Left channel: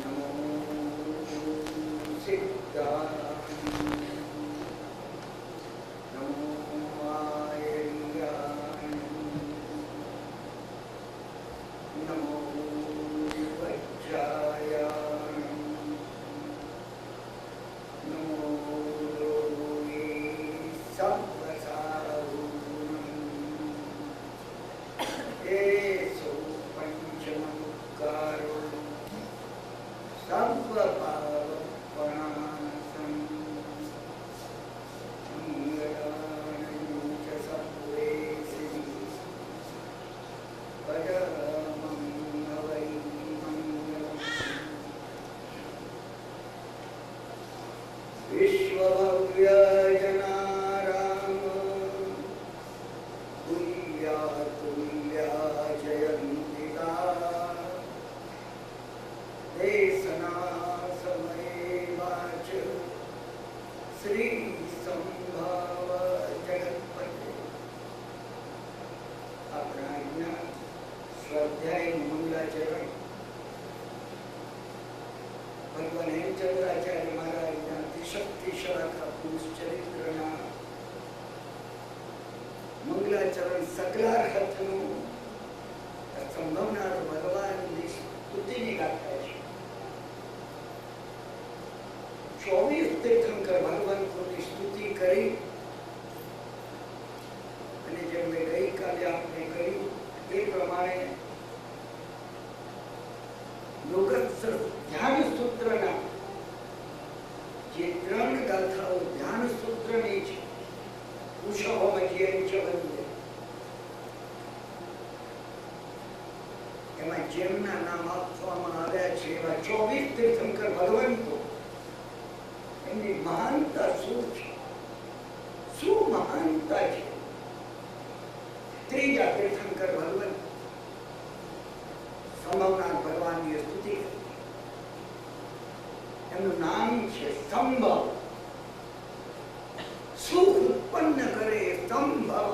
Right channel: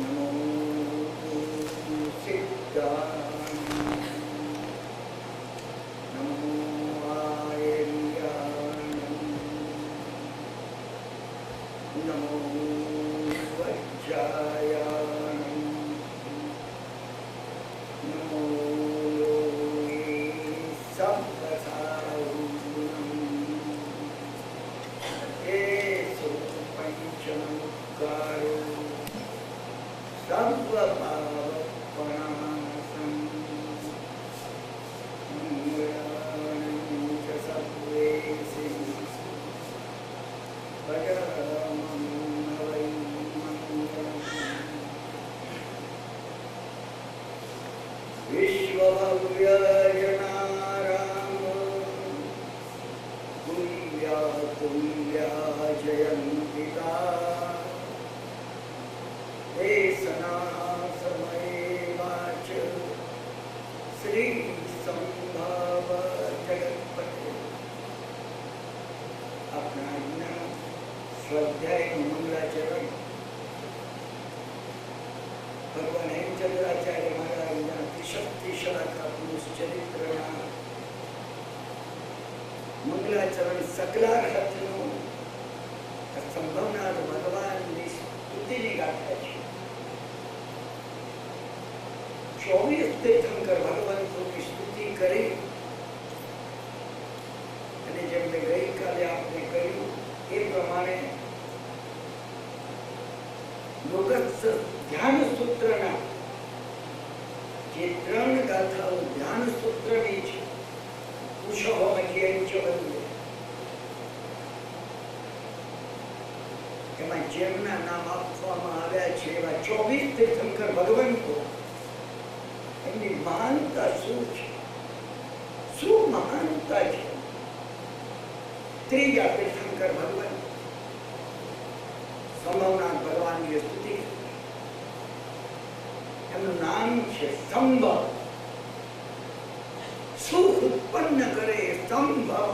नमो सिद्धाय नमो आयर्याय नमो वज्राय नमो पंचमकारो सर्वपावपणासं मंगलानि च सर्वेषु भजमं वै मंगलम् विश्वभव्यजनाराम तुल्या तुल्या जयन्तिता देशना समये वाच श्री संभाव जगतपते अपना स्वाध्याय मंगलाचरण भगवान हेमचंद्राचार्य महाराज शक्ति शाखा पुरुष चरित्र मंगलाचरण सकलार्थ संभवनार भगवान स्तुति गाथा है 24 तीर्थंकर भगवंतों की स्तुति करी અને જેમને ગઈકાલે આપણે કર્યું એ પ્રમાણે યોગસ્થ ધ્યાન સૂત્રના જે 3 ગાથાઓ ધ્યાન સૂત્રની છે કુશહોમધ્યંચ વંદે એમાં જેમના નામ આપવામાં આવ્યા છે એવા 24 તીર્થંકર ભગવંતો એમની મહાનતા શું છે શું મહાનતા છે ત્રીજા તીર્થંકર ભગવંત સંભવનાથ ભગવાનની સ્તુતિ એમનું નામ છે સંભવ સુખ ઉત્પન્ન કરે સંભવ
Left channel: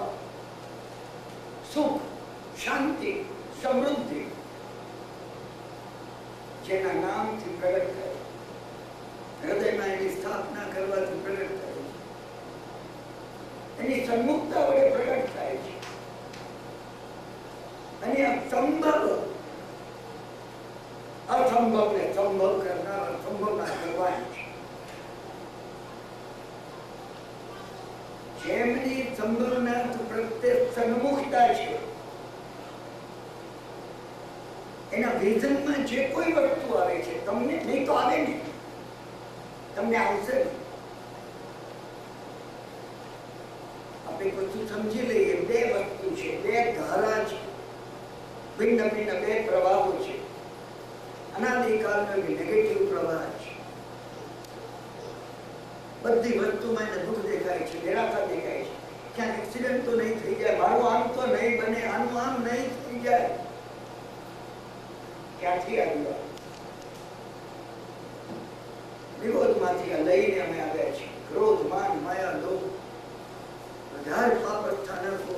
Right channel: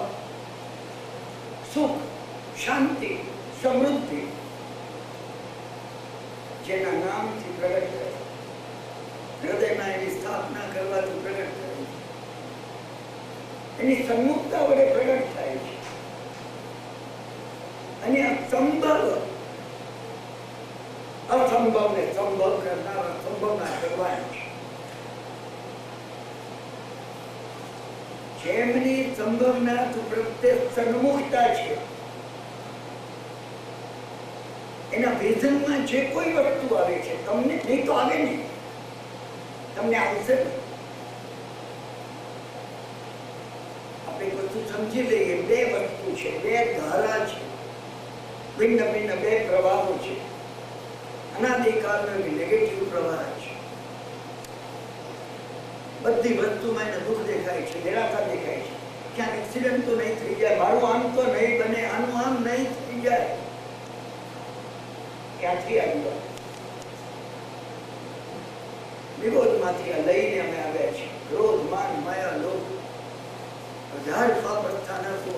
સુખ શાંતિ સમૃદ્ધિ જેના નામથી પ્રગટ થાય હૃદયમાં એની સ્થાપના કરવાથી પ્રગટ થાય એની સન્મુખતા વડે પ્રગટ થાય છે અને આ સંભવ અસંભવને સંભવ કરનાર સંભવના ભગવાન છે જેમની સંભવનાથ પ્રત્યે સન્મુખતા છે એના વિઝનમાં જે કોઈ વસ્તુ આવે છે તમને નહીં તો આવે નહીં તમને આવશે આપણે બધું સમજી લઈએ બે વસ્તુ છે બે ધારા છે ભિન્ન ભિન્ન બે પ્રવાહો છે અનાદિકાળનો નેગેટિવ પ્રવાહ છે બધી વસ્તુમાં એને દુઃખ દેખાય છે નિરાશા દેખાય છે ક્યાં એક્સિડન્ટ તો નહીં થઈ જાય મારું આમ તો નહીં બને આનું આમ નહીં થઈ જાય ક્યાંથી આવ્યું વિરોધમાંથી લઈને અમે આવ્યા છીએ ક્રોધ માન માયા લોભ 1000 પાપ સ્થાનકો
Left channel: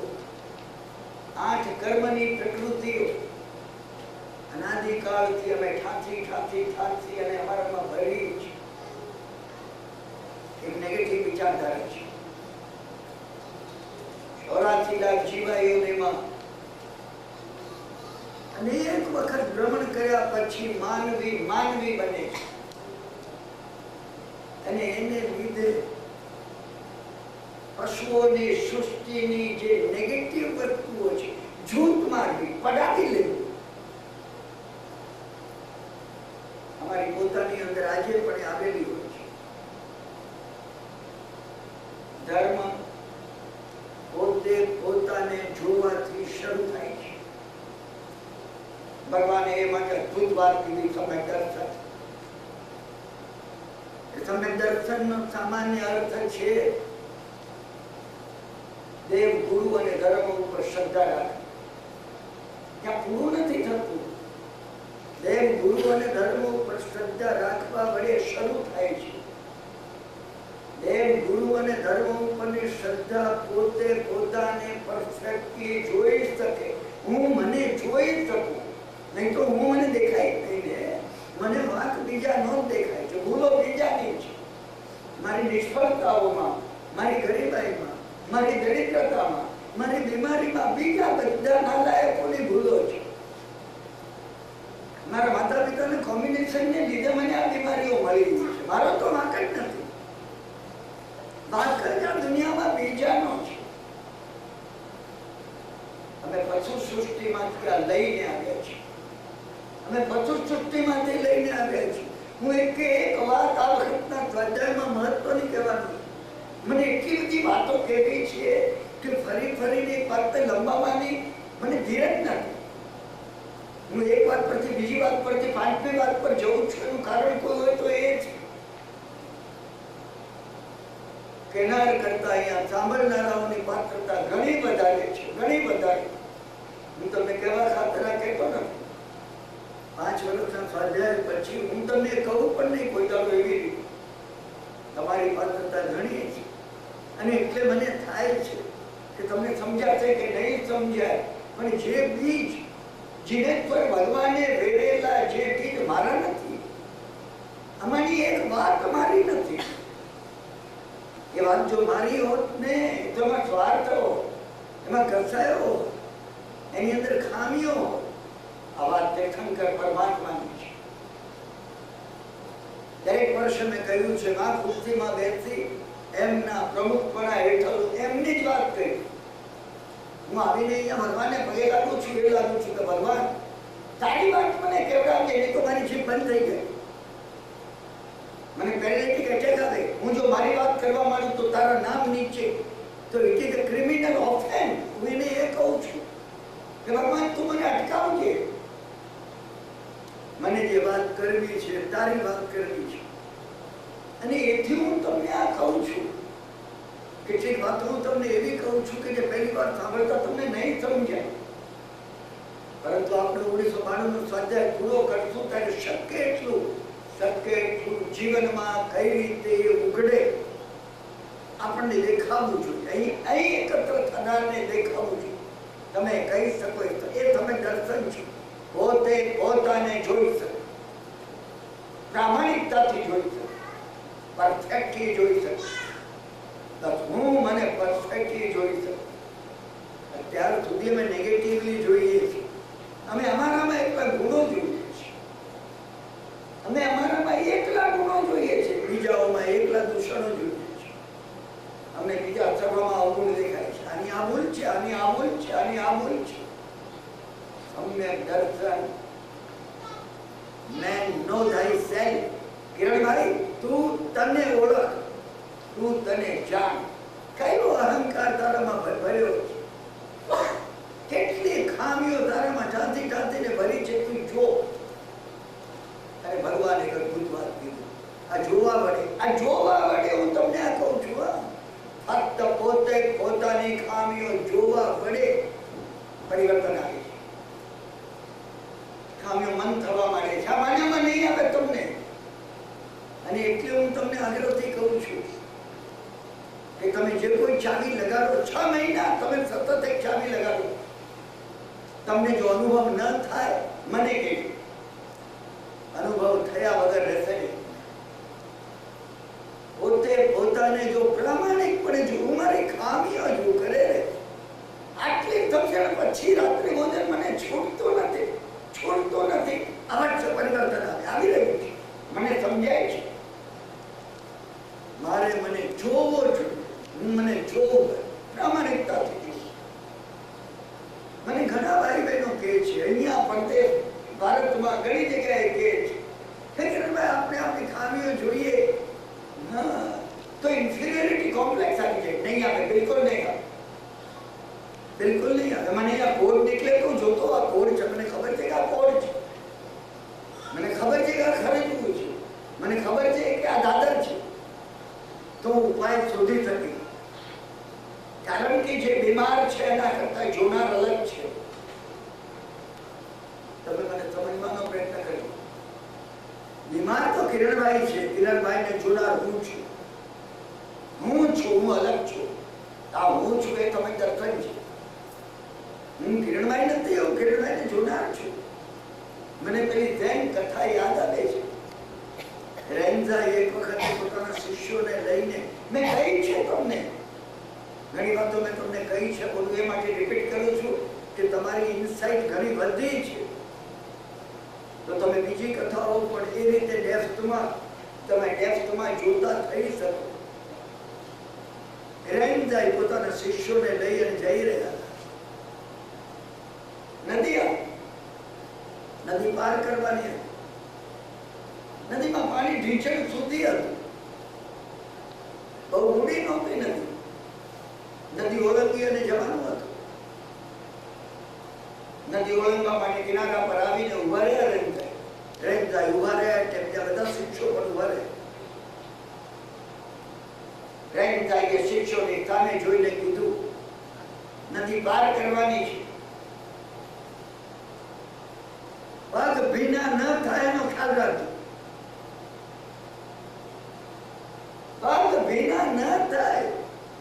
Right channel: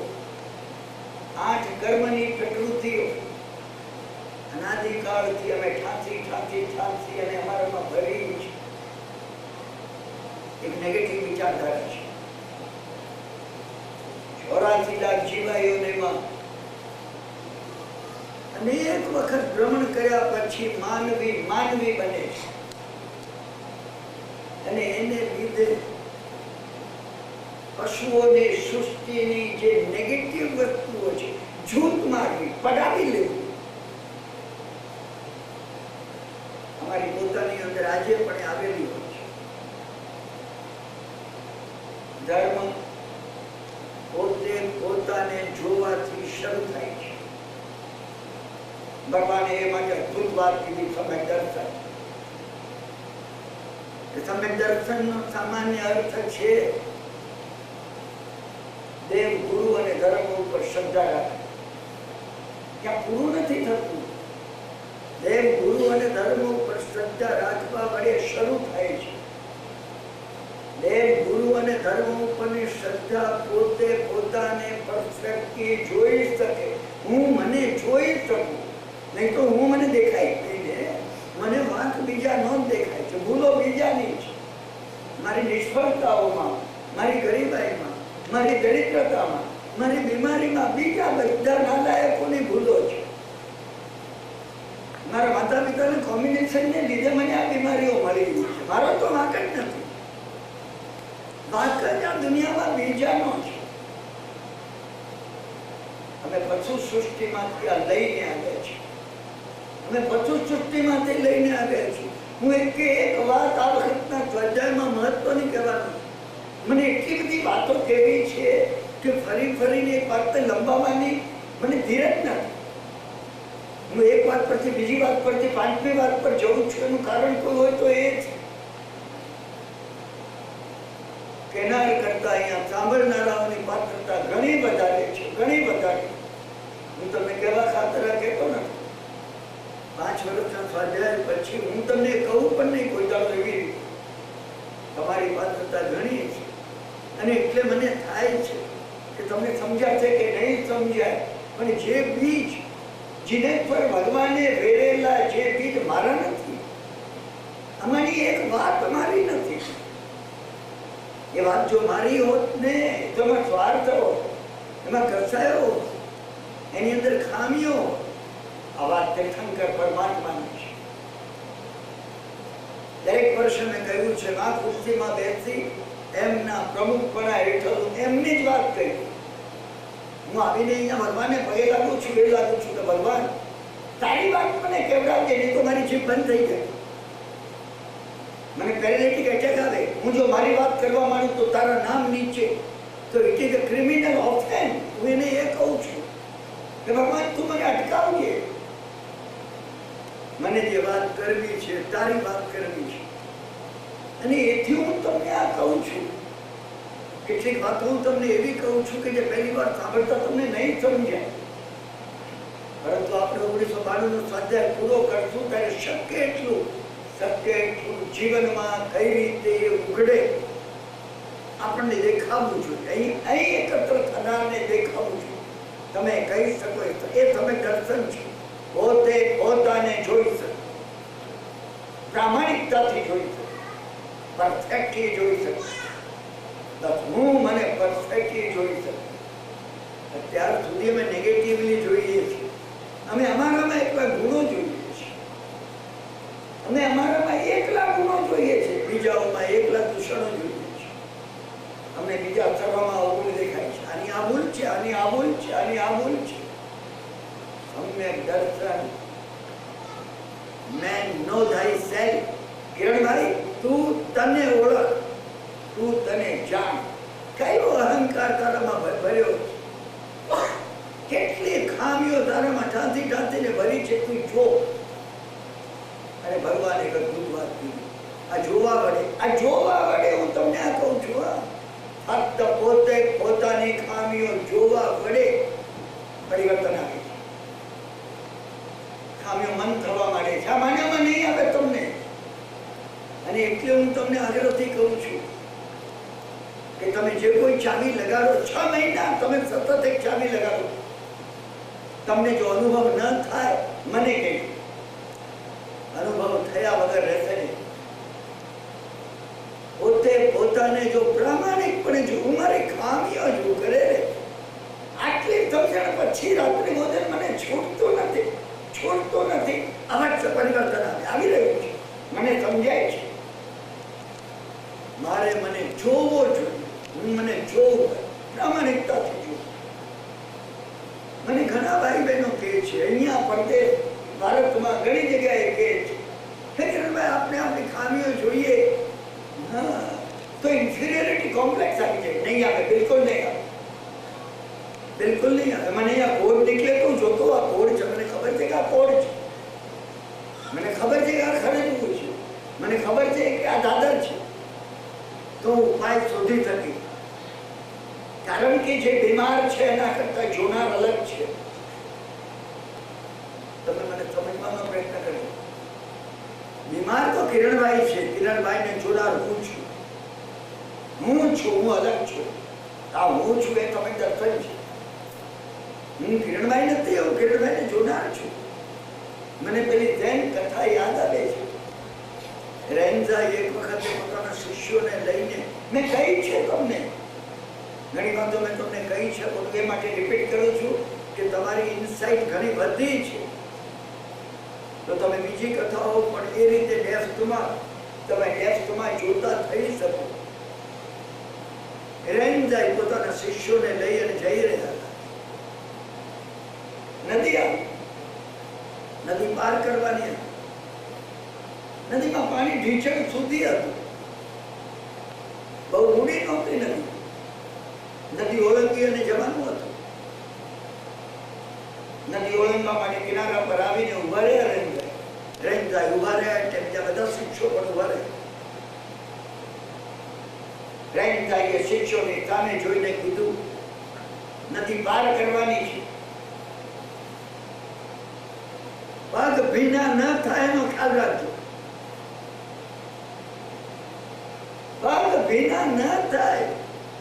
8 કર્મની પ્રકૃતિઓ અનાદિકાળથી અમે ઠાંસી અને અમારામાં ભરેલું છે એક નેગેટિવ વિચારધારા છે 84 લાખ જીવાયોમાં અનેક વખત ભ્રમણ કર્યા પછી માનવી બને છે અને એને લીધે પશુઓની સૃષ્ટિની જે નેગેટિવ વસ્તુઓ છે જૂથ મારવી પડાવી લેવું અમારી પોતાની અંદર આજે પણ આવેલી હોય છે ધર્મ પોતે પોતાને જોવાથી શરૂ થાય છે ભગવાને એ માટે અદભુત વાત કીધી સમ્યક દર્શન સમ્યક દર્શનનો સામાન્ય અર્થ છે દેવ ગુરુ અને ધર્મ ઉપર શ્રદ્ધા રાખવી ત્યાં પૂરું નથી થતું દેવ ગુરુ અને ધર્મ ઉપર શ્રદ્ધા રાખવા વડે શરૂ થાય છે દેવ ગુરુ અને ધર્મ ઉપરની શ્રદ્ધા પોતે પોતાને પરફેક્ટલી જોઈ શકે હું મને જોઈ શકું નહીં તો હું મને દેખાય નહીં ને મને વાંક બીજાનો જ દેખાય છે, ભૂલો બીજાની છે. મારી નિષ્ફળતાઓમાં, મારી ગરીબાઈમાં, મારી દરિદ્રતામાં, મારી બીમારીમાં બીજા બધા નાલાયકોની ભૂલો છે. મારા માતા પિતાના કોમ્બિનેશનને લીધે મને આ બીમારીઓ મળી ગઈ છે. મારો તો વાંક જ નથી. વાંક જ આ દુનિયામાં બીજાનો છે. અમે પશુ સૃષ્ટિમાંથી આ લઈને આવ્યા છીએ. અમે પશુ સૃષ્ટિમાંથી લઈને આવ્યા છીએ. હું એક વાત આ વખતના સ્વાધ્યાયમાં મહત્વની કહેવાનું. મને એટલી બધી વાતો કહેવી છે કે ફરી ફરીને એક વાતને લંબાવવાની મને ધીરજ નથી. હું એક વાત પરથી બીજી વાત પરથી પાંચમી વાત પર જઉં છું. એનું કારણ કોઈ હોય તો એ છે કેનાર કરતા અહીંયા સાંભળનારાઓની પાત્રતા ઘણી વધારે છે, ઘણી વધારે. હું તમને કહેવા ખાતર કહેતો નથી. 5 વર્ષના સ્વાધ્યાય પછી હું તમને કહું પણ નહીં કોઈ દાડો એવી રીતે. તમારી પાત્રતા ઘણી છે અને એટલે મને થાય છે કે તમને સમજાશે કે નહીં સમજાય, પણ જે બીજ જીને પર ભગવાને વેરેલા જે બીજ મારા નથી, આમાંની એક વાત મારી નથી. એ વાત જો મારી હોત ને તો એમાં સ્વાર્થ હોત, એમાં ઘસાયો હોત, એની અંદર ખામીઓ. આ વાત તીર્થંકર પરમાત્માની છે. દરેક વર્ષે મેં કહ્યું છે આ ખુરશીમાં બેસી એમના પ્રમુખપણા હેઠળ એમની જ વાત કરી. હું આવીને અહીંયા ભગવાનને પગે લાગુ છું, એ લાગુ છું કે ભગવાન તારી વાત મને કેવડાવજે, નહીં તો મારી જીભ બંધ થઈ જાય. મને પેરેલિટિક એટેક આવે. હું જો મારી વાત કરવા માંડું તો તારા નામ નીચે તો it is a criminal offence. હું એને એ કહું છું કે ભગવાન તું મને અટકાવજે. મને જે વાત કરવી છે તારી વાત કરવી છે. અને એથી હું તમને આ કહું છું. કેટલીક વાતો હું તમને એવી કહું છું કે જે પહેલી વાર સાંભળતા તમને નહીં સમજાય, પરંતુ આપણે 1992 નો સ્વાધ્યાય પૂરો કરશું ત્યારે શક્ય એટલું જીવનમાં કઈ રીતે એ ઉઘડે આપણને દેખાવું જોઈએ. અહીં એકત્ર થનારને દેખાવું જોઈએ. તમે કહી શકો એ તમે દર્શન છે. પોતે પોતાને જોઈ શકો, પ્રામાણિકતાથી જોઈ શકો, પરફેક્ટલી જોઈ શકો. હું મને પરફેક્ટલી જોઈ શકું. અત્યાર સુધી અમે નેગેટિવલી જોઈએ છીએ. અમે અમારામાં એકલા ગુણો જોઈએ છીએ. અમે અમારામાં એકલા ગુણો જોઈએ છે, બીજાઓમાં એકલા દૂષણો જોઈએ છે. અમને બીજા સર્વમાં અવગુણ દેખાય છે. આની આ ભૂલ છે, આની આ ભૂલ છે, આની આ ભૂલ છે. અમને દર્શન મેન નો thyself. કિરણભાઈ તું તને ઓળખ, તું તને જાણ. કયો અહંકાર તારામાં ભર્યો, કેટલી ખામીઓ તારામાં ઢાંથી ઢાંથીને ભરી છે તું જો. અને ભગવાન એક અદભુત વાત કીધી. આ જોવા વડે હું તમને આ કહું છું. ફક્ત પોતે પોતાની ખામીઓ જોવા વડે પરિવર્તન આવે છે. ખામીઓ મન થવા માંડે છે. આ માન્યામાં નહીં આવે તમને. અને એટલે હું તમને આગ્રહથી કહું છું કે તમે જે કોઈ ચાવી લગાડો 6 મહિના તમે સતત એક ચાવી લગાડો, તમને જો અનુભવ ન થાય મને કહેજો. અનુભવ થયા વગર રહેશે નહીં. પોતે પોતાને જો પ્રામાણિકપણે જો મારી ખામીઓ જો કરે, આટલી સમજણ પછી રાત્રિ ભોજન મને છૂટતો નથી. આવા જ પરિવર્તન આવી રહ્યું છે. મને સમજાય છે. મારે મને જોવો જોઈએ. મને જોવું, પ્રામાણિકતાથી જોવું. મને ઘણા ભાઈ બહેનો કહે છે, અહીંયા પરદેશ ભારતમાં ઘણી જગ્યાએ કહે છે કિરણભાઈ આપણે આપણી ખામીઓ જોઈએ તો ઇન્ફિરિયરિટી કોમ્પ્લેક્સ આવી જાય. નહીં આવે, બિલકુલ નહીં આવે, બિલકુલ નહીં આવે. મને અહીંયા કોડ નીકળે તો જોતો આ કોડ છે. મને ખબર છે કે આ કોડ છે, મને ખબર છે કે આ ખરીદવું છે, મને ખબર છે કે આ દાદર છે, તો ઉપાય શોધી શકે. કારણ કે જે બીમાર છે એના કરતા જોનાર અલગ છે. તમે મને સમજવાનો પ્રયત્ન કર્યો. બીમાર તો કિરણભાઈ છે, કિરણભાઈને જોનાર હું છું. હું અલગ છું. આ હું છું એ તમે દર્શન છે. હું કિરણભાઈ નથી, હું કિરણભાઈને જોનાર છું. મને પેલી જૈન કથા યાદ આવે છે. રેન્ઝા એક વખત પોતાના શિષ્યોને લઈને, મેં કહી છે તમને, ઘણી વાતો મેં તમને કહી છે, બધું એ માટે રિપીટ કરું છું કે તમારી ઇનસાઇટ ઘણી વધી છે, તો તમે બીજી કથાઓ પણ એ રીતે ડેપ્થમાં જોતા થઈ શકો. રેન્ઝા પોતાના શિષ્યોને લઈ અને જઈ રહ્યા હતા. નદી પાર કરવાની હતી. નદીમાં પાણી ઢીંચણ સુધી હતું, બહુ ઊંડી નહોતી નદી. નદી ઓળંગી અને જવાનું હતું. નદી ઓળંગવા માટે કિનારા પર આવીને ઉભા રહ્યા રેન્ઝા ઉભા રહ્યા એટલે બીજા બધા શિક્ષકો પણ ઉભા રહ્યા. રેન્ઝાએ શિક્ષકોની સામે જોઈને કીધું, નદી પાર કરવાની છે, પગ ભીના ન થાય એનો ખ્યાલ રાખજો. પગ ભીના ન થાય,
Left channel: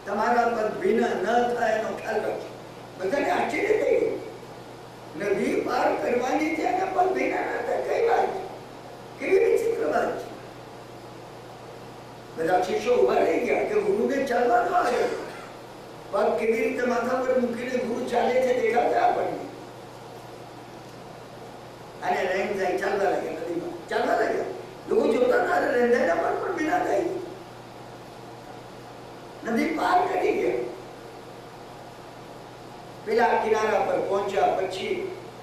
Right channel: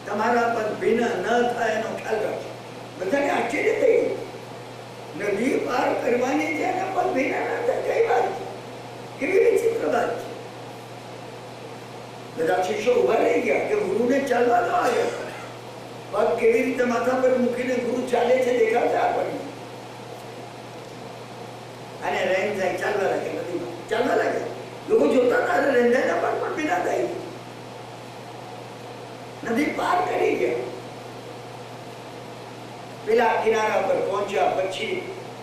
તમારા પગ ભીના ન થાય એનો ખ્યાલ રાખજો. બધાને આશ્ચર્ય થઈ ગયું. નદી પાર કરવાની છે અને પગ ભીના ન થાય, કઈ વાત છે? કેવી વિચિત્ર વાત છે. બધા શિષ્યો ઉભા રહી ગયા કે ગુરુને ચાલવા દો. આવ્યો પગ કેવી રીતે માથા પર મૂકીને ગુરુ ચાલે છે દેખાતા આપણને. અને રેન્ઝા ચાલવા લાગ્યા, નદીમાં ચાલવા લાગ્યા. લોકો જોતા હતા, રેન્ઝાના પગ પણ ભીના થાય. નદી પાર કરી ગયા. પેલા કિનારા પર પહોંચ્યા પછી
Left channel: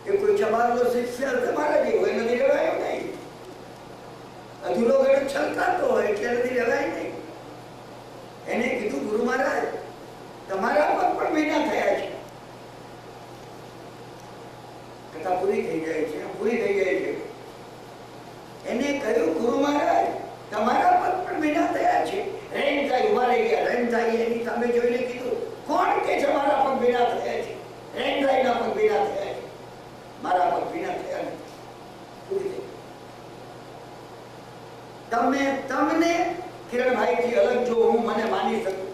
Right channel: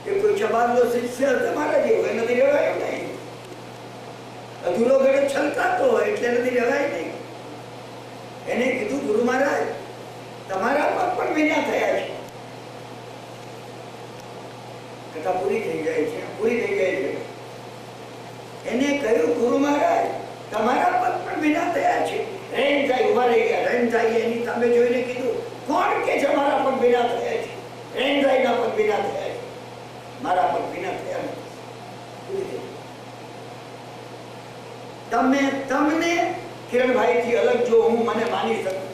એ કોઈ જમાનો શિષ્ય તમારા જેવો, એ નદી રહેવાય નહીં. અધૂરો ગળે છલકાતો હોય એટલે નદી રહેવાય નહીં. એને કીધું, ગુરુ મહારાજ તમારા પગ પણ ભીના થયા છે. કથા પૂરી થઈ જાય છે. એને કહ્યું, ગુરુ મહારાજ તમારા પગ પણ ભીના થયા છે. રેન્ઝા ઉભા રહી ગયા. રેન્ઝાએ એની સામે જોઈને કીધું, કોણ કે તમારા પગ ભીના થયા છે? રેન્ઝાના પગ ભીના થયા છે, મારા પગ ભીના થયા નથી. તમને કિરણભાઈ થી અલગ જો હું મને માની શકું.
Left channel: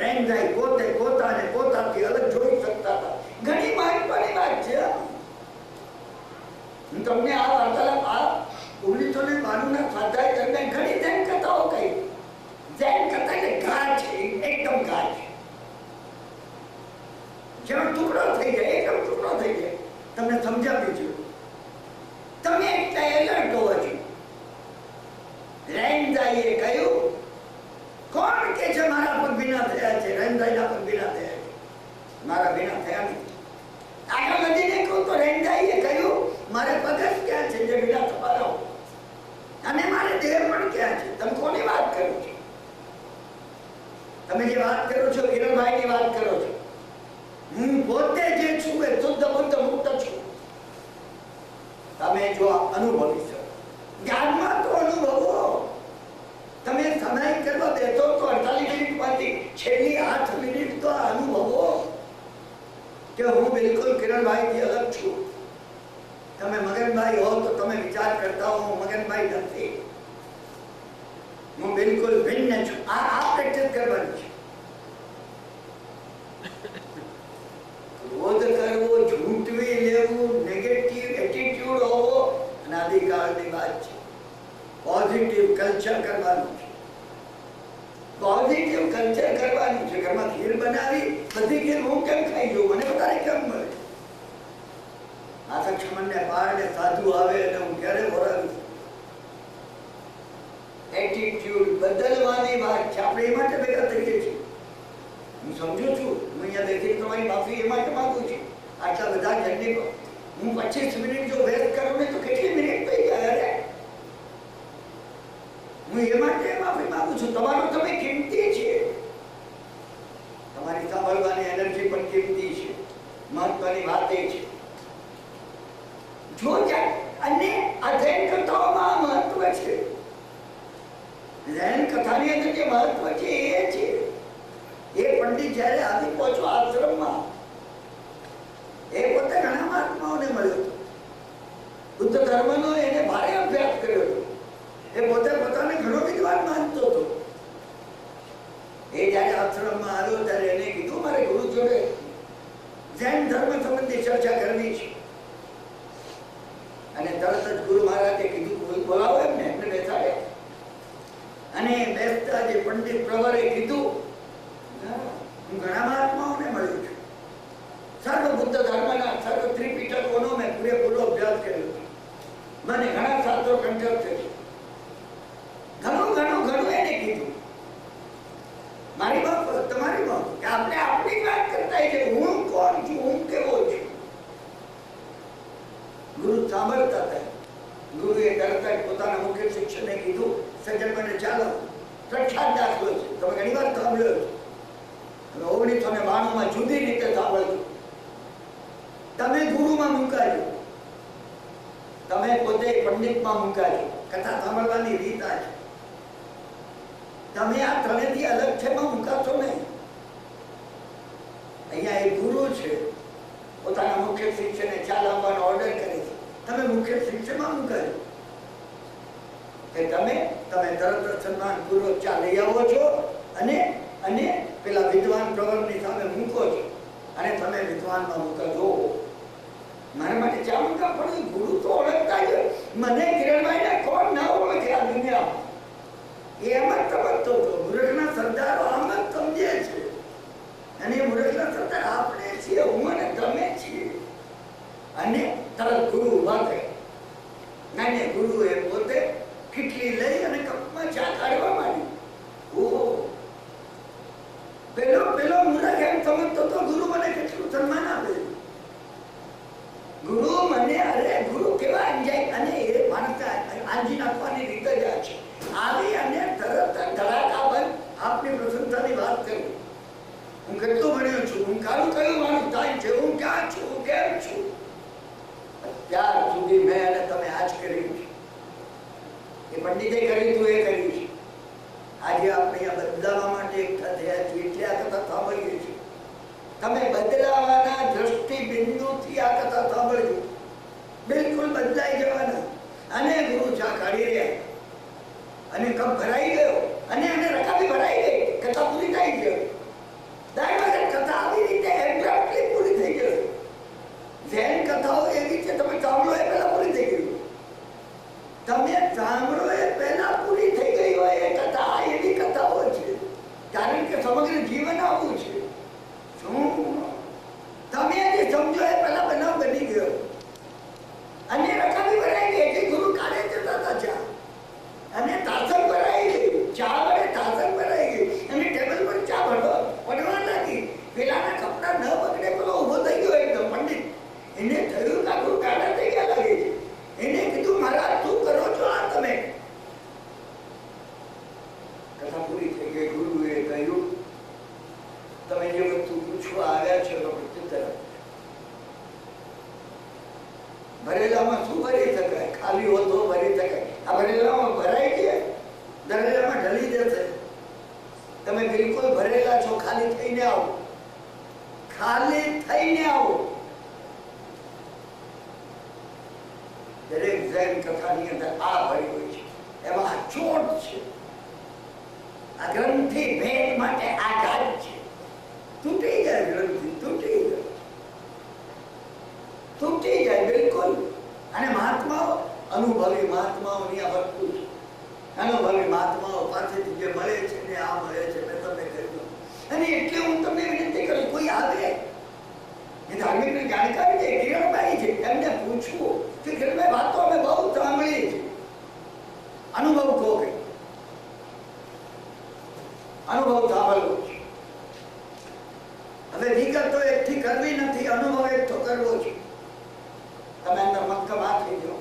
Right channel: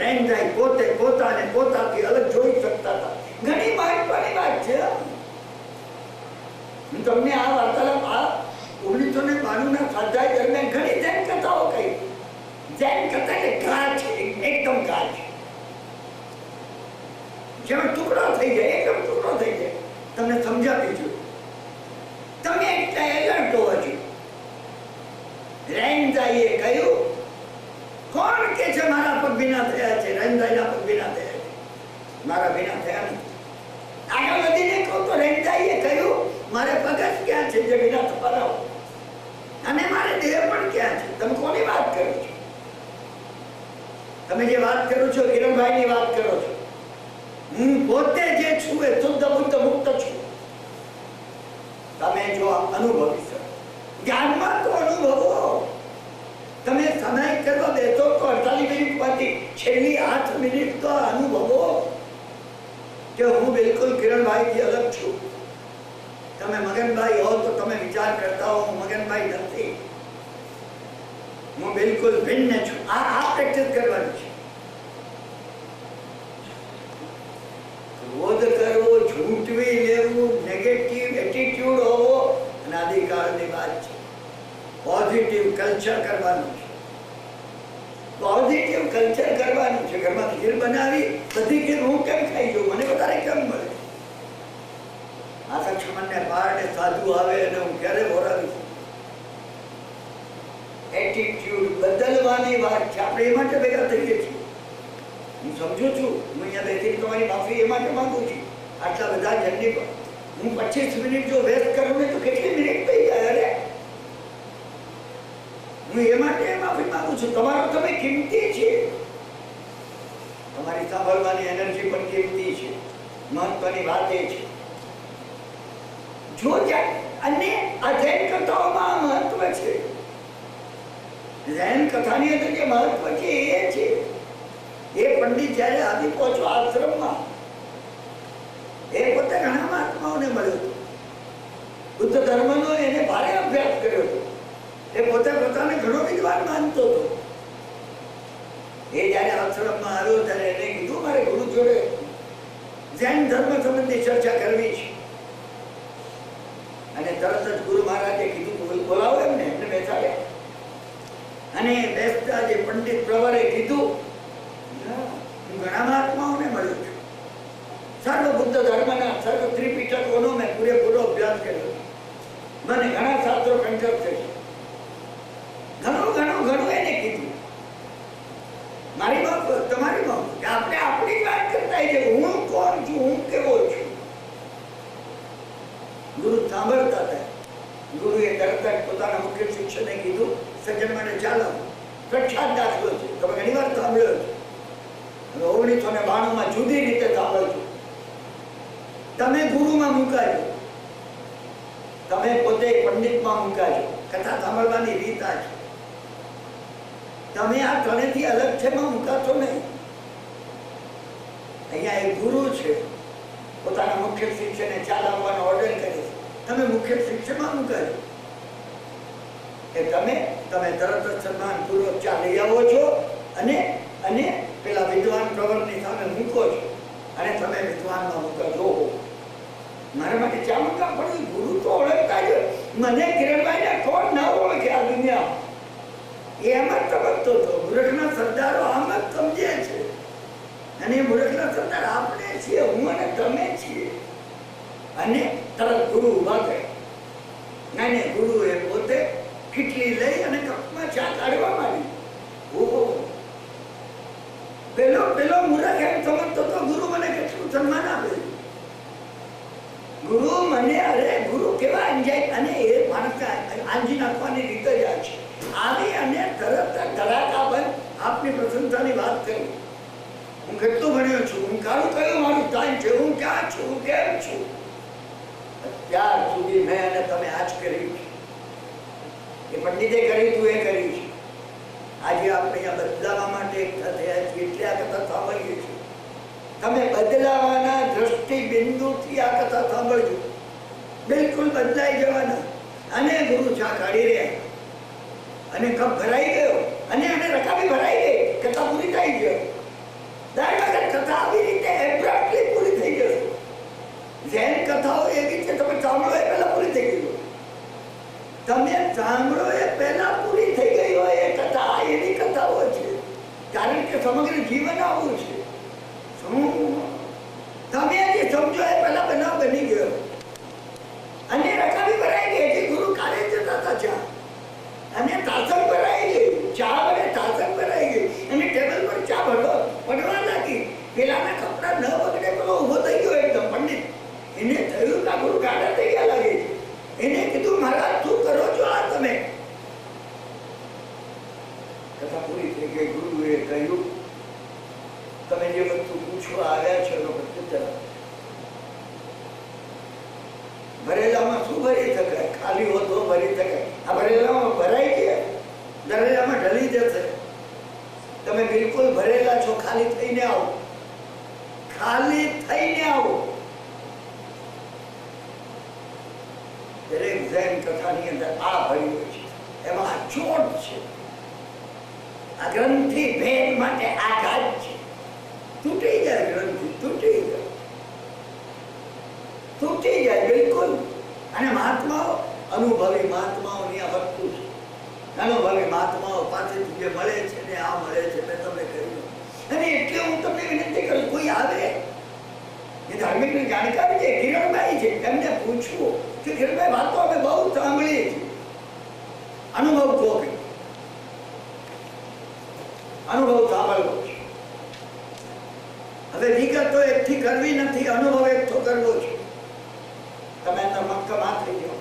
રેન્ઝાઈ પોતાથી અલગ જોઈ શકતા હતા. ઘણી મહત્વની વાત છે. હું તમને આ વાર્તાલાપ 1992 ના સ્વાધ્યાય દરમિયાન ઘણી જૈન કથાઓ કહી. જૈન કથા એટલે ઘા છે, એકદમ ઘા છે. જેનો ટુકડો થઈ જાય, એકદમ ટુકડો થઈ જાય. તમને સમજાવી છું. તમે એટલા એલર્ટ હોવા જોઈએ. રેન્ઝાઈએ કહ્યું, કોણ કે છે મારા પગ ભીના થયા છે? રેન્ઝાઈના પગ ભીના થયા છે, મારા ભીના થયા નથી. આગળ વધીને કહું તો રેન્ઝાઈએ કહ્યું, મારે પગ જ ક્યાં છે જે ભીના થવાના હોય, અને મારે દેહ પણ ક્યાં છે? તમે કોની વાત કરો છો? તમે જે વાત કરો છો કિરણભાઈની વાત કરો છો. હું પોતે જે છું એ શુદ્ધ બુદ્ધ મુક્ત છું. તમે જો અનુભવી શકો, જ્ઞાનમાં તો અનુભવો. તમે સમય કરવા બેસો તો 48 મિનિટ પછી છેલ્લી 8 મિનિટ તો અનુભવો કે હું બિલકુલ કિરણભાઈથી અલગ છું. તમે મગનભાઈ હો તો તમે વિચાર કરતા હો હું મગનભાઈ નથી, હું બિલકુલ ભિન્ન છું. આ પ્રેક્ટિસ કરવાની છે. ક્રોધ કરવો, ઝૂંટવી લેવું, નેગેટિવ એટીટ્યુડ હોવો અનાદિકાળની વાત છે. પોઝિટિવ કલ્ચર કરવાનું છે. પોઝિટિવ કલ્ચર કરવાનું છે. ઘરમાં ખીર બનાવી, બધી ખીર હું કેમ ખાઈ જાઉં? મને વધારે કેમ મળે? આ લક્ષ્મણને પારણે સાધુ આવે અને હું ક્યારે બોરાવીશ? એટીટ્યુડ બદલવાની વાત છે. આપણે એ માટે ભેગા થઈએ છીએ. હું સમજુ છું. હું અહીંયા બેઠી તમારી માફી એ માટે માંગુ છું. આટલા બધા જર્ની પર હું 25 મિનિટ જો વેસ્ટ કરું ને તો કેટલી મિનિટ થઈ જાય? અરે હું એ માટે માફી માંગુ છું. તમારો તમે કિંમતી છે. તમારી સાંભળવાની એનર્જી પણ કિંમતી છે. મહત્વની વાત એ છે. જો અને આ જૈન કથાઓમાં મહત્વ છે. જૈન કથાની અંદર જે મહત્વ છે એ છે, એ પંડિત જયારે આવી પહોંચો આશ્રમમાં, એ પોતે ઘણા મહાત્માઓને મળ્યો હતો. બુદ્ધ ધર્મનો એને ભારે અભ્યાસ કર્યો હતો. એ પોતે પોતાને ઘણો વિદ્વાન માનતો હતો. એ જયારે આશ્રમમાં આવ્યો ત્યારે એને કીધું, મારે ગુરુ જોડે જૈન ધર્મ સંબંધી ચર્ચા કરવી છે. અને તરત જ ગુરુ મહારાજે કીધું બોલાવો એમને બેસાડ્યા. અને બેસતા જે પંડિત પ્રવરે કીધું, હું ઘણા મહાત્માઓને મળ્યો છું, સર્વ બુદ્ધ ધર્મના સર્વ ત્રિપિટકોનો મેં પૂરેપૂરો અભ્યાસ કર્યો, મને ઘણા શાસ્ત્રો કંઠસ્થ છે. ઘણું એને કીધું. મારી બાપ તમારી બાપ કે આપણે આપણી વાત કરતા છે, હું કોણ છું, હું કેવો છું. ગુરુ સાંભળતા હતા. ગુરુએ તરત જ પોતાના મુખ્ય શિક્ષકને કીધું, સજ્જન માટે ચાલો, પ્રખ્યાત દાખલો છે, તમે ઘણી વાર સાંભળ્યો છે. 1992 જુદી રીતે સાંભળજો. તમે ગુરુમાં મુકાજો, તમે પોતે પંડિતમાં મુકાજો. કથા સાંભળવાની રીત આ છે. તમે આ ત્રણેયથી અલગ છે માં મુકાશો નહીં. અહીંયા એક ગુરુ છે, પોતાના મુખ્ય શિષ્યને ચા લાવવાનો ઓર્ડર કરે છે, તમે મુખ્ય શિષ્યમાં મુકાજો કે તમે તરત જ સન્માનપૂર્વક ચા લઈ આવો છો અને પેલા વિદ્વાન પ્રવરની સામે મૂકો છો અને તમે વિદ્વાનમાં મૂકજો. મારા માટે ચા મૂકવા પડે. ગુરુ તો ઓળખતા જ. મને કિરણભાઈને કોણ ના ઓળખે આ દુનિયા. એ એમ જ તબકતો હતો. મૂર્ખના સરદારો આમ જ સમજે છે, અને એ મૂર્ખના સરદાર આપણે છીએ, હું અને તમે છીએ. અને તરત ગુરુ ઉભા થયા. અને ગુરુએ પોતે કીટલી લઈ અને કપમાં ચા કાઢવા માંડી. ઓહો, પેલો મૂર્ખ એમ સમજતો તો ગુરુ મને કેટલું સન્માન આપે. ગુરુ મને, અરે ગુરુ કેવા અંજાય. અને એ માણસ આંજી નાખવાની રીત જ આ છે. આવી અને તરત ધડાકા બંધ આપની પ્રશંસાની વાત કરું. હું કેટલું ભણ્યો છું, હું કારું કયું મારું સ્થાન છે, હું ક્યાં છું, હું કેમ છું. ત્યાર સુધી મેં અને તમે આજ કર્યું છે. એ પંડિતે કર્યું હતું, એ કર્યું છે. આજે આપણે અહીંયા બદલાવા માટે એકઠા થયા છીએ, એટલે આ કથા સાંભળીએ છીએ. તમે બદલાવાના દ્રષ્ટિ બિંદુથી આ કથા સાંભળજો. બિલકુલ બદલાઈ જવાના. અને ગુરુ ચા કાઢી રહ્યા, અને કપ ભરાઈ ગયો, અને રકાબી ભરાઈ ગઈ. કથા પૂરી થઈ ગઈ. દર વખત કથા આવી રીતે એબ્રપ્ટલી પૂરી થઈ જશે. જૈન કથાઓ એવી છે, તમે સાંભળો એ પહેલા પૂરી થઈ ગઈ. તમે સાંભળો એ પહેલા પૂરી થઈ ગઈ હોય એ કથા. એવી કથાઓ છે, કારણ કે સમગ્ર જીવન આવું છે. તમે જે સમજો એ પહેલા બનાવ બની ગયો, અને રકાબી ભરાઈ ગઈ. જે ગુરુ કાઢે જતા હતા ચા, અને તાસણ ભરાઈ ગઈ. ચા વડે તાસણ ભરાઈ ગઈ, અને ટેબલ પર ચા પડવા લાગી. પેલાના કપડા ન બગડે, પેલો ઉભો થઈ ગયો એકદમ પંડિત. એને થયું કે ગુરુ કાઢા થઈ ગયા લાગે છે. એને કીધું, મહારાજ શું કરો છો આ તમે? કથા પૂરી થઈ ગઈ. ગુરુએ કહ્યું, તમે જે વસ્તુ પૂછવા આવ્યા છો એનો પ્રત્યુત્તર. ભરેલામાં શું ભરી શકાય? ખાલી હો તો ભરી શકાય. આ ભરેલામાં ભરાઈ ગયા, ભરેલામાં ઢળી જશે. તમે બિલકુલ ભરેલા છો, ખાલી થઈને આવો. ખાલી થઈને આવો. દરેક જૈન કથાની અંદર આ ભર્યું હોય છે. એમાં ચોટ છે. આ ગ્રંથિ ભેદ માટે આઘાત છે. તૂટી જાય ગ્રંથિ, તૂટી જાય બિલકુલ. અને મહાત્માઓ, અનુભવી મહાત્માઓની આ વસ્તુ છે. અનુભવી મહાત્માઓ પાસેથી જે મળે છે ને આ મળે છે, મેં તમને કહ્યું. અને એટલે હું તમને વિનંતી કરું, કોઈ આવે એ ધાર્મિક જાણકારી છે, કિરણભાઈ છે, એમને પૂછવું કે કિરણભાઈ વાતો અમે બહુ સાંભળી છે, અનુભવ કહો કે અનુભવ સાંભળવો છે. હવે વિગતો એકઠી કરવી નથી, અનુભવ એકઠો કરવો છે. તમે અંદર મક્કમ થઈ જાઓ.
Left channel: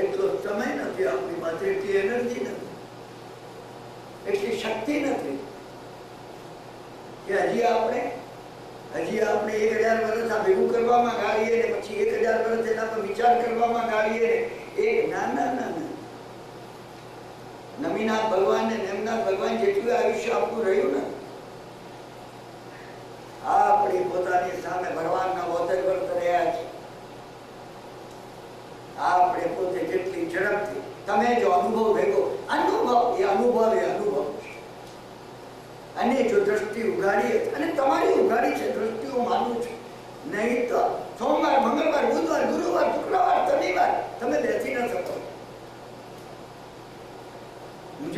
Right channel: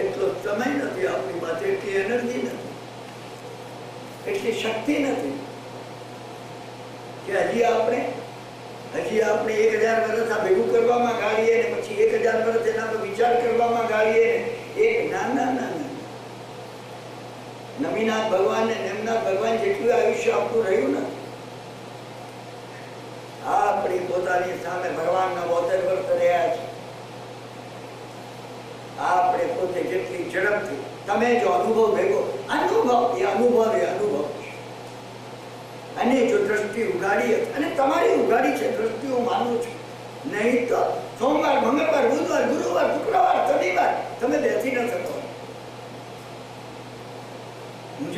એટલો સમય નથી આપણી પાસે, એટલી એનર્જી નથી, એટલી શક્તિ નથી કે હજી આપણે 1000 વર્ષ આ ભેગું કરવામાં ગાળીએ ને પછી 1000 વર્ષ એના પર વિચાર કરવામાં ગાળીએ. એક નાના નમીનાથ ભગવાન ને નેમનાથ ભગવાન જેટલું આયુષ્ય આપણું રહ્યું ને, આપણી પોતાની સામે ભગવાનના 72 વર્ષ રહ્યા છે. આપણે પોતે જેટલી ઝડપથી તમે જો અનુભવ ભેગો, અનુભવ છે. અને જો દ્રષ્ટિ ઉગાડી, અને તમારી ઉગાડી છે દ્રષ્ટિ, હું માનું છું. નહીં તો સોમવાર, મંગળવાર, બુધવાર, ગુરુવાર, શુક્રવાર, શનિવાર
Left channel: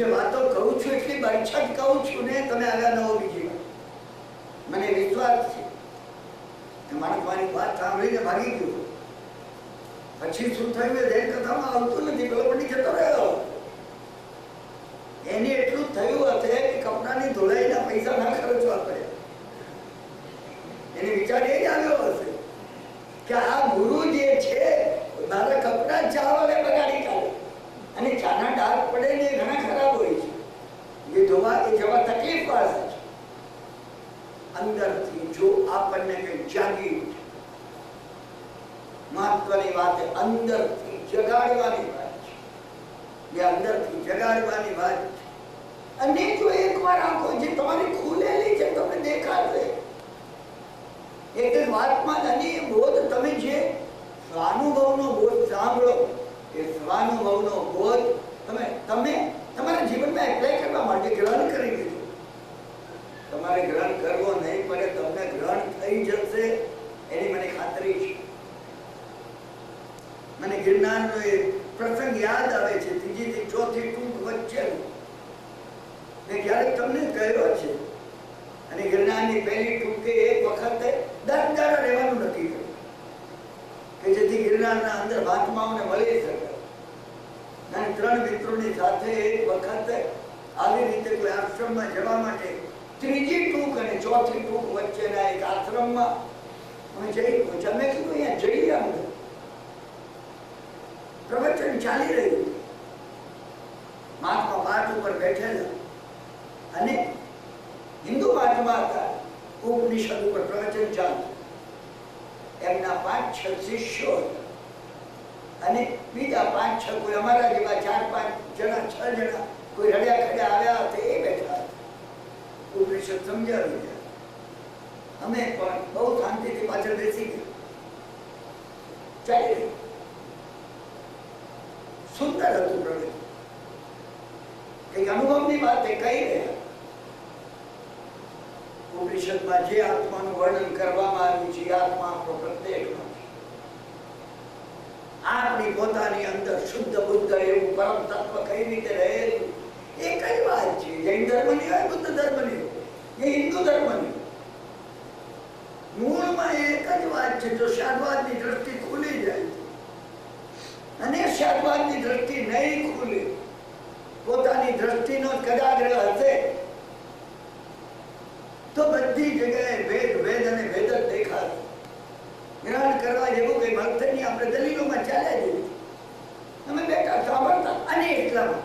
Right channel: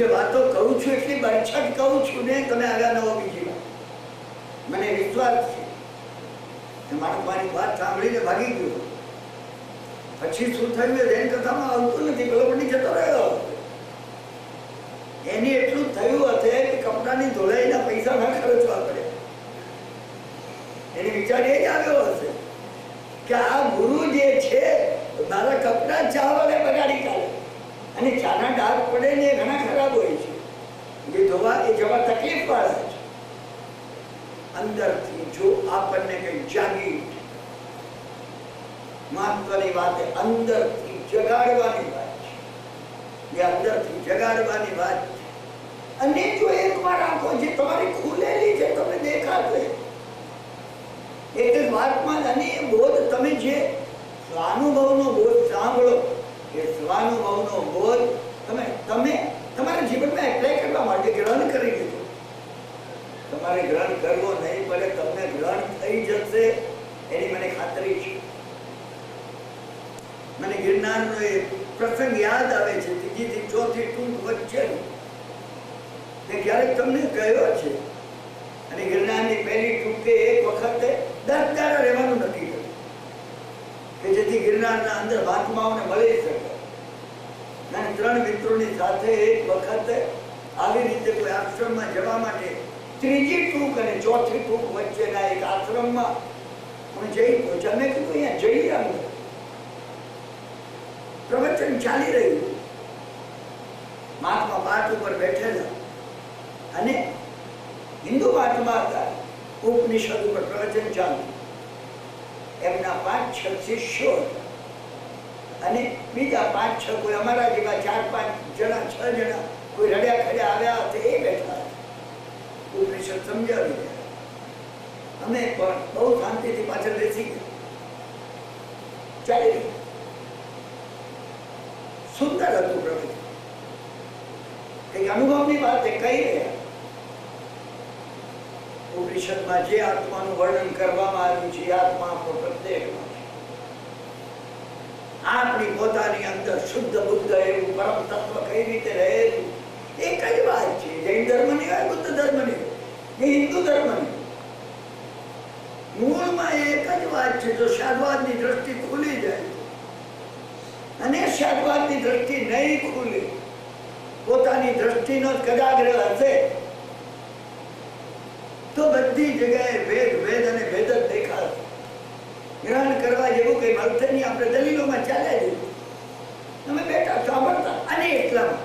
જે વાતો કહું છું એટલી બરછટ કહું છું ને, તમે આવ્યા ન હો બીજી વાર. મને વિશ્વાસ છે કે માણસ મારી વાત સાંભળીને ભાગી ગયો. પછી શું થયું એ જૈન કથામાં આવતું નથી. પેલો પડી જતો રહ્યો. એને એટલું થયું હશે કે કપડાની ધોલાઈના પૈસા ના ખર્ચવા પડ્યા. એને વિચાર એ જ આવ્યો હશે કે આ ગુરુ જે છે મારા કપડા ચા વડે બગાડી કાઢે. અને ચાના ડાઘ પડે ને ઘણા ખરાબ હોય છે, એ ધોવા એ જવા તકલીફ વાળા છે. અંદરથી જો આપણને કઈ જાગી, મહત્વની વાત અંદરથી જગાડવાની વાત છે. એ અંદરથી જગાડવાની વાત છે. અને જો એકવાર આંખો જે તમારી ખુલેલી છે તમને દેખાશે એક જ વાતમાં. અને એ બોધ તમે જે સ્વાનુભવનો બોધ સાંભળો, એ સ્વાનુભવનો બોધ તમે તમારા જીવનમાં એપ્લાય કરવા માટે ગ્રહણ કરી દીધો. તમારે ગ્રહણ કરવો નહીં પડે, તમને ગ્રહણ થઈ જશે એની મને ખાતરી છે. મને ગિરનારનો એ પ્રસંગ યાદ આવે છે, ત્રીજી થી ચોથી ટૂંક વચ્ચેનો. તે ક્યારેક તમને કહ્યો છે. અને ગિરનારની પહેલી ટૂંકે એક વખતે 10 દાડા રહેવાનું નક્કી કર્યું કે જેથી ગિરનારના અંદર મહાત્માઓને મળી શકે. અને 3 મિત્રોની સાથે એક વખતે આવી રીતે કોઈ આશ્રમમાં જવા માટે ત્રીજી ટૂંક અને ચોથી ટૂંક વચ્ચેના એક આશ્રમમાં અમે જઈ પહોંચ્યા. મેં કીધું અહીંયા જઈએ. અંદર પ્રવચન ચાલી રહ્યું. મહાત્મા પાઠ ઉપર બેઠેલા અને હિન્દુ મહાત્મા હતા. ઉપનિષદ ઉપર પ્રવચન ચાલુ. એમના 5-6 શિષ્યો હતા અને બીજા 5-6 કોઈ અમારા જેવા 4-5 જણા 6 જણા કોઈ રડ્યા ખડ્યા આવ્યા હતા એ બેઠા હતા. ઉપનિષદ સમજાવી રહ્યા. અમે પણ બહુ શાંતિથી પાછળ બેસી ગયા. ચાલી ગયું. સુંદર હતું પ્રવચન. એક અનુભવની વાત એ કહી રહ્યા. ઉપનિષદમાં જે આત્માનું વર્ણન કરવામાં આવ્યું છે એ આત્મા આપણો પ્રત્યેકનો છે. આપણી પોતાની અંદર શુદ્ધ બુદ્ધ એવું પરમ તત્વ કઈ રીતે રહેલું એ કઈ વાત છે. જૈન ધર્મની હોય, બુદ્ધ ધર્મની હોય, એ હિન્દુ ધર્મની, મૂળમાં એક જ વાત છે. જો શાદવાદની દ્રષ્ટિ ખુલી જાય અને શાદવાદની દ્રષ્ટિ નહીં ખુલે, પોતાની દ્રષ્ટિનો કદાગ્રહ હશે તો બધી જગ્યાએ ભેદ ભેદ અને ભેદ જ દેખાશે. ગ્રહણ કરવા જેવું કઈ મળશે નહીં. આપણે દલીલોમાં ચાલ્યા જઈએ. અમે બેઠા સાંભળતા અને એટલામાં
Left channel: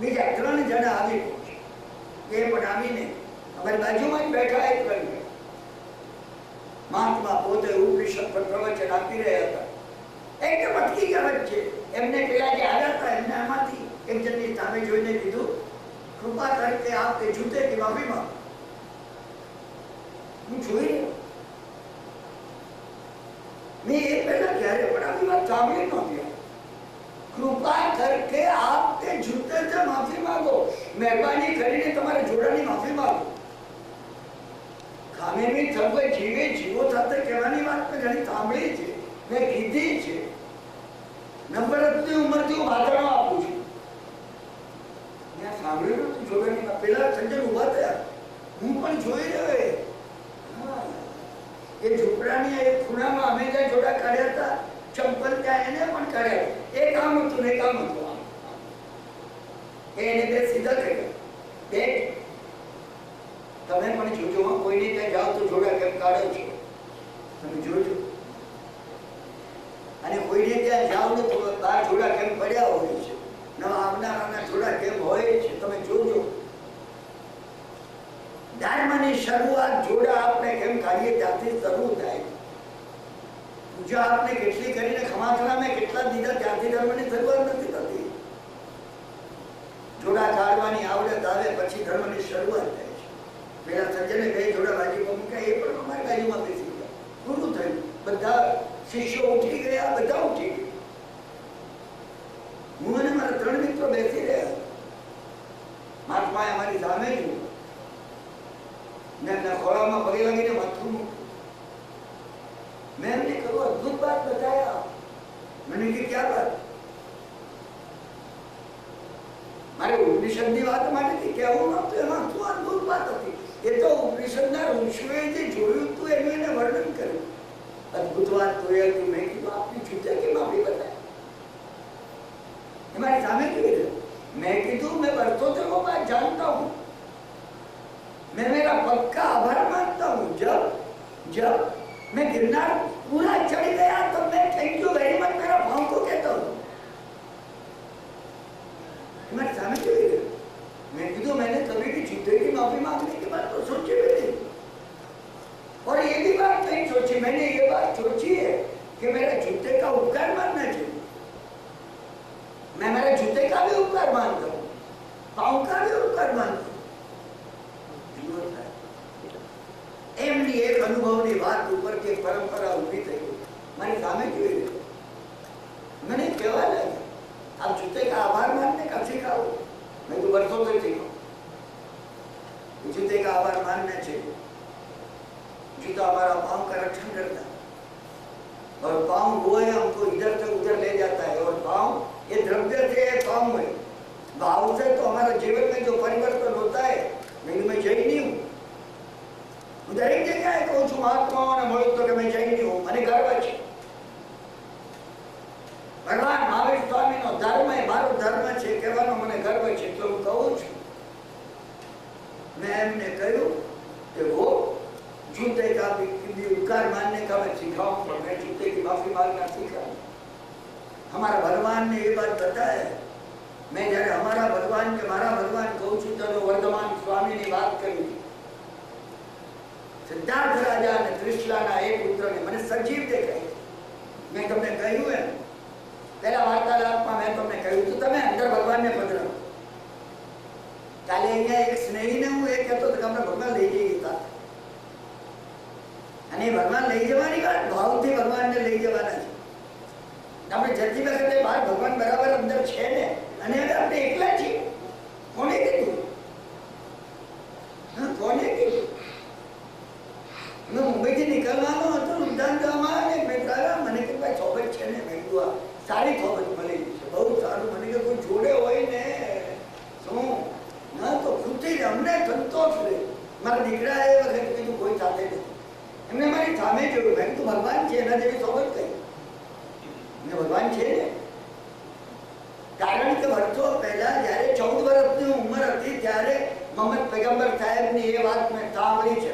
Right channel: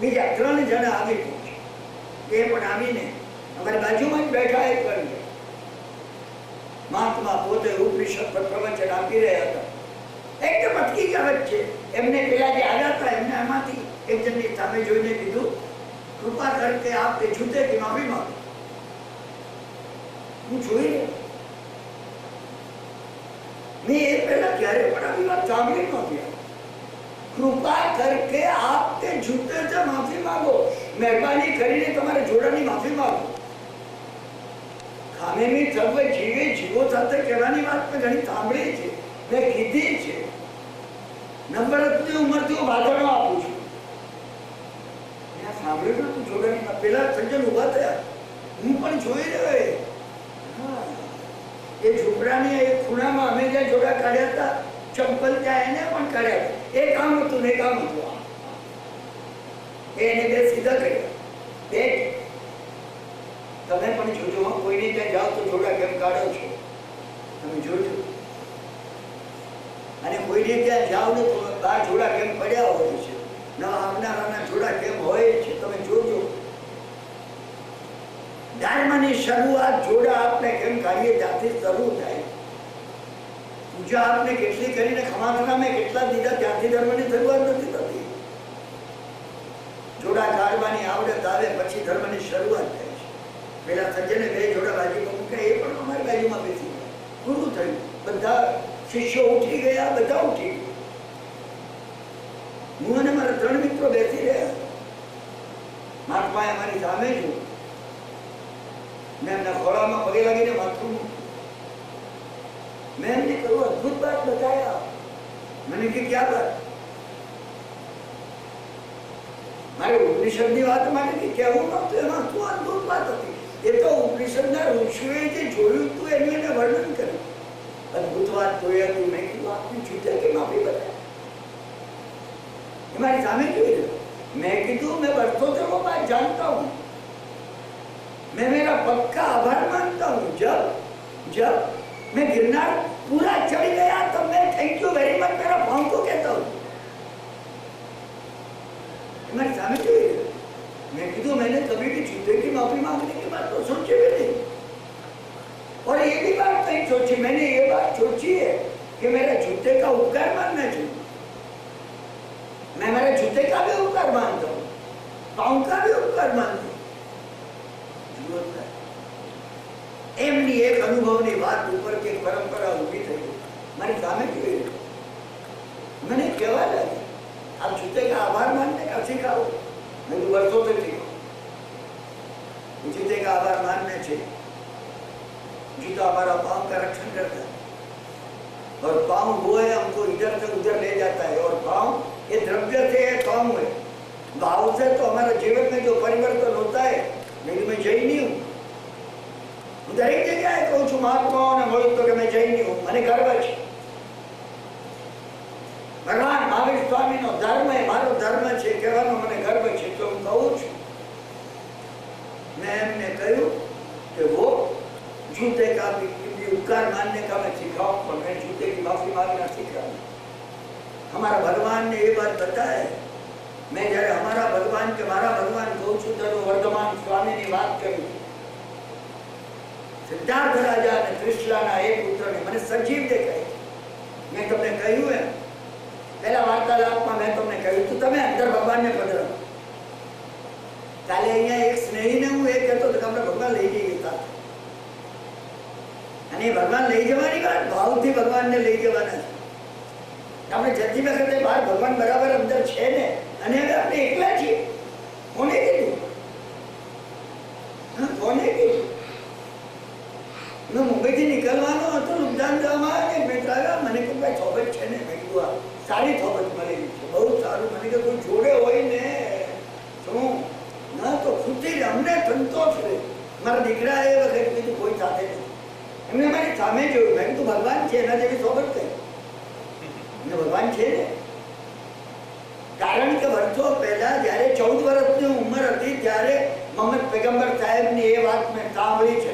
બીજા 3 જણા આવી પહોંચ્યા. એ પણ આવીને અમારી બાજુમાં જ બેઠા. એ કરી મહાત્મા પોતે ઉપનિષદ પર પ્રવચન આપી રહ્યા હતા. એકદમ અટકી ગયા વચ્ચે. એમને પેલા જે આવ્યા હતા એમને આમાંથી એક જણની સામે જોઈને કીધું, કૃપા કરકે આપ તે જૂતે की माफी मांगो. હું જોઈ રહ્યો. મેં એ પહેલા ક્યારે પણ આવી વાત સાંભળી નહોતી. કૃપા કરકે આપ તે જૂતે से माफी मांगो. મહેરબાની કરીને તમારા જોડાની માફી માંગો. ખામેમી સર્વે જીવે જીવો સાથે કહેવાની વાત મેં ઘણી સાંભળી છે, મેં કીધી છે. નંબરતની ઉંમરથી હું ભાષણો આપું છું. સાંભળ્યું તું જોડાની પેલા સજ્જન ઉભા થયા. હું પણ જોઈ રહ્યો. એ ઝૂંપડાની એક ખૂણામાં અમે જ્યાં જોડા કાઢ્યા હતા, ચંપલ ત્યાં એને પણ કાઢ્યા. એ કામ હતું ને કામ હતું. એને બે સીધા કર્યા. બે તમે પણ જોજો, કોઈની ત્યાં જાઓ તો જોડા કેમ કાઢો છો તમે જોજો. અને કોઈને ત્યાં જાઓ ને તો 12 જોડા કેમ પડ્યા હોય છે, નવા આવનારાના જોડા કેમ હોય છે તમે જોજો. ધર્મની શરૂઆત જોડા આપણે કેમ કાઢીએ ત્યાંથી શરૂ થાય. પૂજા આપણે કેટલી કરીને ખમાખરા મેં કેટલા દીધા ત્યાંથી ધર્મની શરૂઆત નથી થતી. જોડા કાઢવાની આવડત આવે પછી ધર્મની શરૂઆત થાય છે. પેલા સજ્જને 2 જોડા બાજુમાં મૂક્યા, એ પણ અમારી બાજુમાં બેસી ગયા. પૂરું થયું. બધા શિષ્યો ઉઠી ગયા, બધા ઉઠી ગયા. હું અને મારા 3 મિત્રો બેસી રહ્યા. મારા પાસે અમારી સામે છું. મેં એમના ખોળામાં પગે લાગીને માથું મૂક્યું. મેં એમને કહ્યું, અદભુત બાત બતાયા. मैंने कि क्या बात? મારે ઉપનિષદની વાત માટે કહેવું નહોતું, એમાં શું અદ્ભુત વાત હતી. એ તો ઉપનિષદના ઋષિઓએ જે જોયું હતું એનું એને વર્ણન કર્યું. અદ્ભુત વાત જોઈ હતું. મેં કીધું આપની છૂટ્યા કે માફી બતાય એ મારી સામે કેવી રીતે? मैं कीधु मैं वर्षों को बात जानता हूँ, मैं मेरा पक्का आभार मानता हूँ. जब मैं गिरनार पूरा चढ़ गया तो मैं थैंक यू वेरी मच मेरा भाव को कहता हूँ. मैं सामने क्यों? मैं कीधु मैंने कभी भी जूते की माफी मांगने की बात तो सोची भी नहीं, और ये भी बात नहीं सोची. मैंने ये बात सोची है कि मेरा जूते का उपकार मानना चाहिए. मैं मेरे जूते का भी उपकार मानता हूँ, पाँव का भी उपकार मानता हूँ. एमनी एक अनुभवनी बात ऊपर के परंपरा उभी થઈ મારી સામે કેવી રીતે મને કહેવા લાગે आप जूते का आभार मानने का सिखाओ. मैं तो वर्षों से सीखा जूते का आभार मानने से. जूता हमारा पाँव का रक्षण करता है, और पाँव वो है हमको इधर से उधर ले जाता है. और पाँव ये द्रव्य से है, पाँव है भाव से. तो हमारे जीवन में जो परिवर्तन होता है, मैं जैनी हूँ, दरेक जगह कहूँ છું મહાત્માઓને મળું તો કે मैं જૈની हूँ, મને ગર્વ છે. ભગવાન મહાવીર સ્વામીનો ધર્મ એ મારો ધર્મ છે કહેવાનો મને ગર્વ છે, તો હું કહું છું. मैं એમને કહ્યું કે वो जूते का भी उपकार मानने का मैं सिखाऊं, पर मैं जूते की माफी मांगना सीखा. हमारा भगवान ने ये बात बताया. मैं जયારે हमारा भगवान के मारा भगवान कहूँ છું તો વર્ધમાન સ્વામીની વાત કરી. સિદ્ધાર્થ રાજા અને ત્રિશલાના એક પુત્રને મને સજીવ દેખાય. મેં તમને કહ્યું એમ પહેલા વાર્તાલાપમાં મેં તમને કહ્યું તો તમે અંદર ભગવાનને પધરાવો. કાલે અહીંયા એક સ્નેહીને હું એ કહેતો હતો કે આપણે ભગવાન લઈ જઈએ હતા, અને ભગવાન લઈ જવાની વાત ભાવથી ભગવાનને લઈ જવાના છે. આપણે જતી વખતે બહાર ભગવાન બરાબર અંદર છે ને, અને હવે આપણે એકલા છીએ. કોને કીધું? કોને કીધું? मैं मुंबई થી નીકળવાનો હતો, નુકસાન જવામાં મેં કહ્યું મને કે ભાઈ થોબત છે ને, મેં કીધું સારી થોબત મળી છે, બહુ સારું. મને કે કોઈ જોડે હોય ને શું ના તો ખુશી અમને સંતોષ રહે. મારા દીકરા એ વખત કીધું કોઈ સાથે નથી, એમને મારી સામે જોયું. મેં કીધું ભગવાન છે એના જેવી થોબત કઈ ને ભગવાન છે ને. કારણ કે વર્ષો પહેલા જયારે 14 વર્ષની ઉંમર હતી ત્યારે મોહમ્મદ પૈગંબર સાહેબની એ વાત મેં સાંભળી છે.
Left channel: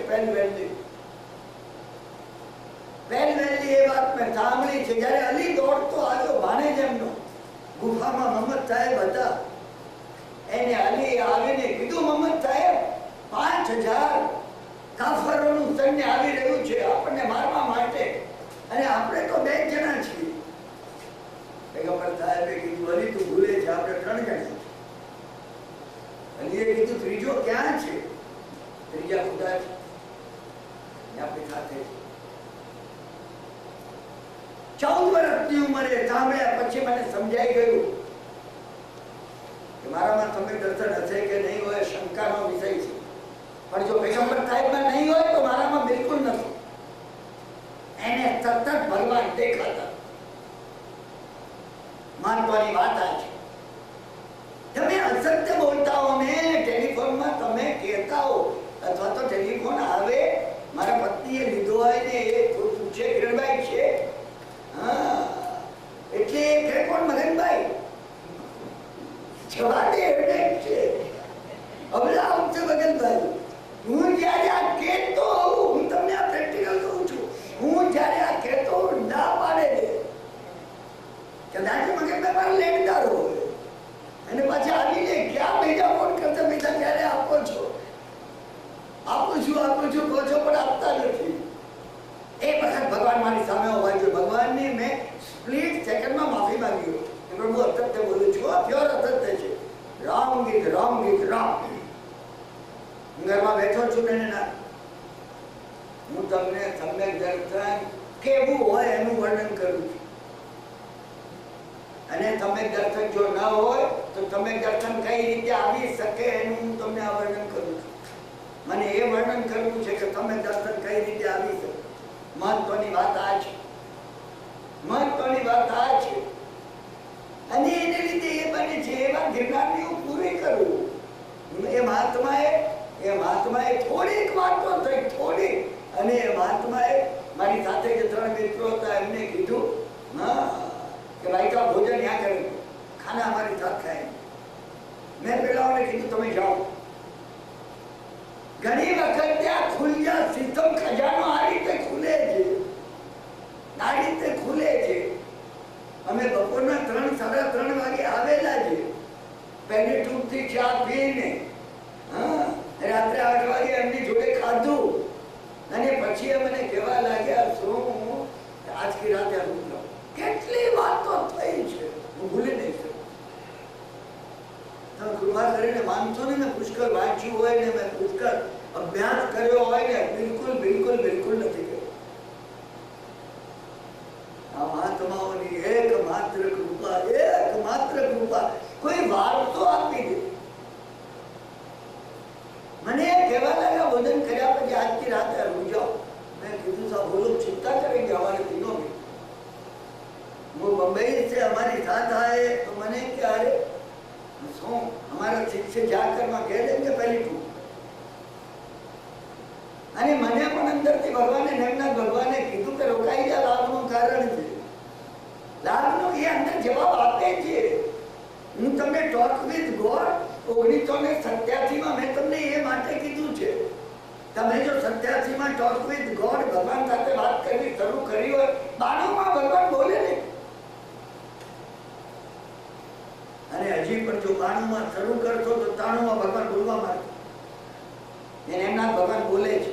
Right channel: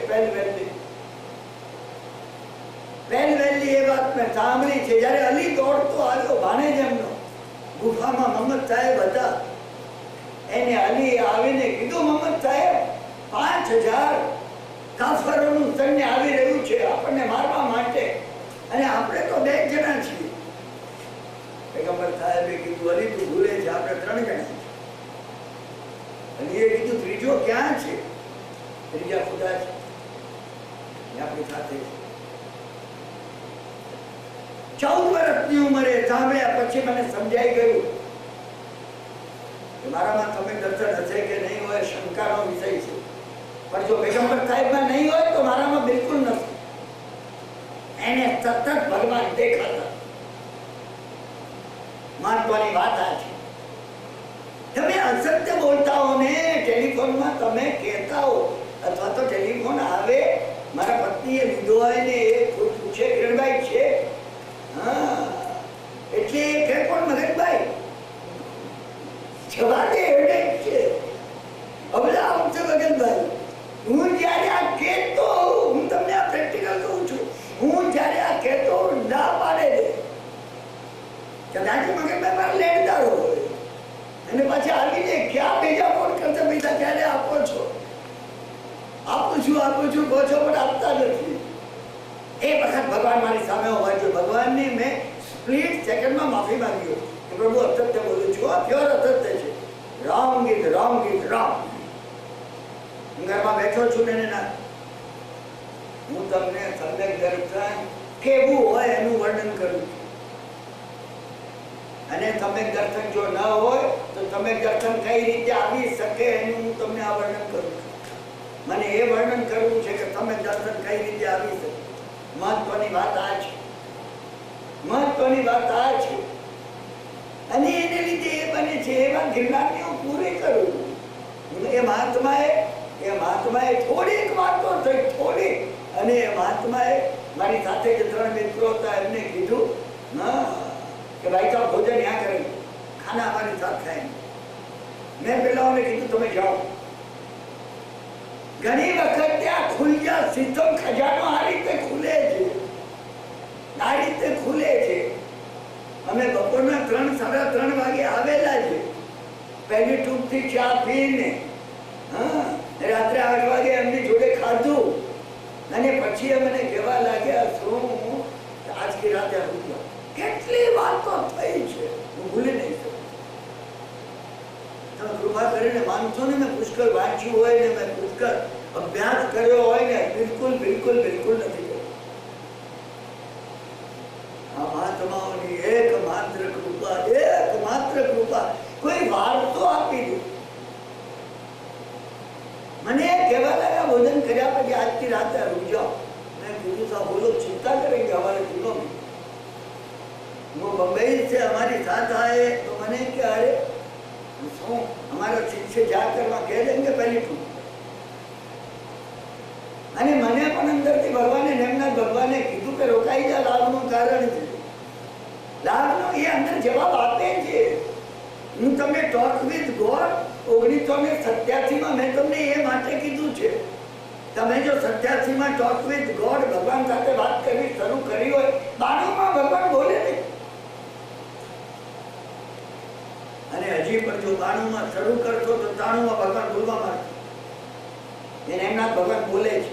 પહેલી એ વાત મેં સાંભળી છે જ્યારે અલી દોડતો આવ્યો ભાણેજ એમનો ગુફામાં. મોહમ્મદ સાહેબ હતા, એને અલી આવીને કીધું મોહમ્મદ સાહેબ 5000 કાફરોનું સૈન્ય આવી રહ્યું છે આપણને મારવા માટે, અને આપણે તો 2 જણા છીએ. પૈગંબર સાહેબે કીધું અલી તું ભૂલે છે, આપણે 3 જણા છીએ. અલીએ કીધું ત્રીજો ક્યાં છે? ત્રીજા ખુદા છે, આપણી સાથે. 14 વર્ષની ઉંમરે સાંભળ્યા પછી મને સમજાઈ ગયું કે મારામાં તમે દર્શન હશે કે નહીં હોય શંકાનો વિષય છે, પણ જો પૈગંબર સાહેબમાં નહીં હોય તો મારામાં બિલકુલ નથી. એને સતત ભગવાન દેખાતા. મહત્વની વાત આ છે. તમે અસત્ય બોલતા હો ને ટેલિફોનમાં, તમે કહેતા હો અથવા તો ટેલિફોન આવે મારા પત્નીએ લીધો હોય ને એ પૂછે કિરણભાઈ છે, એટલે કે કોણ મગનભાઈ જવાબે એવડે છે. હવે આવશે મગનભાઈ. હું જ્યારે આ કહેતો હું તમને આ પ્રેક્ટિકલ કહું છું, હું જ્યારે આ કહેતો ના પાડે કદાચ મગનભાઈ મારા લેણદાર હોય અને પાછા આવી જાય ક્યાં બીજા ફોન કરતા પૈસા ક્યારે આપો છો, આપું છું કહો છો પણ આપતા નથી. એ વખત ભગવાન મારી સામે હોવા જોઈએ. ભગવાનને મેં સ્પ્લિટ સેકન્ડમાં માફી માંગી કે પ્રભુ અસત્ય બોલું છું, આ પ્યોર અસત્ય છે. Wrong is wrong. હું ઘરમાં બેઠો છું ને ના, હું તમને સમ્યક દર્શન કેવું હોય એનું વર્ણન કરું છું. અને સમ્યક દર્શન જો ન હોય તો સમ્યક દર્શન કઈ રીતે આવી શકે એનું હું તમને આ વર્ણન કરું છું. મને એ વર્ણન કરવું છે કે સમ્યક દર્શન કઈ રીતે આવી શકે. મહત્વની વાત આ છે. અને એને લીધે એ બને છે એવા ગિરનારની હું પૂરી એ મહાત્માએ થોડીક વાતો થઈ, થોડી, અને એ મહાત્માએ મારી સાથે જે 3 મિત્રો હતા એમને કીધું કે ભાઈ તો ભોજન यहाँ करें, खाना हमारे साथ खाएंगे। मैं પેલાઓને કીધું તમે જાઓ। ઘણી વખત ત્યાં ખુલ્યા સીધો ખજાનો આ રીતે ખુલે છે, આ રીતે ખુલે છે। અમે બપોરના 3 સાડા 3 વાગે આવેલા છે, પહેલી ટૂંકથી ચા પીને, રાત્રે 8 વાગે એમની જોડે ખાધું, અને પછી મને કહેવા લાગ્યા શું આજની રાતે આવી જાઓ। કેટલી વાતો થઈ છે, હું ભૂલી નહીં શકું। તમે કૃપા કરીને માનશો ને, મેં પુષ્કળ વાંચ્યું હોય ને, મેં પુષ્કળ અભ્યાસ કર્યો હોય ને, બિલકુલ બિલકુલ બિલકુલ નથી કર્યો। આ મહાત્માઓની એકમાત્ર કૃપા, કોઈ વાર્તો આપી દે। મને કહેવા લાગ્યા ભોજન કર્યા પછી આજની રાતે આવી જાઓ। मैं कीधु साहब वो लोग चिंता करेंगे हमारे दिनों में। वो बम्बई से हमारी साथ आए तो मैंने क्या अरे हमारा शिष्य जाकर वहां कह देंगे पहली फूट। અને મને પણ અંદરથી ભગવાને નેમનાથ ભગવાને કીધું કે રોકાઈ જા, લાભનું કારણ છે, લાભનો એ અંદર જવાબ આપે છે। હું તમને ટોક વિથ ગોડ 1987 માં મેં તમને એ માટે કીધું છે, તમે જો 87 માં ટોક વિથ ગોડ ભગવાન સાથે વાત કરવી શરૂ કરી હોય, 92 માં ભગવાન બોલે નહીં, અને હજી પણ જો 92 માં શરૂ કરશો તો 93 માં ભગવાન બોલવા માંડે। એને એમનાથ ભગવાન બોલે છે,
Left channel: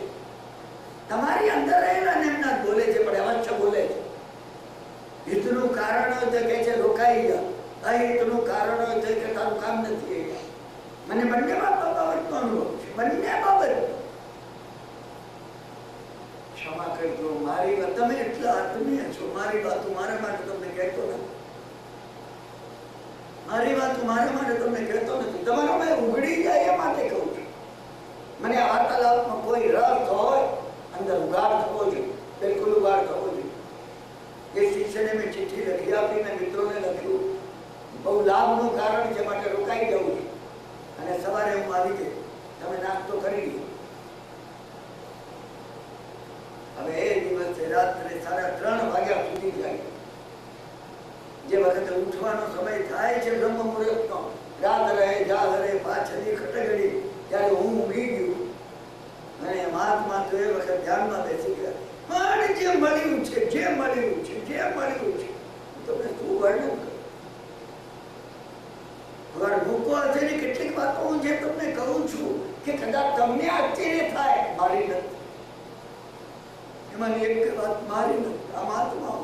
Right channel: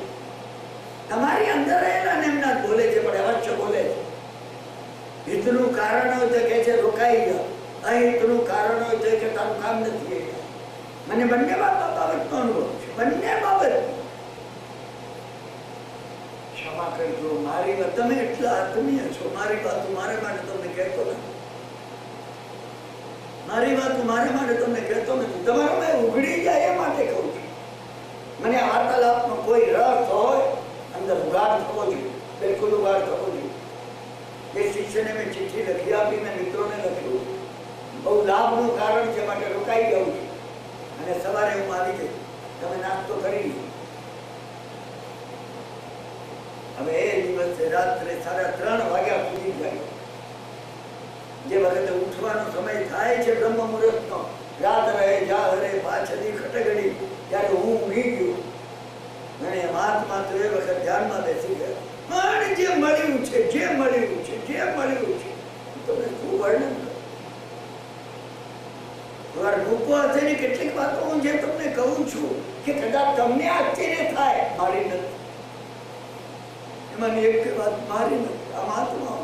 તમારી અંદર રહેલા એમનાથ બોલે છે, પણ અવશ્ય બોલે છે। હિતનું કારણ હોય તો કહે છે રોકાઈ જા, અહિતનું કારણ હોય તો કે તારું કામ નથી। મને બંને બાબતનો અનુભવ છે, બંને બાબત। ક્ષમા કરજો, મારી વાત, તમે એટલા આત્મીય છો, મારી વાત મારા માટે તમને કહેતો નથી, મારી વાત મારા માટે તમને કહેતો નથી, તમારો મેં ઉઘડી જાય એ માટે કહું છું। મને આ વાર્તાલાપમાં કોઈ રસ હોય, અંદર ઉગાડ થવો જોઈએ, બિલકુલ ઉગાડ થવો જોઈએ। એ શિષ્યને મેં ચિઠ્ઠી લખી આપી, મેં મિત્રોને લખ્યું, બહુ લાભનું કારણ છે માટે રોકાઈ જવું છે, અને સવારે હું આવી ગઈ, તમે નાસ્તો કરી લીધો। હવે એ દિવસે રાત્રે 3:30 વાગ્યા સુધી જાય, જે વખતે ઉઠવાનો સમય થાય છે બ્રહ્મ મુહૂર્તનો, રાત રહે જા હરે પાછળની ખટગડી, ત્યારે હું ઊંઘી ગયો, અને મહાત્મા તો એ વખત ધ્યાનમાં બેસી ગયા। પણ જે મળ્યું છે તમને શું વર્ણન કરું? મૂકો હશે ને કેટલીક વાતો હું જે તમને કહું છું કે કદાચ તમને આશ્ચર્ય થાય, મારી નથી, એમાં એક વાત મારી નથી, આ મહાત્માઓ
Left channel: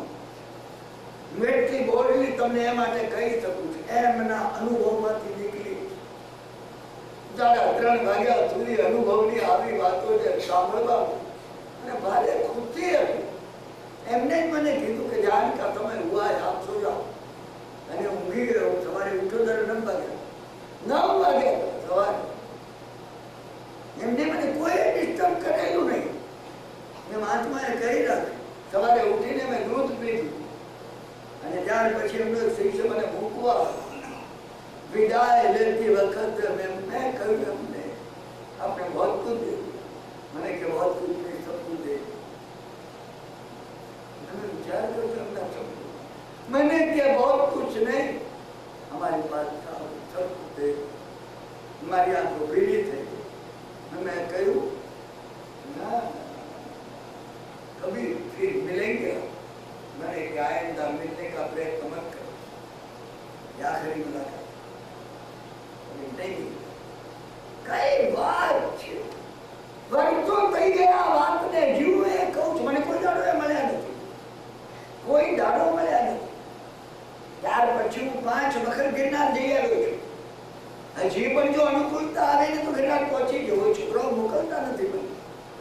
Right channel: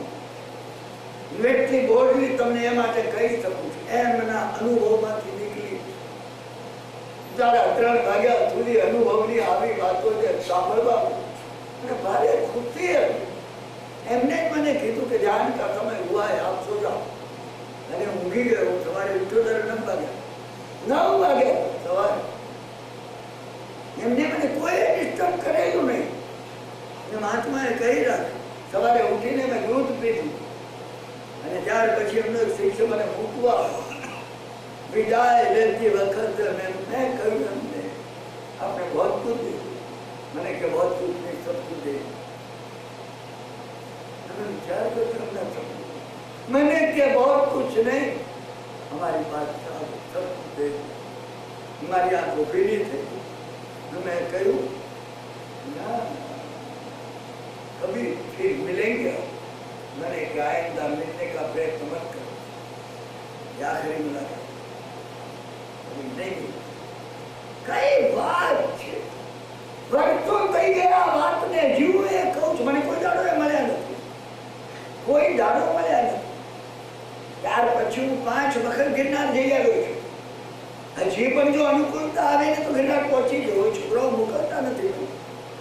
એટલી બોલ્ડલી તમને એ માટે કહી શકું છું, એમના અનુભવમાંથી નીકળી 3:30 વાગ્યા સુધી અનુભવની આવી વાતો જે સાંભળવા અને ભારે ખુશી હતી। એમને જ મને કીધું કે જાનકા તમે હુઆ આપ સો જાઓ, અને ઊંઘી ગયો। સવારે ઉઠ્યો ત્યારે 9 વાગ્યા સવારે, એમને મને કોઈ ડિસ્ટર્બ કરેલું નહીં। મહાત્માએ કહી રાખ્યું, સવારે ઉઠીને મેં દૂધ પીધું, અને ત્યાર પછી એમનો શિષ્ય મને મૂકવા વિદાય લેતી વખત મેં કહ્યું એમને આપણે बहुत कुछ मैंने કે बहुत कुछ नहीं, सब कुछ दे। विचार करते मैंने क्या बहुत कुछ नहीं, हमारे पास सब कुछ दे। हमारी आंखों पीड़ी थे, मैं कहूँ ना कभी फिर मिलेंगे। मैंने क्या आइंदा मिलने का प्रयत्न मत करो, आखिरी मुलाकात नहीं। कई बात वर्षों થઈ ગયા વાતને, જીવું એ કહું છું, મને કોઈ દાડો મળ્યા નથી, કોઈ દાડો મળ્યા નથી। ત્યાર પછી હું 5 વખત ગિરનાર જઈ આવ્યો છું। હજી પણ જો અનુકૂળતા આવે ને તો ગિરનાર પહોંચી જવો। છોકરાઓ મોકલતા નથી,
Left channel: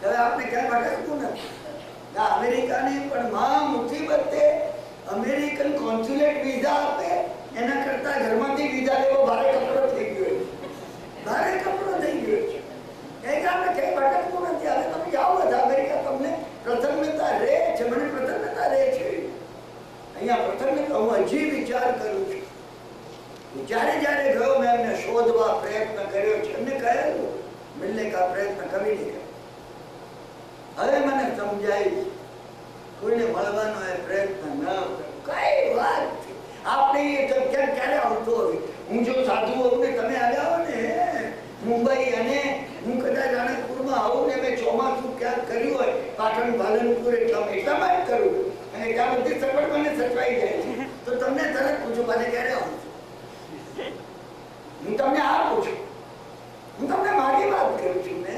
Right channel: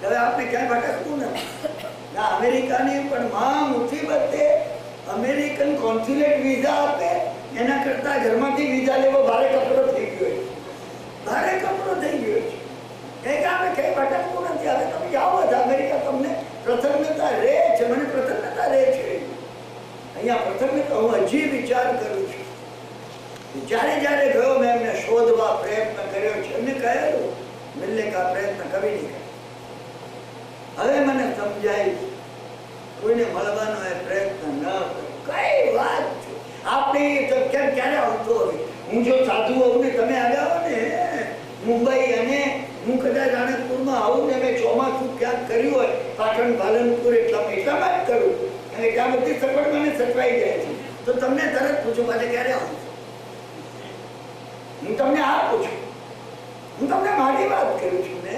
હવે આપણે ક્યાંય ભટકવું નથી। ના અમેરિકાની પણ માં મુસીબતે અમેરિકન કોન્સ્યુલેટ વિઝા આપે એના કરતા ઘરમાંથી વિઝા લેવો ભારે કપડો થઈ ગયો છે, ભારે કપડો થઈ ગયો છે। એક આપણે ક્યાંય ભટકવું નથી। હવે તમે જાઓ જ અમેરિકા, તમને પ્રસન્નતા રહે છે, મને પ્રસન્નતા રહે છે અહીંયા પ્રસન્નતા। હું હજી વિચાર કરું છું જ્યારે જ્યારે ગયો મેં એમને શોધવા પ્રયત્ન કર્યો છે, એમને કહેલું મિલને કા પ્રયત્ન કभी નહીં કર્યો. હવે મને સમજાય કોઈને મળવાનો એ પ્રયત્ન ન કરો. કઈ વાત છે આપણે તો ક્યારે આવતો હોય. હું જો સાધુ હોઉં ને તમે આવ્યા હો ને મુંબઈ અને હું કદાચ આણંદપુરમાં આવું ને મેં ચોમાસું ક્યાંક કર્યું હોય પાટણ પાલનપુર એટલામાં જ કરું અને ત્યાં બધી સગવડ મને સચવાઈ જાય છે તો તમને તરત પૂછું મને ક્યારે આવું. હું તમને આ પૂછું, હું તમને મારી વાત કરું છું ને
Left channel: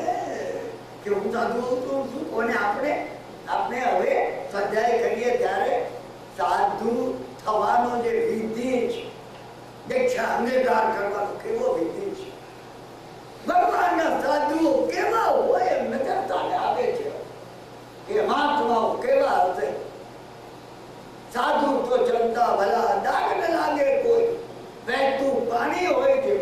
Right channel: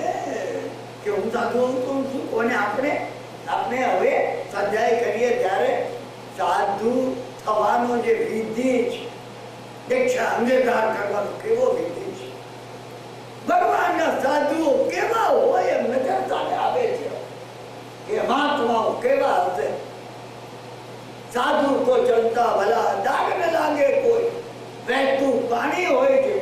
કે હું સાધુ હોઉં તો શું કોને આપણે હવે સ્વાધ્યાય કરીએ ત્યારે સાધુ થવાનો જે વિધિ છે દીક્ષા અંગીકાર કરવાનો કેવો વિધિ છે. ભગવાનના સાધુઓ કેવા હોય એમ નજર આવે છે કે મહાત્માઓ કેવા હશે. સાધુ તો ચલતા ભલા દાગ ન લાગે કોઈ, વહેતું પાણી હોય છે,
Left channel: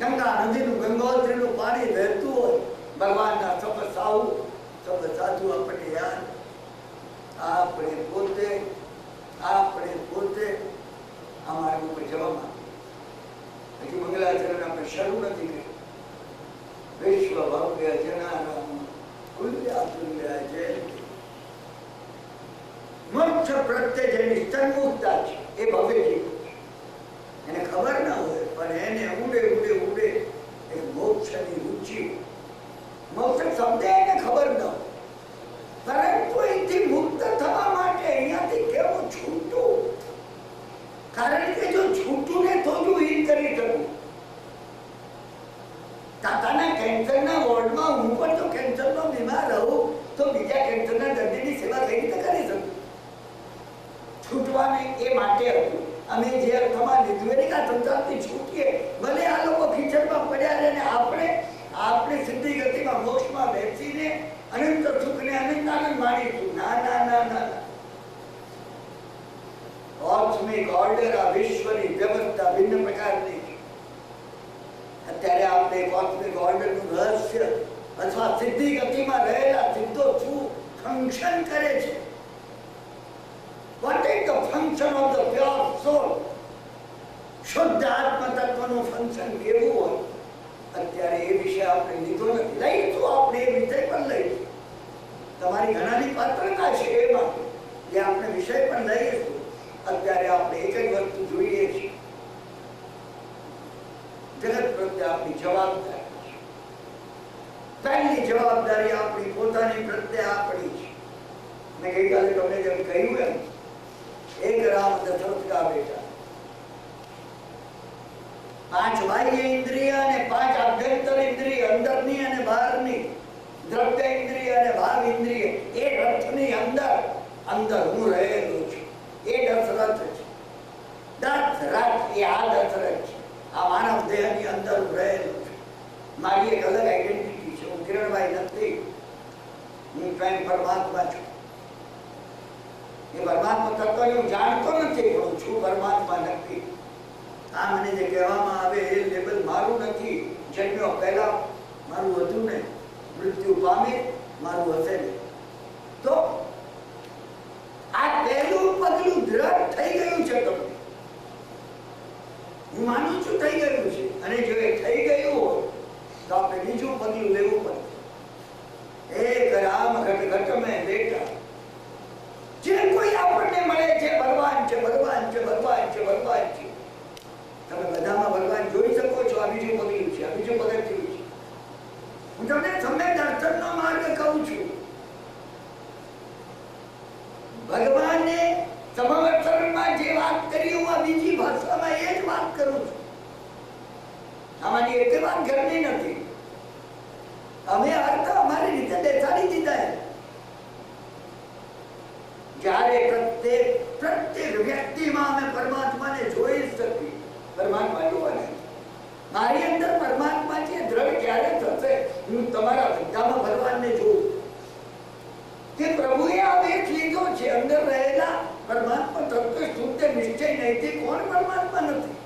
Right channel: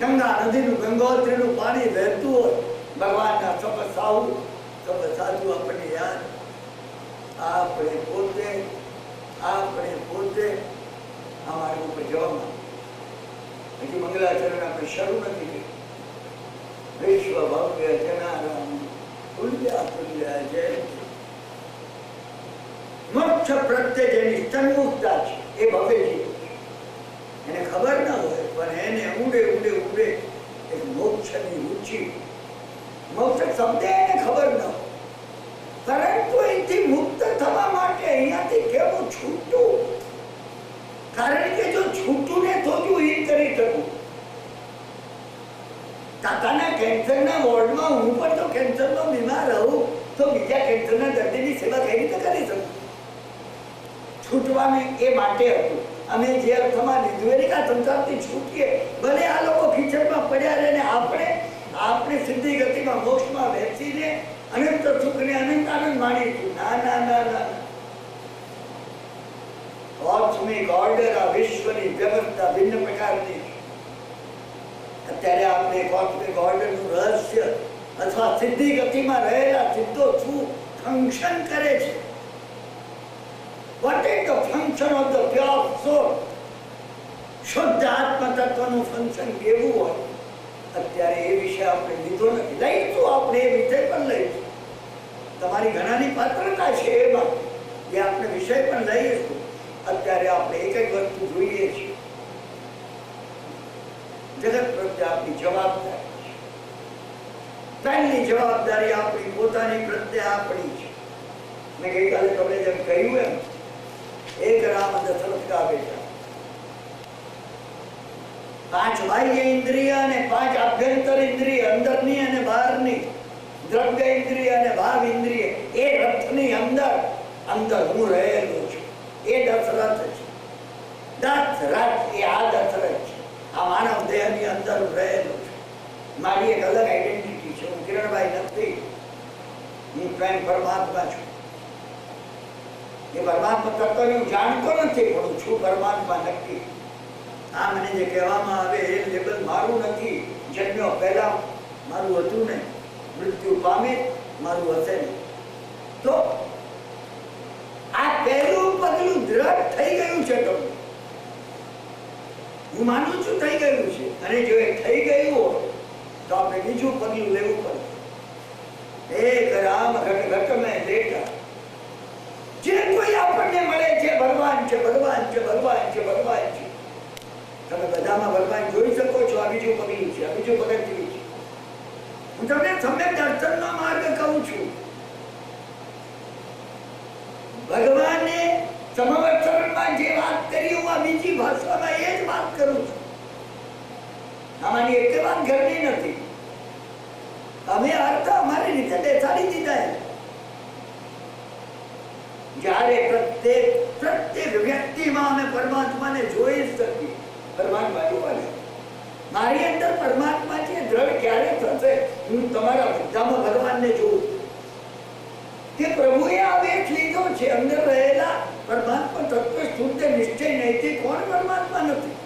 ગંગા નદીનું ગંગોત્રીનું પાણી વહેતું હોય. ભગવાનના સબ સાધુ આપણને યાદ. આપણે પોતે આ માર્ગ ઉપર જવામાં હજી મંગલાચરણ આપણે શરૂ નથી કર્યું. વિશ્વ ભવ્ય જનારામ તુલ્યા જય. મોક્ષ પ્રત્યે જેની સન્મુખતા છે એ ભવ્ય જીવ એને ખબર ના હોય પણ એને ઊંડે એક મોક્ષની રુચિ, મોક્ષ શબ્દ એને ખબર ન હોય પરંતુ એથી મુક્ત થવા માટે અહીંયાથી કેવું છૂટું. કારણ કે જો છૂટું ને થોડું એ કરી શકું. કાકાના કેન્સરના વોર્ડમાં હું પણ જો કેન્સરનો બીમાર રહું તો બીજા કેન્સરના દર્દીની સેવા કઈ રીતે કરી શકું. છૂટવાનું એ માટે હતું. અમે જે અર્થમાં લીધું એને કા સંસારથી છૂટીએ, ભલે આ લોકો ખીચડમાં પડ્યા રહે ને આપણે સિદ્ધિ ગતિમાં મોક્ષમાં બેસીને અનંત સુખને અનંત આનંદ માણીશું. ના. કોસ્મિક ઓર્ડર આ વિશ્વની વ્યવસ્થા ભિન્ન પ્રકારની. અત્યારે આપણે કોસ્મિક ઓર્ડરનું રહસ્ય અથવા સિદ્ધિ ગતિમાં રહેલા સિદ્ધો શું ફંક્શન કરે છે, what is the function of the pure soul, શુદ્ધ આત્મ તત્વનું ફંક્શન કેવું હોય અત્યારે એ વિષય આપણે લીધો નથી. લઈશું આપણે એ વિષય પણ લઈશું. તમારી ઘણાની પાત્રતા છે એમાં જે આપણે વિષય પણ લઈશું. અત્યારે આપણે એક જ વસ્તુ જોઈએ છીએ, જગત પ્રત્યે આપણી જવાબદારી છે. પહેલી જવાબદારી આપણી પોતાની પ્રત્યે આપણી છે. મેં ગઈકાલે તમને જેમ કહ્યું એમ એક રામ દશરથ કા બેટા, 5 બાહ્ય ઇન્દ્રિય અને 5 આભ્યંતર ઇન્દ્રિય, અંદરની અને બહારની, દ્રવ્ય ઇન્દ્રિય અને ભાવ ઇન્દ્રિય. એ રથની અંદર હું રહેલો છું. એ દશરથ છે. દશરથ એ આ દશરથ છે. આ માનવ દેહની અંદર રહેલો છું. મારી એક અલગ આઈડેન્ટિટી છે. હું કિરણભાઈ નથી, હું સ્વયં પરમાત્મા છું. એ પરમાત્મા તત્વ હું જાણતો નથી પણ હું છું પરમાત્મા નક્કી. આ મને જે કહેવામાં આવે એ લેબલ મારું નથી. જન્મ્યો પહેલા મારું હતું ને, મૃત્યુ પામે મારું હશે ને. તો આ પહેલું પગલું દ્રઢ થઈ ગયું છે. તમને હું માનું છું થઈ ગયું છે. અને જો એ થઈ ગયું હોય તો આપણે બીજું પગલું લેવું પડે. એક રામ ઘટ ઘટ મેં બેઠા. જે કોઈ આપણને મળે છે ભગવાન છે. તમે બધામાં ભગવાન જોઈ શકો છો. આ બીજું પગલું છે, આ બીજું પગથિયું છે. હું તમને સમ્યક દર્શનનો માર્ગ કહું છું. ભગવાને સમવત્સરમાં જે વાત કરી હું આ બીજી ભાષામાં એ જ વાત કરું છું. આમાંની એક વાત ઘરની નથી. અમે અર્થ અમારી રીતે બેસાડી દીધા. જ્યારે પ્રત્યેક વ્યક્તિમાં અમે પરમાત્માને જોઈ શકીએ. પરમાત્મા જોવાને મારી અંદર પરમાત્મા છે દ્રઢ ક્યારે થશે? હું તમારા બધામાં ભગવાનને જોઉં કે પ્રભુએ આવેશ લીધો છે. અંદર રહેલા પરમાત્મા તત્વ શુદ્ધ નિશ્ચય નૈતિક કોણ પરમાત્મા નથી?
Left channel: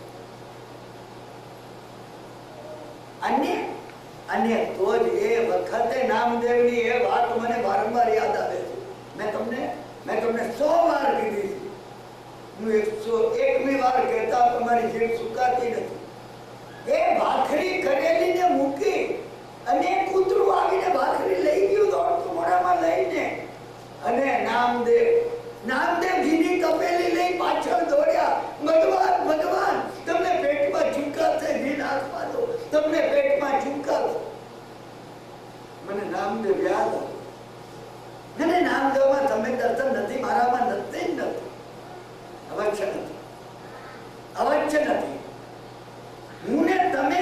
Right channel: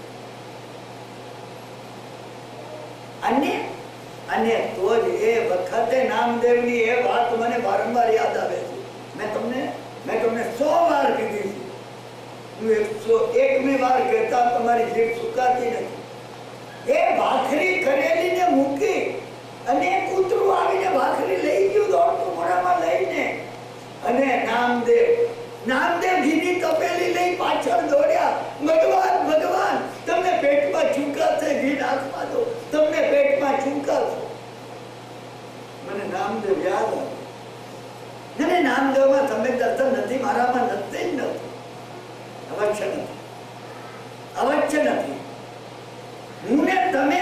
અન્ય તો જ એ વખતે નામદેવની એ વાત મને વારંવાર યાદ આવે છે. મેં તમને 100 વાર કીધી. હું 101મી વાર કહેતા તમારી તમારી જીભ સુકાતી નથી. એ ભાખરી કરેલી ને મૂકી અને કૂતરું આવીને ભાખરી લઈ ગયું દોડતું મોઢામાં લઈને, અને નામદેવ ઘીની તપેલી લઈ પાછળ દોડ્યા. ભગવાન ભગવાન તમને પેટમાં ચૂકાશે, ઘી નાખવા દો, તમને પેટમાં ચૂકાશે. મને નામદેવ યાદ આવ્યું. અને નામદેવમાં તમે દર્શન નથી, મારામાં નથી જ નથી. અવશ્ય નથી, અવશ્ય નથી. હું ને તમે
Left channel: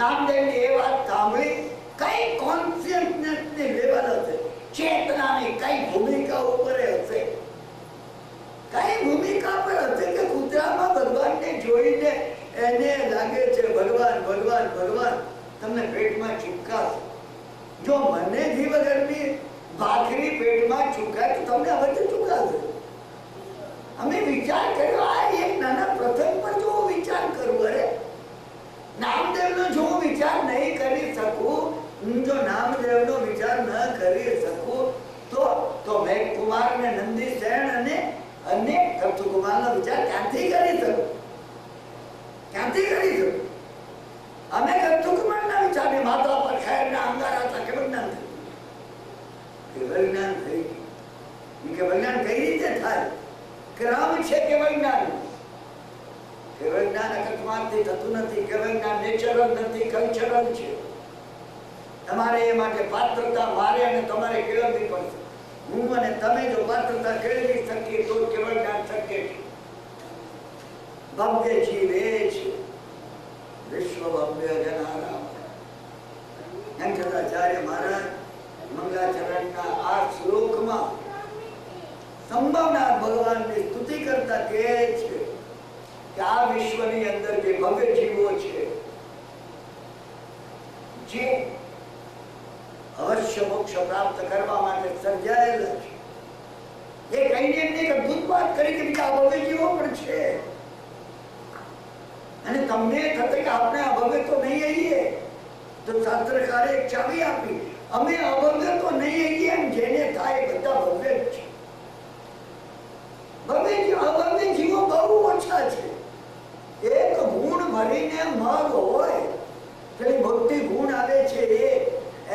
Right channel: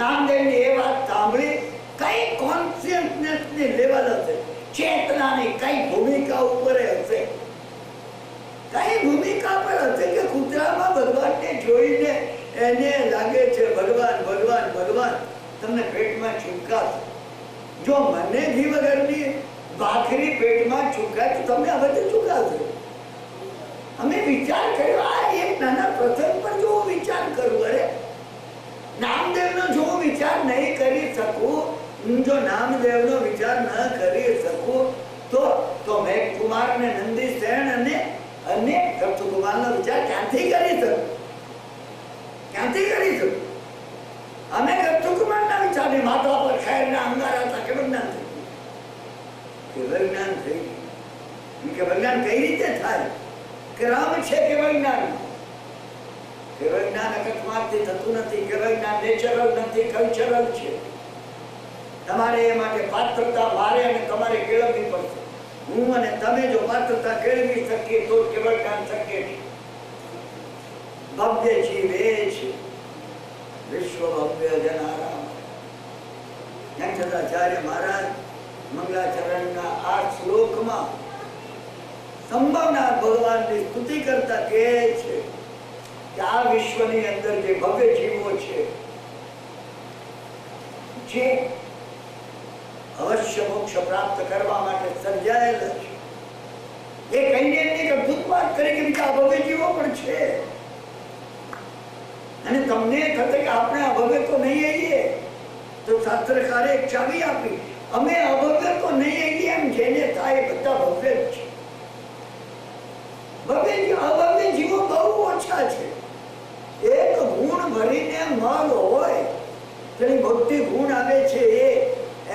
નામદેવની એ વાત સાંભળી, કઈ કોન્શિયસનેસ ની લેવલ હશે, ચેતનાની કઈ ભૂમિકા ઉપર હશે, કઈ ભૂમિકા પર હશે કે કૂતરામાં ભગવાનને જોઈને એને લાગે છે ભગવાન ભગવાન ભગવાન, તમને પેટમાં ચૂકાશે. જો મને ઘી વગરની ભાખરી પેટમાં ચૂકાય તો તમને હવે ચૂકાશે. અમે વિચાર કર્યો, આ એક નાના પ્રસંગ પર જો વિચાર કરવું, અરે નામદેવનો જો હું વિચાર નહીં કરી શકું, જો નામદેવનો વિચાર ન કરી શકું તો મેઘ કુમાર ને નંદી સેન અને કૃષ્ણકુમારનો વિચાર ક્યાંથી કરી શકું? ક્યાંથી કરી શકું? અમે કૃષ્ણકુમારના વિચારને માથા પર ખેરના અંગારા હતા, કેવળ જ્ઞાન થઈ ગયું. કેવળ જ્ઞાન કઈ રીતે થાય? ક્રમ છે કેવળ જ્ઞાન. કેવળ જ્ઞાન અકસ્માતથી થતું નથી. કેવળ જ્ઞાન નેચરલ નથી, કલ્ચરલ છે. તમારે એ માટે પાત્રતા મારે અને તમારે કેળવવી પડશે. હું અને તમે જો પાત્રતા કેળવી શકીએ તો કેવળ જ્ઞાન શક્ય છે. ભવ્ય જીવ એ છે વિશ્વ ભવ્ય જનારામ. શંકરાચાર્ય મહારાજ મંગલાચરણના આ શ્લોકમાં સંભવના ભગવાનની સ્તુતિ કરતા કહે છે કે આ વિશ્વની અંદર જે ભવ્ય જીવો છે, જે અવશ્ય મોક્ષ પ્રાપ્ત કરવા માટે સર્જાયેલા છે, એ કહીને એક અદભુત વાત કરી કે બીજા ભવ્ય જીવો પણ છે. અને તમને થશે કે આપણે અભવ્ય તો નહીં આવીએ, તો શાસ્ત્રકારે એક ચાવી આપી, અમે અભવ્ય તો નહીં આવીએ, એમ જેને થાય બધા ભવ્ય જ છે. અભવ્ય જીવો બહુ ઓછા છે. એક ગુણ ભરીને મગ હોય, તેની ભક્તિ ગુણ આવે છે,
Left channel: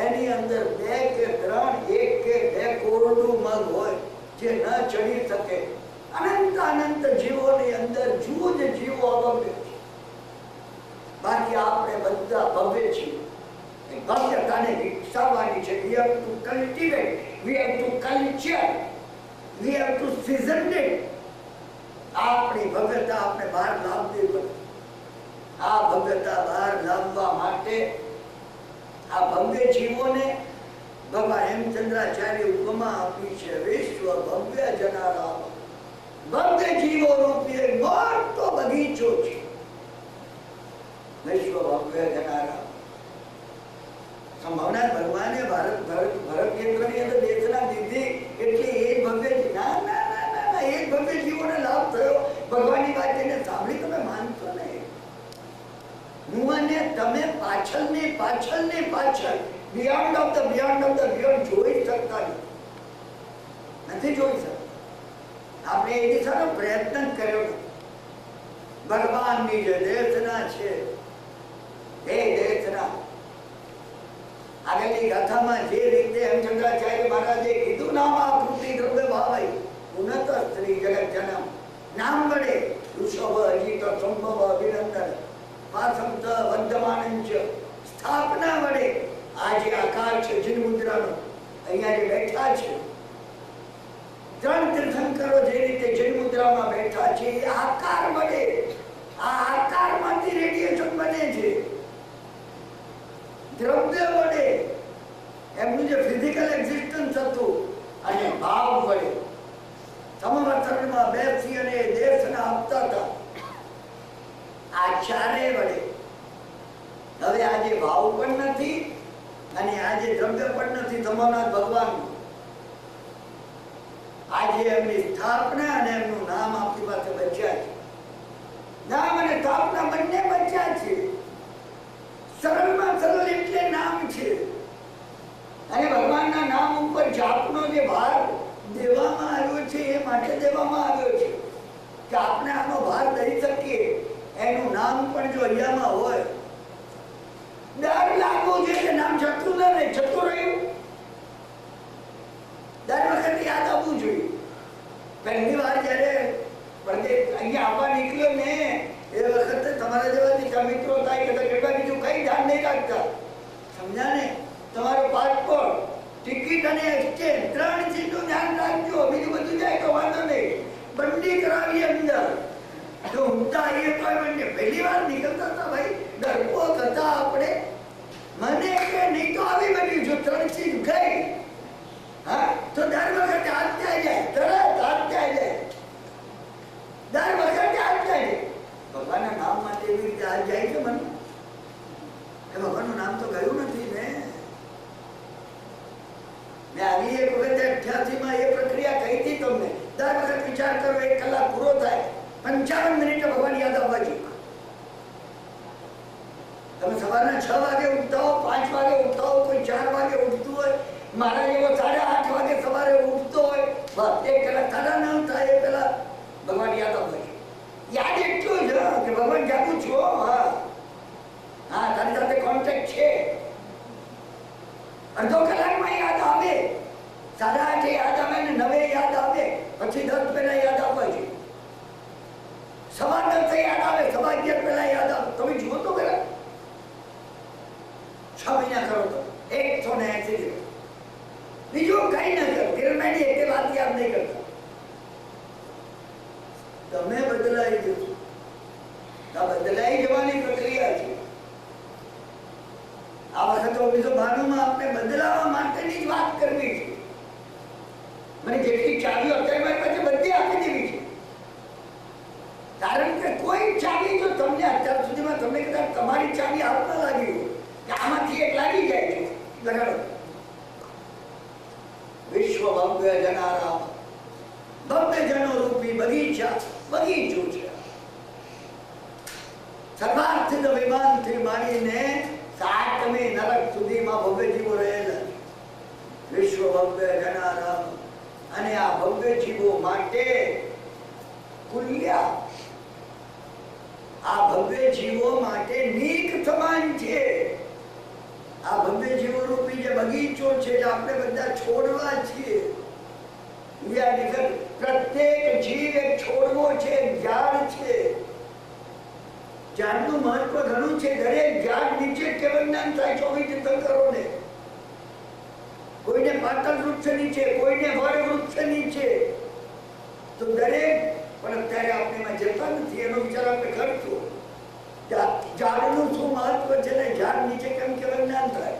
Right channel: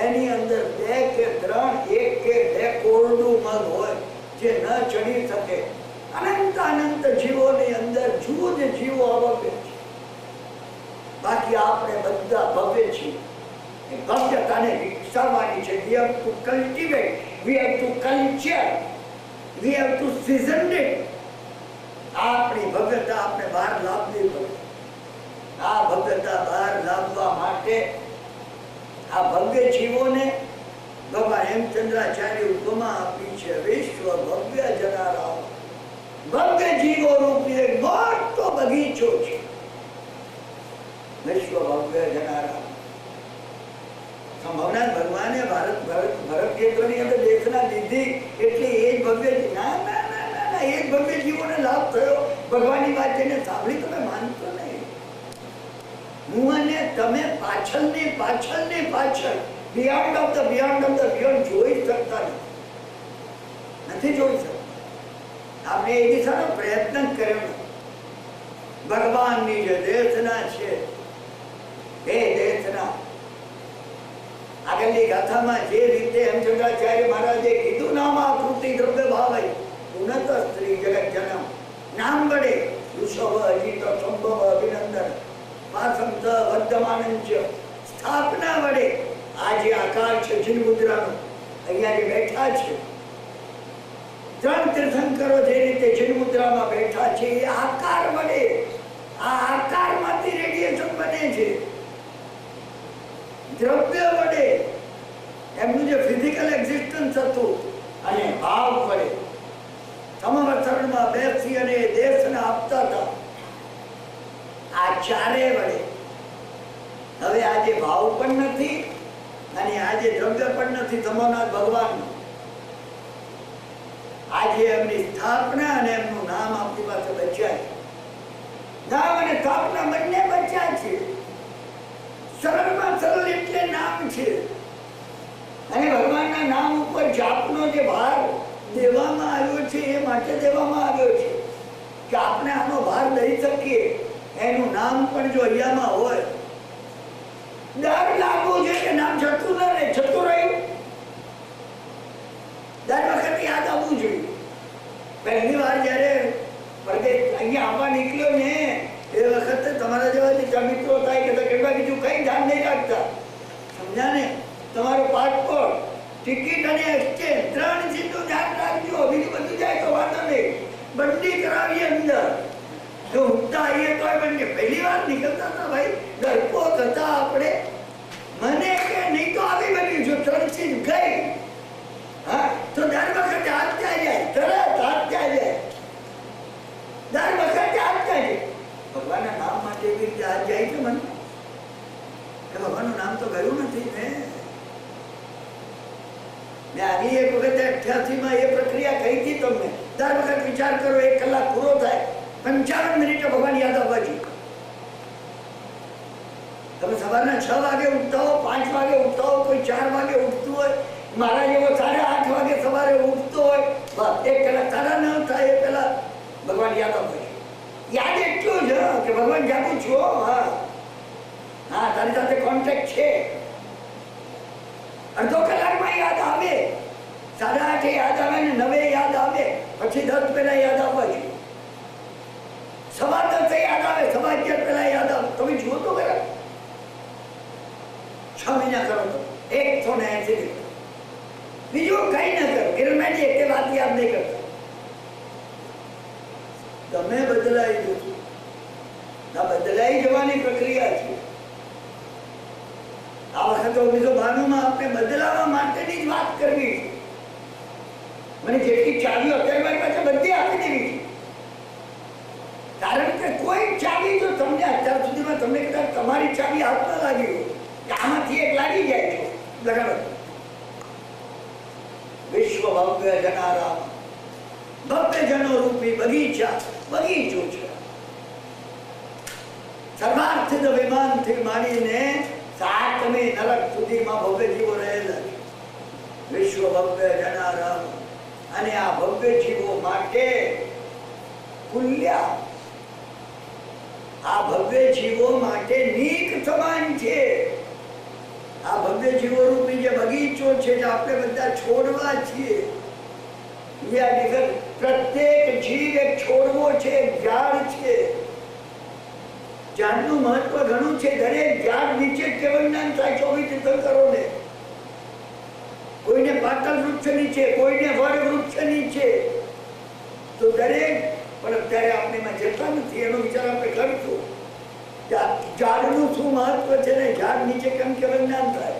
એની અંદર 2 કે 3, 1 કે 2 કોરડું મગ હોય જે ન ચડી શકે. અનંત જીવોની અંદર જુઓ જે જીવો અભવ્ય છે. બાકી આપણે બધા ભવ્ય છીએ. ભવ્યતાને વિકસાવવાની છે. We have to cultivate, we have to culture, we have to season it. આપણી ભવ્યતા આપણે બહાર લાવવી પડે. આ ભવ્યતા બહાર લાવવા માટે આ ભવ્ય જીવોને ભગવાન હેમચંદ્રાચાર્ય ઉપમા આપી છે. વિશ્વ ભવ્ય જનારામ. ભવ્ય જીવો રૂપી એક મોટો બગીચો છે. વિશ્વ ભવ્ય જનારામ. સંભાવના ભગવાને ભરત ક્ષેત્રની અંદર દેશના દીધી એટલે એ જ ભવ્ય. ના ના ના ના, એ જ ભવ્ય જીવોને લાભ થયો. ભગવાનની વાત જેને સાંભળી તમે માનતો નહીં. હું અને તમે પાછળ બિયોન્ડ ઓફ ધ બિયોન્ડ જોઈ શકતા નથી જોઈ શકતા. આપણે એ દિશાનો પ્રયત્ન કર્યો. ભગવાનની જે દેશના છે એ દેશના આગળની ગાથામાં જે રીતે હેમચંદ્રાચાર્ય મહારાજે કીધું, નામ આકૃતિ દ્રવ્ય ભાવાય ઉન્નત સ્ત્રી જગત જન્મ. નામ વડે વૃષભ અજીત સંભવ અભિનંદન પાસંત વર્ધમાનંચ. સ્થાપના વડે આ જે આકાર છે જીન મુદ્રાનો, અહીંયા જે બેઠા છે 3 તીર્થંકરો જે રીતે જીન મુદ્રામાં બેઠા છે, એ આકાર વડે, આ આકારમાંથી રેડિયેશન બને છે. દ્રવ્ય વડે એમનું જે ફિઝિકલ એક્ઝિસ્ટન્સ હતું અને ભાવ વડે સમવર્તનમાં બેસી અને દેશને આપતા હતા. આ ચારે વડે હવે આજે ભાવ પણ નથી અને આજે દ્રવ્ય પણ નથી. સમવનાથ ભગવાનનું આજે એમની સ્થાપના અને એમનું નામ આપણી પાસે બચ્યા છે. નામ અને સ્થાપના બંને બચ્યા છે. સરળમાં સરળ એટલે નામ છે. અને ભગવાનના નામ ઉપર જાપનો જે ભાર દેવામાં આવ્યો છે એ માટે દેવામાં આવ્યો છે કે આપણે આનો ભાર દઈ શકીએ. એનું નામ પણ જો અહીંયામાં હોય, ડર લાગવો જોઈએ કે નામ જતું ન રહે, જતું રહ્યું દર વખત યાદ આવવું જોઈએ. પહેલી વાર જયારે અહીંયા આવવા નીકળ્યો ને એ વખતે તમારા જેવા બીજા મિત્રો થાય કે કેટલા બીજું કઈ ધ્યાન નહીં રાખતા, સમજ્યા ને? તમારો પાસપોર્ટ, ટિકિટ અને એક્સચેન્જ 3 ચીજનું ધ્યાન રાખજો, બીજું બધું જાય તો વાંધો નહીં. બંડી કરાવી અંદર જો ઉઠતા આવીએ તો બંને પહેલી વાર નીકળતા હતા ભાઈ, ડરપોક હતા આપણે. મને કે નહીં તો આવી બન્યું, જો 3 ચીજ ગઈ હા તો દર વખતે હાથ ત્યાં જાય, તરત હાથ ત્યાં જાય, દર વખતે હાથ જાય. ભગવાનના નામ માટે એવી રીતે હાથ જાય છે મને, એ ભગવાનનું નામ તો ગયું નથી ને. મેં આગલી એક વખત 88 એ પ્રક્રિયા કહી હતી તમને. દર વખત વિચાર કરો 1 કલાક પૂરો થાય 55 મિનિટે ભગવાન યાદ આવવા જોઈએ. તમે સવારના 6 વાગે ઉઠતા હો, 5 વાગે ઉઠતા હો, કોઈ 4 વાગે ઉઠતું હોય, મારા જેવો 8:30 વાગે સવારે ઉઠતો હોય, બસ 1 કલાક 9:30 થાય એ પેલા ભગવાન યાદ આવવા જોઈએ. યાદ એટલું જ કે ભગવાન જાગું છું, હા હા તારી સાથે કોન્ટેક્ટ છે. અડધો કલાકમાં યાદ આવે, 8:30 યાદ આવે ને 9 યાદ આવે, પછી 10 પહેલા યાદ આવવા જોઈએ. 10:15 યાદ આવે, 11:15 પહેલા યાદ આવે. તમે જુઓ તો ખરા 6 મહિના કરો તો 180 દિવસ. બીજું કઈ ના કરો, કિરણભાઈ એક વાત યાદ નહીં કરતા. તમે બદલાઈ જશો, આ બદલાઈ જવાની પ્રક્રિયા છે. આ વખતે 1992 આપણે બદલાવા માટેની જ વાત કરવી છે. મને જેટલી ચાવીઓ અત્યારે મારી પાસે બધી આપી દેવી છે, કારણ કે કોઈ ચાવી તો તમને અત્યાર સુધીમાં તમને કદાચ તમારી ચાવી હાથમાં લાગી હોય કે આમાંથી એક લાગી જાય છે, લગાડો. વિશ્વ ભવ્ય જનારામ, ભવ્ય જનો રૂપી બગીચા, બગીચો છે. સર્વાર્થ વિમાનથી માંડીને 7મી નરક સુધીમાં ભવ્ય જીવો રહેલા. વિશ્વ ભવ્ય જનારામ, અને આ ભવ્ય જીવો માટે કુલ્યા, આ ભવ્ય જીવો માટે નીક સમાન છે. આ ભવ્ય જીવો રૂપી જે બગીચો છે જે આપણે બધા છોડવા છીએ, પ્રત્યેક જીવ એક છોડવો છે, એક ઝાડ છે. ઝાડનું મહત્વ ઘણું છે. દરેક ઝાડ નીચે કેવળ જ્ઞાન થાય 24 તીર્થંકરોને. કોઈને પાટલ વૃક્ષ નીચે, કોઈને વડ વૃક્ષ નીચે, તો દરેક. પણ અત્યારે આપણે એમાં જતા નથી, એનો વિચાર આપણે કરશું. ઝાડનું શું મહત્વ છે ને ઝાડ નીચે કેમ કેવળ જ્ઞાન થાય?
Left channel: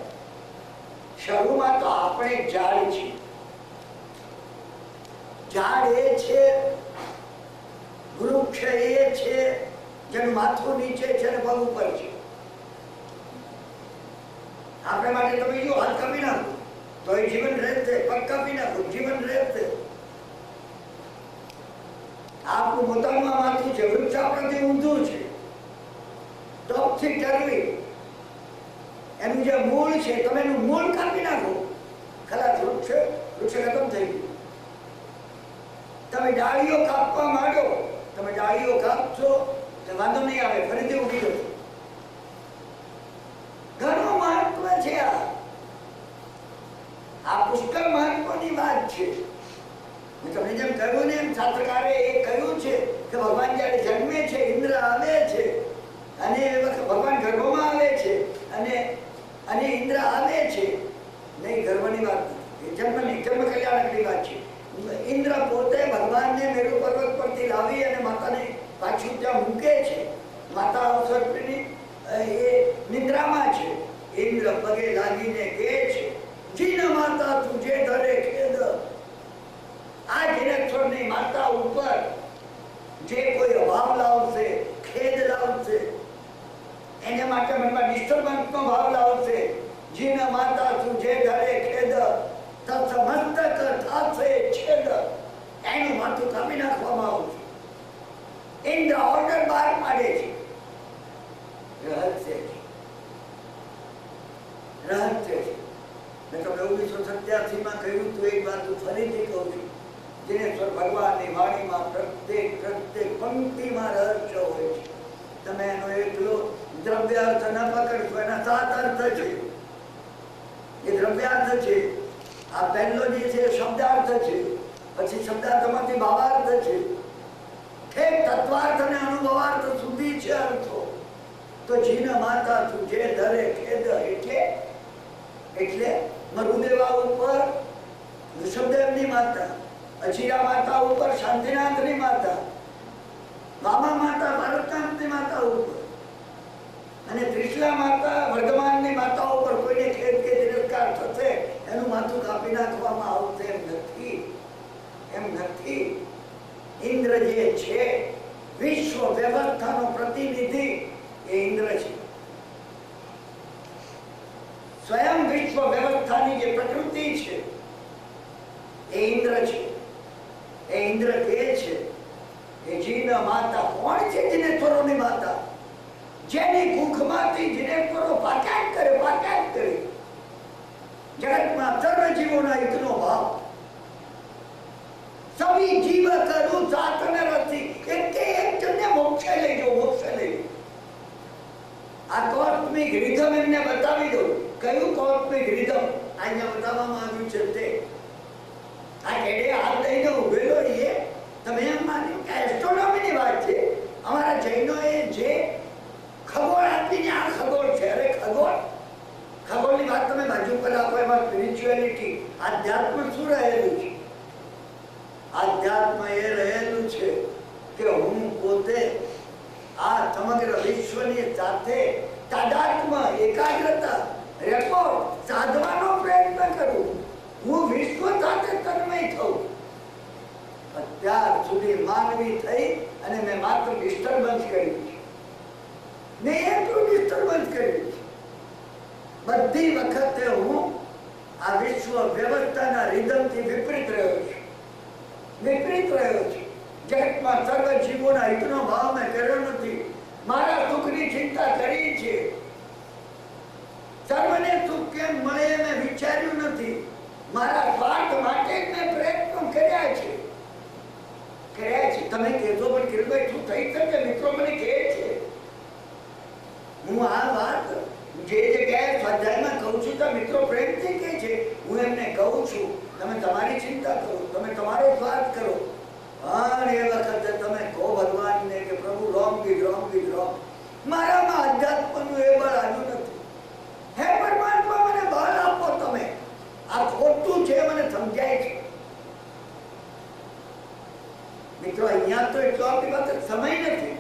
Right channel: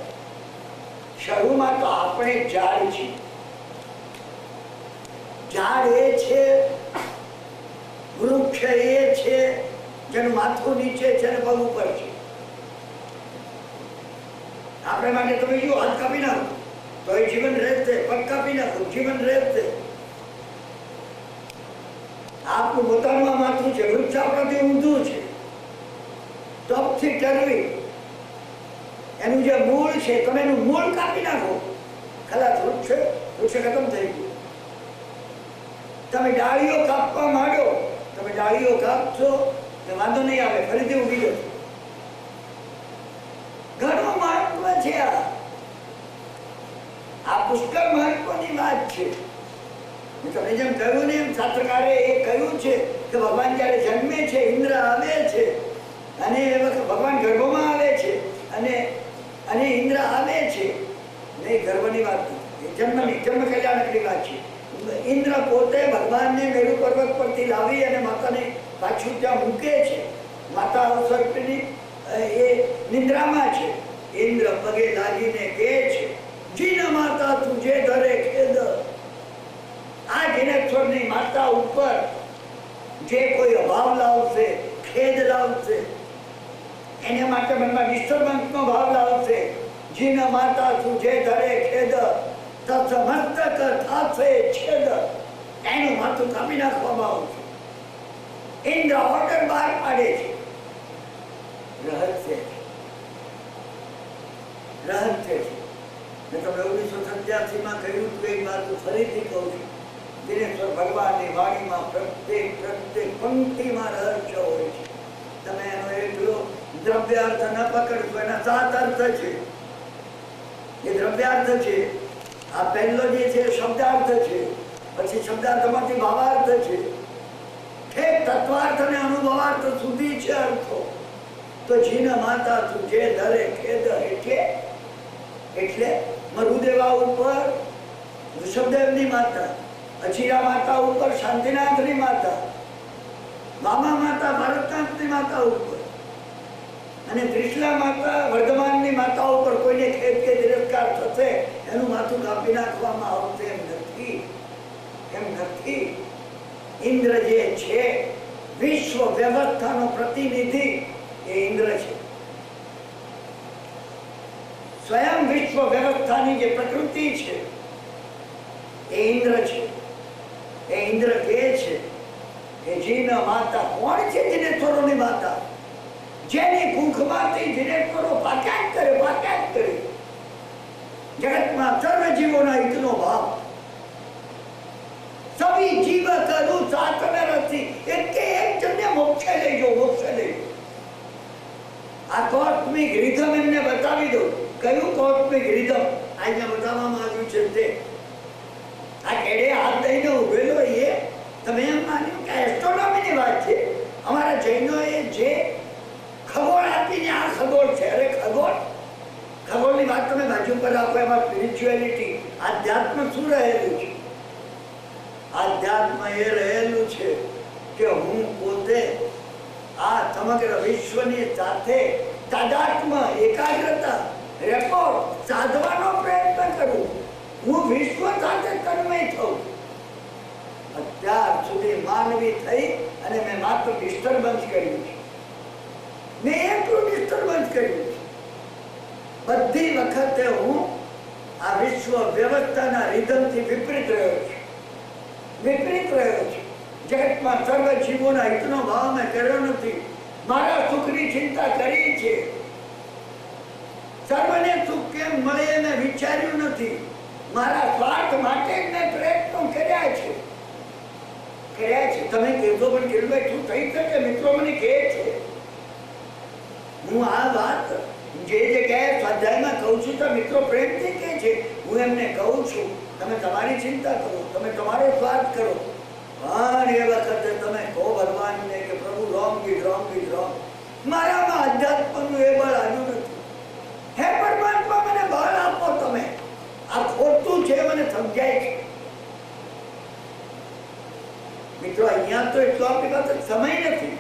શરૂમાં તો આપણે ઝાડ છીએ. ઝાડ એ છે, વૃક્ષ એ છે જેનું માથું નીચે છે ને પગ ઉપર છે. આપણે માટે તમે જો હાથ કાપી નાખો તો એ જીવન રહેશે, પગ કાપી નાખો જીવન રહેશે. આપણું પોતાનું આ માથું છે, વૃક્ષ આપણાથી ઊંધું છે, ટોપથી ટરવી. એનું જે મૂળ છે, તમે એનું મૂળ કાપી નાખો, ખલાસ વૃક્ષ ખતમ થઈ ગયું. તમે ડાળીઓ કાપવા માંડો, તમે ડાળીઓ કાપશો તો વાંધો નહીં આવે, ફરીથી ઉગી જશે. ઘણું મહત્વ છે. આ પુષ્કળ મહત્વની વાત છે. તમને જેમ કહ્યું ને એમ શાસ્ત્રકારે એ કહ્યું છે કે ભગવાન જયારે જન્મે છે, ઇન્દ્ર આવે છે અને એ વખત ભગવાન ગર્ભમાં આવે છે અને ઇન્દ્ર આવે છે. નહીં, ગર્ભની વાત નથી, જન્મ કલ્યાણકની વાત છે. ઇન્દ્ર પોતે ભગવાનને મેરુ પર્વત પરથી લાવી અને માતાને પાછું ત્યાં મૂકે છે. માતા અવસર્પિણી એ નિદ્રામાં છે. ઇન્દ્ર પગે લાગીને કહે છે, જીન માતા તુજે ઘરે ખેદ. આ જીનેશ્વરની માતા ઉપર જે કોઈ અભાવ લાવશે, ખેદ લાવશે, એને માટે મનમાં ડિસ્ટર્બન્સનો ભાવ લાવશે, જીન માતા તુજે ઘરે ખેદ તત્મસ્તક થાશે છેદ. એનું માથું કાપી નાખવામાં આવશે. ઇન્દ્ર ઓર્ડર બહાર પાડે છે. રહસ્ય છે. મેં તમને 1987માં કહ્યું તું, એક વાત ફરીથી કહું છું. દિનેશ્વર ભગવાનની વાણીમાં પ્રત્યેક પંક્તિમાં રહસ્ય હોય છે. તમે દ્રવ્યાર્થ ન પકડશો. એના 7 અર્થ છે. એ દ્રવ્યાર્થ છે. આ પહેલો જે છે શબ્દાર્થ છે, પછી શબ્દાર્થમાંથી ભાવાર્થ છે, ઠેક તત્વાર્થ અને અનુભવાર્થ સુધી છે અર્થો. તો જીન માતા તુજે ધરે ખેદ હેઠે, એટલે મરુદેવા ઉપર ઋષભદેવની માતા, અચિરા માતા ઉપર શાંતિનાથની માતા, મામા માતા ભરતનાથની માતા ઉપર અને ત્રિશલા માતા વર્ધમાનની માતા ઉપર કોઈને ખેદ કે તિરસ્કાર થશે એનું માથું કાપી નાખવામાં આવશે એમ નથી. એમ નથી. ઇન્દ્ર જે છે વિશ્વ વ્યવસ્થાનો પ્રતિનિધિ એ ઇન્દ્ર છે. સ્વયં વિશ્વ વ્યવસ્થાની જે પ્રકૃતિ છે એ ઇન્દ્ર છે. એ ઇન્દ્ર કે છે કે જીન માતા કોણ છે? જીનેશ્વરોની માતા, જેની કુંખમાંથી જીનેશ્વરો પાક્યાત કરે, પાક્યાત કરે. જગતમાં સર્વ જીવોના હિતનો ભાવ. સભી જીવ કરું સાત ન રસી, એકે એક જણને મોક્ષે લઈ જાઓ, મોક્ષે લઈ જાઓ. આ કોસ્મિક રિધમ એમને બતાવી દો. કયું કોસ્મિક રિધમ અહીંયા બતાવવામાં આવ્યું છે તે આ કેડે હાથ લઈને ઉભેલો એ તમે એમ માન્યું કે એસ્ટ્રોનોમીની વાત છે. અમારા જૈનોએ જે ખગોળ આપીને આ ખગોળ છે, અરે ખગોળ, ખગોળની વાત તમે બાજુ પર આપો. એમાં સ્પિરિચ્યુઆલિટી, આધ્યાત્મ શું રહેલું છે? આધ્યાત્મ એ રહેલું છે કે હું પોતે આ સમગ્ર વિશ્વની સાથે તાદાત્મ, એકાગ્રતા, રેકોર્ડ સાધવાનો પ્રયત્ન કરું. હું વિશ્વ સાથે તન્મય થઉં. અત્યાર સુધી માનવી થઈ અને મેં માત્ર ડિસ્ટર્બન્સ કર્યું છે. મેં એટલું ડિસ્ટર્બન્સ કર્યું છે. બધી વખતે હું આ વિશ્વ વ્યવસ્થાના રિધમથી વિપરીત રહ્યો છું. વિપરીત રહ્યો છું. જગતમાં સર્વ જીવોના હિતનો ભાવ મેં કર્યો નથી. મારા સુખની ચિંતા કરી છે. સર્વને સુખ કેમ મળે મેં વિચાર્યું નથી. મારા સ્વાર્થ માટે મેં પ્રયત્નો કર્યા છે. તમે કહેતો પણ કિરણભાઈ શું થઈ શકે? મિત્રો મને કહે છે. હું આ વાત જે જગ્યાએ સ્વાધ્યાયમાં કહું છું તો મિત્રો પ્રેમથી કહે છે. હું એમને કહું છું તમે તમારી ચિંતા કરો, તમે તમારો સ્વાર્થ કરો. પણ એ વખતે તમે કહો ભગવાનને કે પ્રભુ wrong is wrong is wrong. મારામાં અધ્યાત્મનું એ બળ આવ્યું નથી. હે પરમાત્મા મને બળ આપો. તમે આ ખોટું છે મને સમજાય છે. મિત્રો અહીંયા તો એટલો આપણી પાસે સમય નથી.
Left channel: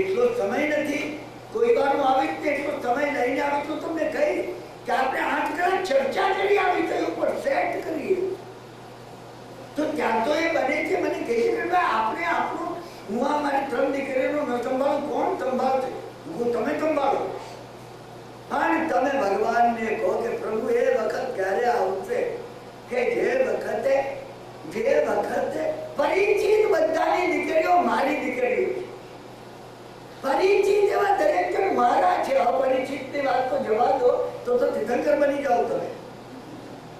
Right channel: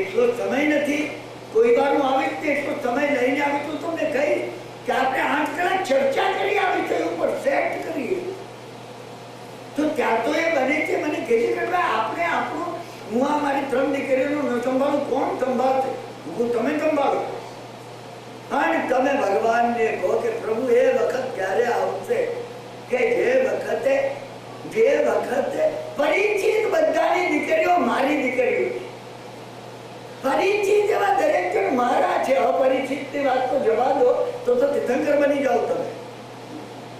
એટલો સમય નથી. કોઈ વાર હું આવી રીતે એટલો સમય લઈને આવી તો તમને કહી કે આપણે 8 કલાક ચર્ચા કરી આવી વિષય ઉપર સેટ કરીએ તો ત્યાં તો એ બને છે. મને કહે છે કે આપણે આપણું, હું આ મારી 3 દીકરીઓનું ન સંભાળું, કોણ સંભાળશે? હું તમે સંભાળો. અને તમે ભગવાનને કહો કે પ્રભુ એ વખત ક્યારે આવશે કે જે વખતે પરિચિત બધાની દીકરીઓ મારી દીકરીઓ, પરિચિત એવા દરેક જણ મારા છે. અપરિચિતની વાત તો જવા દો, તો તીર્થંકર બની જાઓ તમે.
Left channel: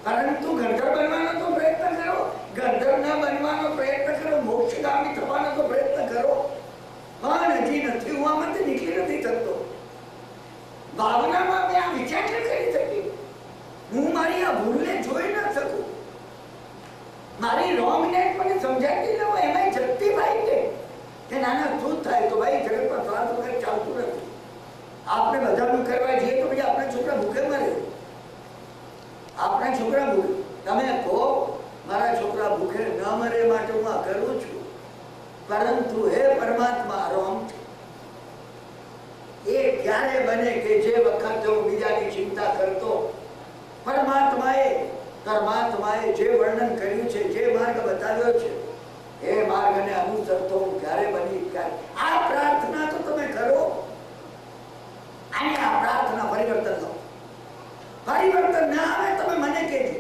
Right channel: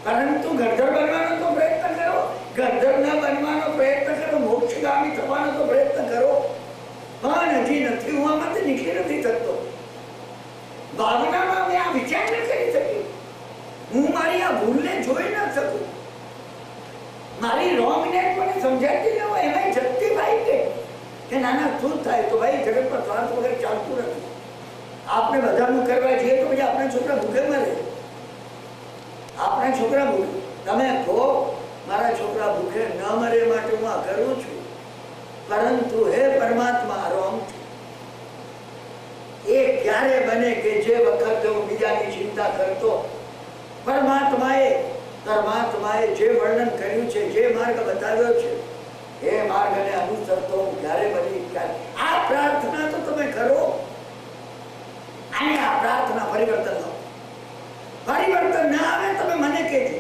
પરંતુ ગણધર બનવાનો તો પ્રયત્ન કરો. ગણધર ન બનવાનો પ્રયત્ન કરો. મોક્ષગામી થવાનો તો પ્રયત્ન કરો. પણ હજી નથી. હું આમાંથી નીકળી નથી શકતો. ભાવનામાં મેં આ વિચાર ન કરી શકી. હું મારી આ ભૂલને જોઈ ન શકું. મારી રોંગનેસ મને સમજાતી ન હોય. એમાં જગતીભાઈ કે નાના શું થાય તો ભાઈ જગતમાં સ્વાર્થ વગર ચાલતું નથી. આપણે બધાનું કરવા જઈએ તો પછી આપણા છોકરા ભૂખે મરે. આપણા છોકરા ભૂખે, તમે કહો મારા છોકરા ભૂખે ન મરે માટે હું આ કરું છું. પરંતુ હે પરમાત્મા રોંગ છે. એ ક્યારે બને કે જે વખતે હું બીજાની ચિંતા કરતો. પરમાત્માએ જે વર્ણન કર્યું છે, જે માર્ગ બતાવ્યો છે એ માર્ગને અનુસરતો ક્યારે બની ક્યારે. આ પ્રાર્થના તો તમે કરો અને આ પ્રાર્થના પરિવર્તન લાવો. પરિવર્તન ના આવે તમે મને કહેજો.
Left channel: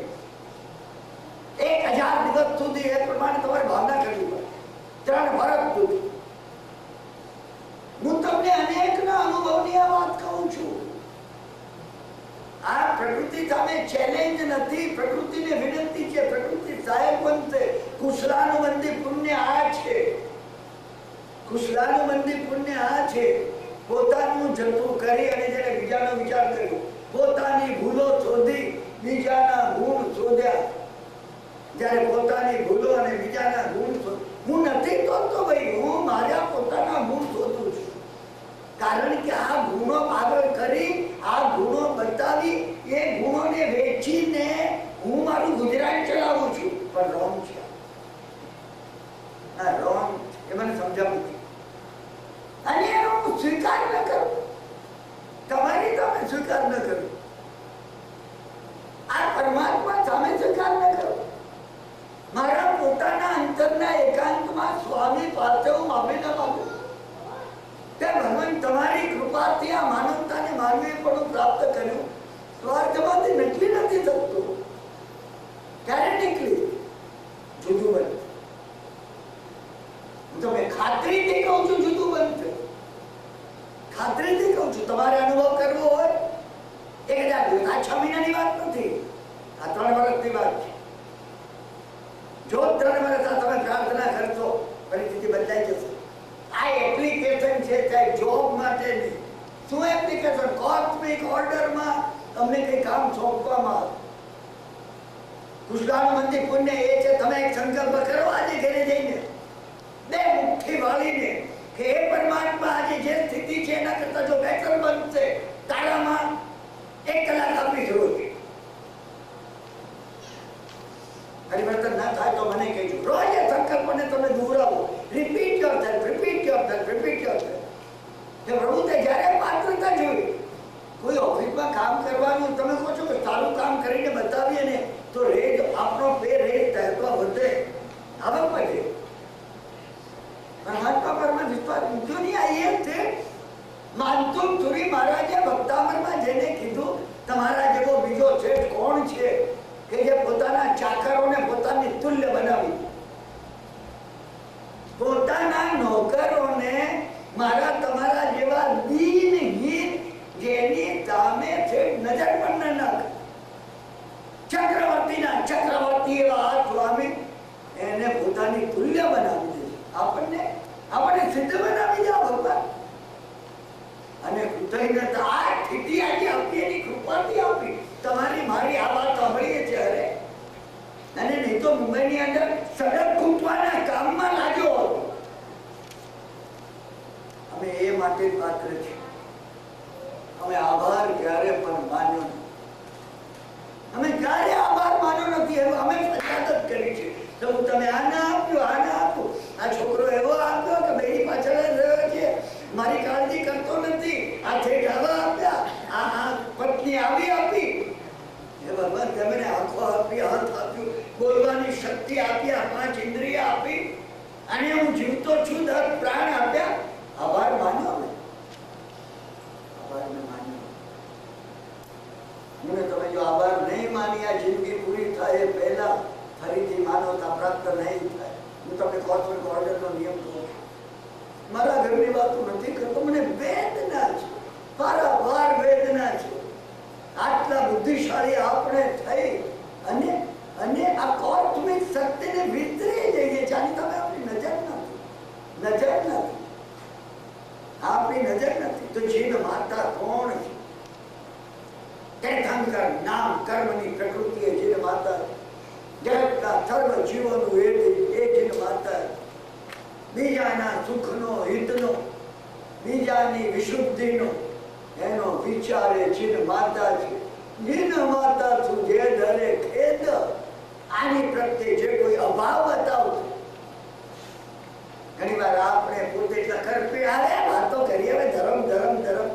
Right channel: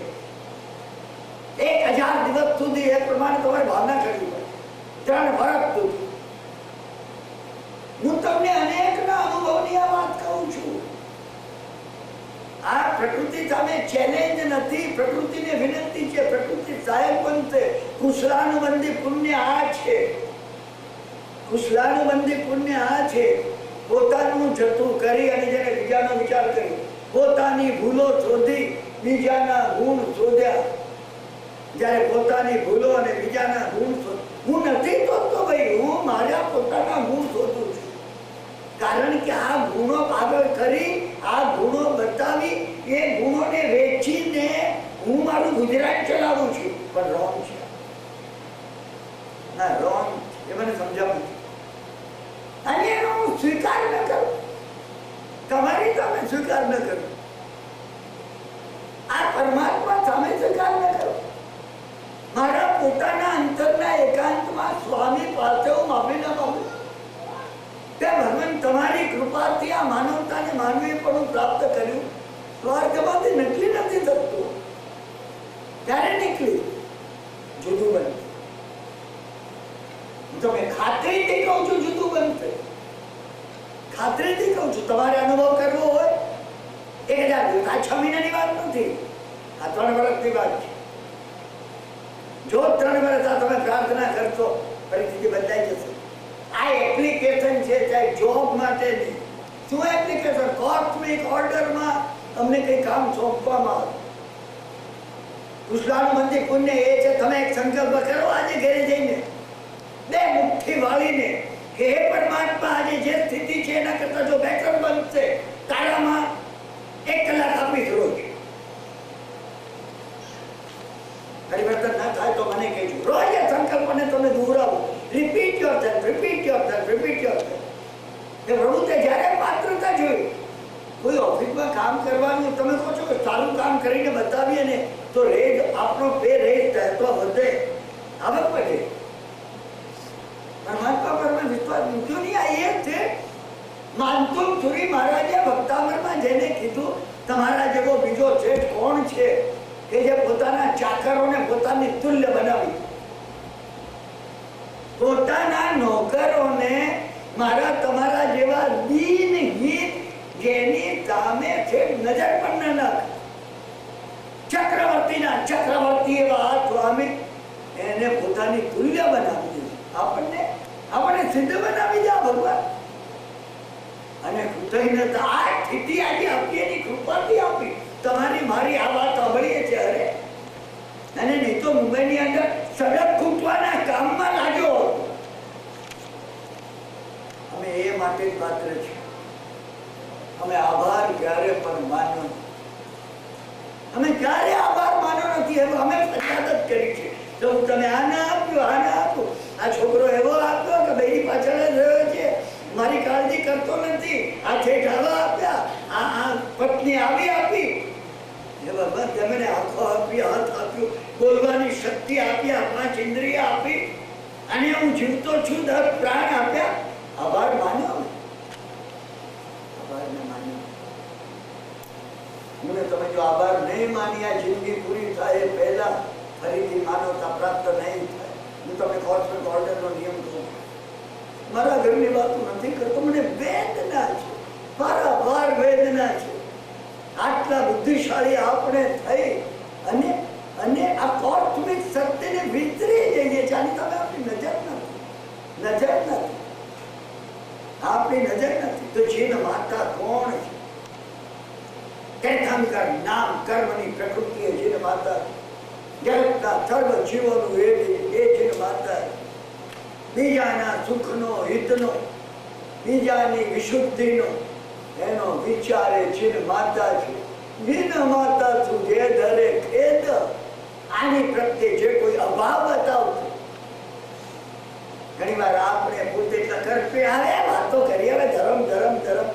1000 દિવસ સુધી એ પ્રમાણે તમારે ભાવના કરવી પડે. 3 વર્ષ સુધી હું તમને અનેકના અનુભવની આ વાત કહું છું. આ પ્રકૃતિ સામે ચેલેન્જ નથી. પ્રકૃતિને વિનંતી છે. પ્રકૃતિ સહાયક બનશે. કુશલાનુબંધી પુણ્ય આ છે. કુશલાનુબંધી પુણ્ય આ છે પોતાનું જતું કરી અને જેને બીજાનો વિચાર કર્યો, પોતાની ભૂલો શોધી બીજાના ગુણ શોધ્યા. જ્યારે પોતાની ભૂલો અને બીજાના ગુણ હું નથી શોધતો ભાઈ, હું મારા પોતાના ગુણ શોધું છું. કારણ કે આ ગુણો આગળ કરી, આ ગુણો બતાવી, એ ગુણોને વેચીને હું મારું ગુજરાન ચલાવું છું. પણ રોંગ છે, ના રોંગ એ મને સમજાવું અને હું સ્વીકાર ન કરું, તમારી સામે સ્વીકાર ન કરું, આ પરમાત્મા સામે સ્વીકાર ન કરું. મારા પોતાના અંતરના એકાંતમાં સ્વામી પાસે હું માફી ન માંગુ કે ભગવાન તમારી કૃપાથી આ માનવતાને માનવી પણ પ્રાપ્ત કર્યું. સ્વાર્થમાંથી નકલી નથી થતું. ક્યારે નીકળી જુદું બનશે? તમે ખાતરીથી કહું છું જુદું બનશે. ખાતરીથી કહું છું. તમારે અનુભવ કરવો હોય 1000 6 મહિનાની વાત નથી, આ 3 વર્ષની વાત છે. જો 3 વર્ષ આ તમે પ્રાર્થના કરશો, પરિસ્થિતિ બદલાઈ જશે. આ એપ્લિકેશન છે, ચાહે જોબ માટેની. શું એપ્લિકેશન? કોસ્મિક ઓર્ડરમાં તમને કઈ કામ સોંપવામાં આવે. કૃષ્ણનું મંદિર પુણ્ય એ છે, તમે એક સંકલ્પ કરો આજે ઘરે જઈને, 2 મુઠ્ઠી વાળીને કે હે પરમાત્મા, આજે જે સ્થિતિ છે એના કરતા જો બેટર બનશે, તારામાં 1 કલાક આપીશ રોજ. પરિવર્તન ના થાય તો મને કહેજો. રોજ એ સંકલ્પને તમે દોહરાવો. Repeat yourself, repeat yourself, repeat yourself. કે પ્રભુ તે જ્યારે પાત્રતા જોઈ, કોઈ ઓફિસમાં કામ કરવાનું તમે કહો છો કે સારું કામ કરીને બતાવીએ ને તો રેજ આપણો પે રેજ તહેતો વધે, આવક વધે. પરમાત્મા પરમાં વિશ્વાસ મૂક્યો નહીં. આ એ છે માનતુમ સુરી મહારાજે ભક્તામરમાં જઈને કીધું, તમારા જેવો બીજો શેઠ કોણ છે કે જે પોતાના ચાકરોને પોતાની તુલ્ય બનાવી, પોતાના નોકરોને મારા તમારા જેવા દીનહીન જેની સામે છે નજર પણ ન નાખ. ચક્રવર્તીના ચક્રવર્તી એવા સ્વામી એને પોતાની તુલ્ય બનાવી દીધું. આપણને સિદ્ધ બનાવી દે ભગવાન. અને કૃતજ્ઞતા આ સ્થિતિ આજે આપી, એની કૃપાથી આપી. તમારી મારી આ વાત સાંભળીએ છે. અરે અને નહીં તો મુંબઈની અંદર સડક ખૂટવાના કામમાં લાગ્યો હતો. અમે એ માટે જ પાત્ર છે. અમે આભાર ક્યારે પણ માન્યો નથી. અમે ક્યારે આભાર માન્યો નથી. અમે ફરિયાદ જ કરી છે. તો તમે આ ના આપ્યો, આ ના આપ્યો, આ છોકરો એવો આપ્યો કે બેની પાછળ જ રહ્યો છે, મારી કાળજી કરતો નથી, આ ઠેઠ આવા આપ્યા, આ પત્ની આવી આપી. હે ભગવાન, તમે આંખો આપી, હાથ આપ્યું, બોલવાની શક્તિ આપી, 5 ઇન્દ્રિય આપી, અને હું જીવતો છું, 10 પ્રાણ આપ્યા. આભાર માન્યો. અમે આભારને માન્યો. મને તમે જો આભાર નહીં માની આ જિંદગી પૂરી થાય પહેલા ફરીથી માનવતા પ્રાપ્ત નહીં થાય. હું તમને કોસ્મિક ઓર્ડરનો નિયમ કહું, મારા ઘરની વાતો નથી કરતો. મને વેદના છે, પારાવાર વેદના છે. આટલા બુદ્ધિશાળી આપણે થઈ અને આ કોસ્મિક સત્યને વિતરી જઈએ છીએ. આની તમે આપણી નજર નથી, આપણી નજર નથી. તો જીન માતા કોણ છે? તીર્થંકર નામ કર્મની પ્રકૃતિ એ જીન માતા. જગતના સર્વ જીવોનું એ જીન માતા. બીજાના સુખનો, હિતનો, બીજાની વિશુદ્ધિનો એનો વિચારે જીન માતા છે. જીન માતા તું જે ધરે ખેદ. આની પ્રત્યે જે કોઈ અભાવ બતાવશે, ઘણી વાર આપણે પોતે એટલા કરપે આવે વાતો કરીએ. હવે ધર્મ ધર્મ ધર્મ.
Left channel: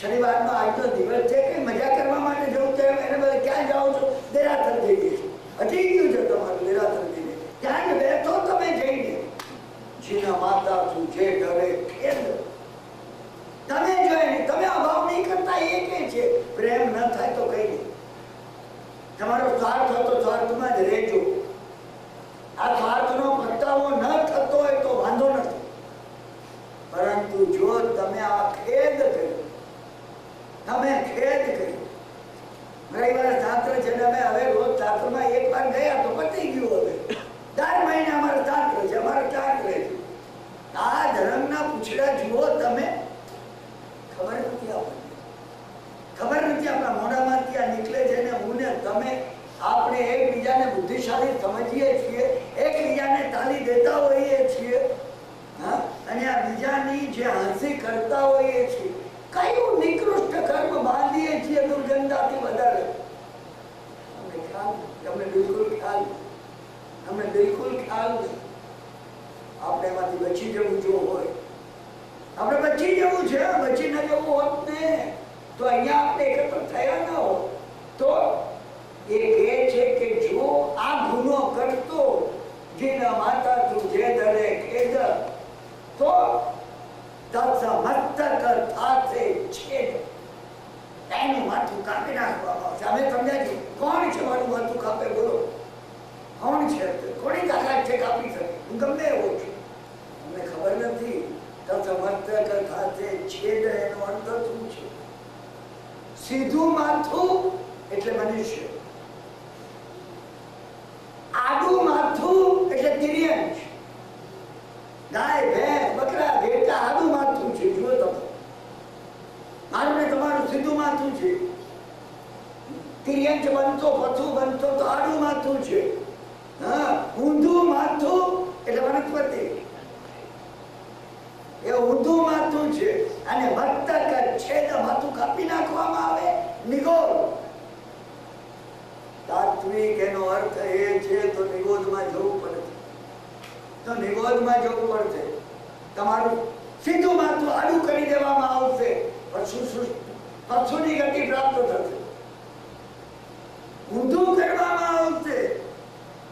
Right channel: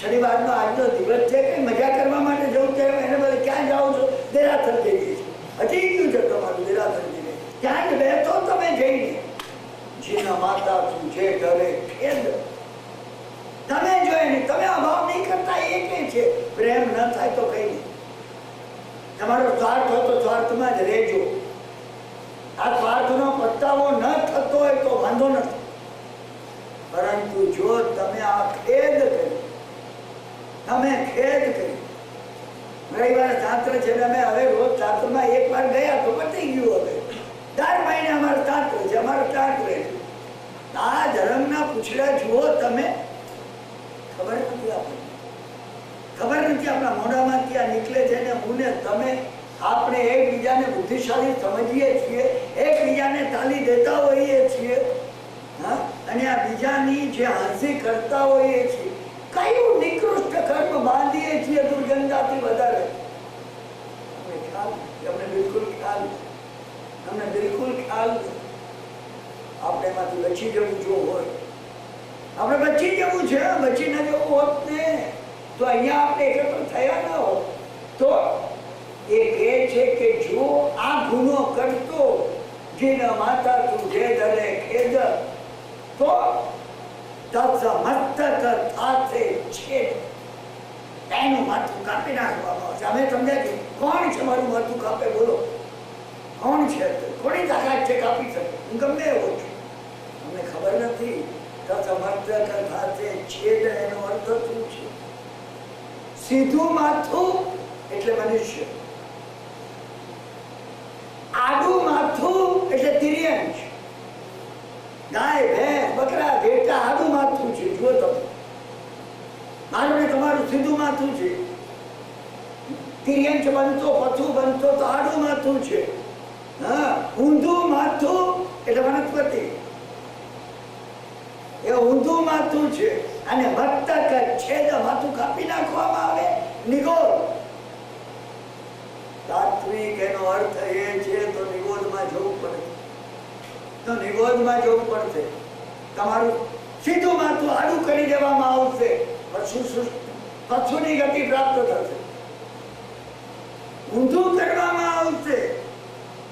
શનિવારનો આજનો દિવસ છે, કઈ મજા કરવા માટે જવું છે, એને બધે ક્યાં જાઓ છો? દેરાસર જઈએ છીએ. હજી ગયું છે તમારું દેરાસર જઈને, ત્યાં જ બેઠો તમે જઈને. જીના માતા તું જે ધરે ખેદ. તમે જો એને તમે અભાવ નહીં કરતા, એ કે છે પ્રેમ ન થાય તો કઈ નહીં. તમારો સ્વાર્થ હોય તો સ્વાર્થમાં જ રહેજો. આ સ્વાર્થનો પસ્તાવો ન થતો હોય તો વાંધો નથી. પરંતુ જો તમે આ ખેદ કર્યો, તમે ખેદ કર્યો. રવિવારે શાસ્ત્ર છે, અમે હવે રોજ શાસ્ત્રમાં 1 વાર ગયા તો પતી ગયું. હવે 4 મહિને અમારે શાસ્ત્ર છે, અમારો શાસ્ત્ર છે. આ ધર્મના પૂછડા જુઓ તમે. ખબર નથી આપણને, ખબર નથી આપણા મોઢામાંથી આ નીકળે છે ને હું ને તમે આપણે એકબીજાને બુદ્ધિશાળી સમજીએ છીએ, એકબીજાને તાલી દેતા હોઈએ છીએ, હા, અને આ બીજાની જે હાંસી કરતા હોઈએ છીએ, કયું નિકૃષ્ટ કર્મ બાંધીએ છીએ દુર્ગંધાથી વધારે? અમને બિલકુલ ખ્યાલ, અમને બિલકુલ ખ્યાલ. આપણે એમાંથી બચી જવું જો હોય, આપણે બચી જવું છે. બચી ન જવું હોત ને તો અહીંયા આપણે એકત્ર થયા ના હોત. તો એ કહે છે કે જો આ ગુનો કરતો જેના માતા તું જે દરે ખેદ તો મસ્તક થાશે છેદ, એનું માથું કાપી નાખવામાં આવશે. અમે સમજાય કોણ છે મારું માથું કાપે? બોલો કોણ છે? કોની તાકાત છે કાપી શકે? હું ગમે એવો છું, અમને ખબર નથી. મસ્તક થાશે છેદ એનો અર્થ શું છે? સીધું માથું એટલે મનુષ્ય, આડું માથું એટલે તિર્યંચ. ગાય, ભેંસ, બકરા, ઘેટા આડું માથું છે. જુઓ તમે, મારું ને તમારું સીધું માથું છે. તિર્યંચ બનતો, પથું બનતો તો આડું માથું છે. હા, ઊંધું માથું એટલે વનસ્પતિ, એ ઊંધું માથું છે. અને મસ્તક છેદ, માથું કાપી નાખવામાં આવે, નિગોદ. તાત્વિક એનો અર્થ એ છે તો નિગોદમાં જવું પડે, તો નિગોદમાં જવું પડશે. તમારું સીધું માથું આડું કરી દેવામાં આવશે, પશુની ગતિ પ્રાપ્ત થશે. ઊંધું કરવામાં આવશે,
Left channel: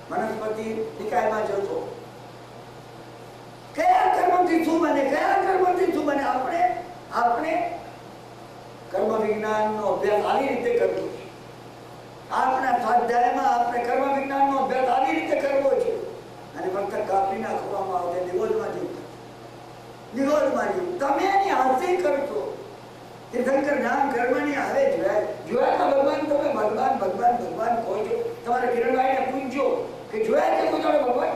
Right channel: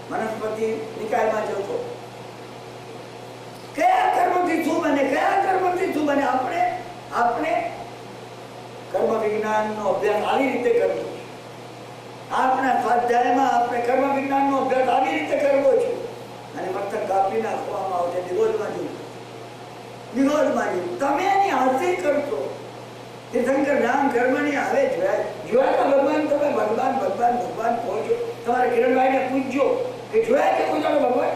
વનસ્પતિ નિકાયમાં જતો. કયા કર્મથી શું બને? કયા કર્મથી શું બને? આપણે કર્મ વિજ્ઞાનનો અભ્યાસ આવી રીતે કરવો છે. આપણા સ્વાધ્યાયમાં આપણે કર્મ વિજ્ઞાનનો અભ્યાસ આવી રીતે કરવો છે. અને મસ્તક કાપી નાખવામાં આવશે, નિગોદમાં જવું, નિગોદમાં જવું. તમે એની હાંસી કરશો. તીર્થંકર નામ કર્મની આવે જોયા ભગવાન, તમે ભગવાન ભગવાન ભગવાન કહો છો. તમારે કિરણભાઈને પૂછજો કે જોયા છે કોઈ ભગવાન?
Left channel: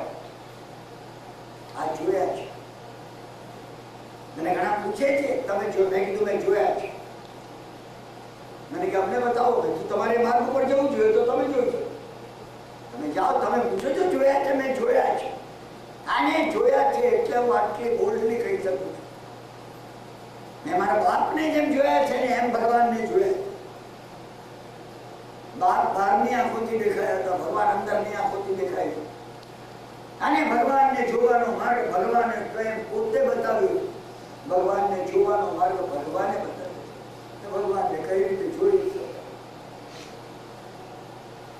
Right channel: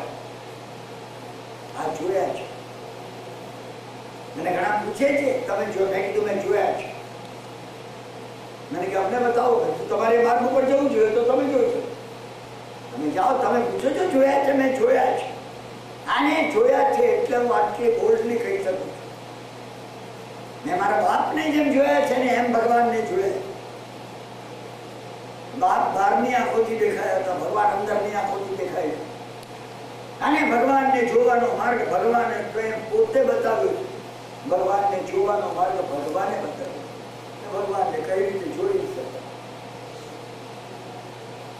આ જોયા છે. મને ઘણા પૂછે છે તમે જો, મેં કીધું મેં જોયા છે. મને કે અમને બતાવો. તમારે માર્ગ ઉપર જવું જોઈએ તો તમે જોજો. તમે જાઓ, તમે પૂછો છો જોયા છે? મેં જોયા છે. આને જોયા છે એટલે હું આટલી બોલ્ડલી કહી શકું છું. મેં મારા બાપને જેમ જોયા છે ને એમ ભગવાનને જોયા. બાપ બહારની આંખોથી દેખાયા હતા, ભગવાન અંદરની આંખોથી દેખાય છે. અને ભગવાનને જોવાનો માર્ગ ભગવાને સ્વયં પોતે બતાવ્યો. ભગવાનને જોવાનો માર્ગ ભગવાને બતાવ્યો. ભગવાનને કઈ રીતે જોઈ શકાય?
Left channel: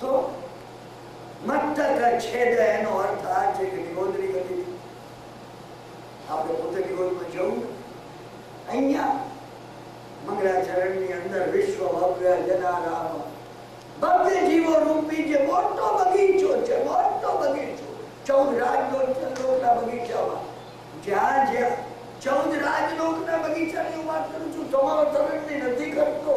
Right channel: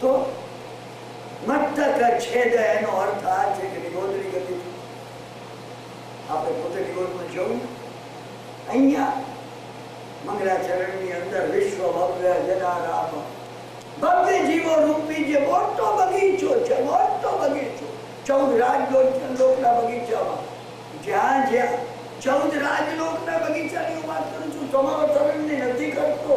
તો મસ્તક છેદ એનો અર્થ આ છે કે નિગોદની ગતિ. આપણે પોતે નિગોદમાં જવું. અહીંયા મંગળાચરણની અંદર વિશ્વ ભવ્ય જનારામ ભવ્ય જીવો રૂપી જે મોટો બગીચો છે, મોટો બગીચો. 14 રાજલોકના બગીચામાં જ્યાં જ્યાં 14 રાજલોકના બગીચાની હું વાત કરું છું. સમાવતરણની નથી કરતો.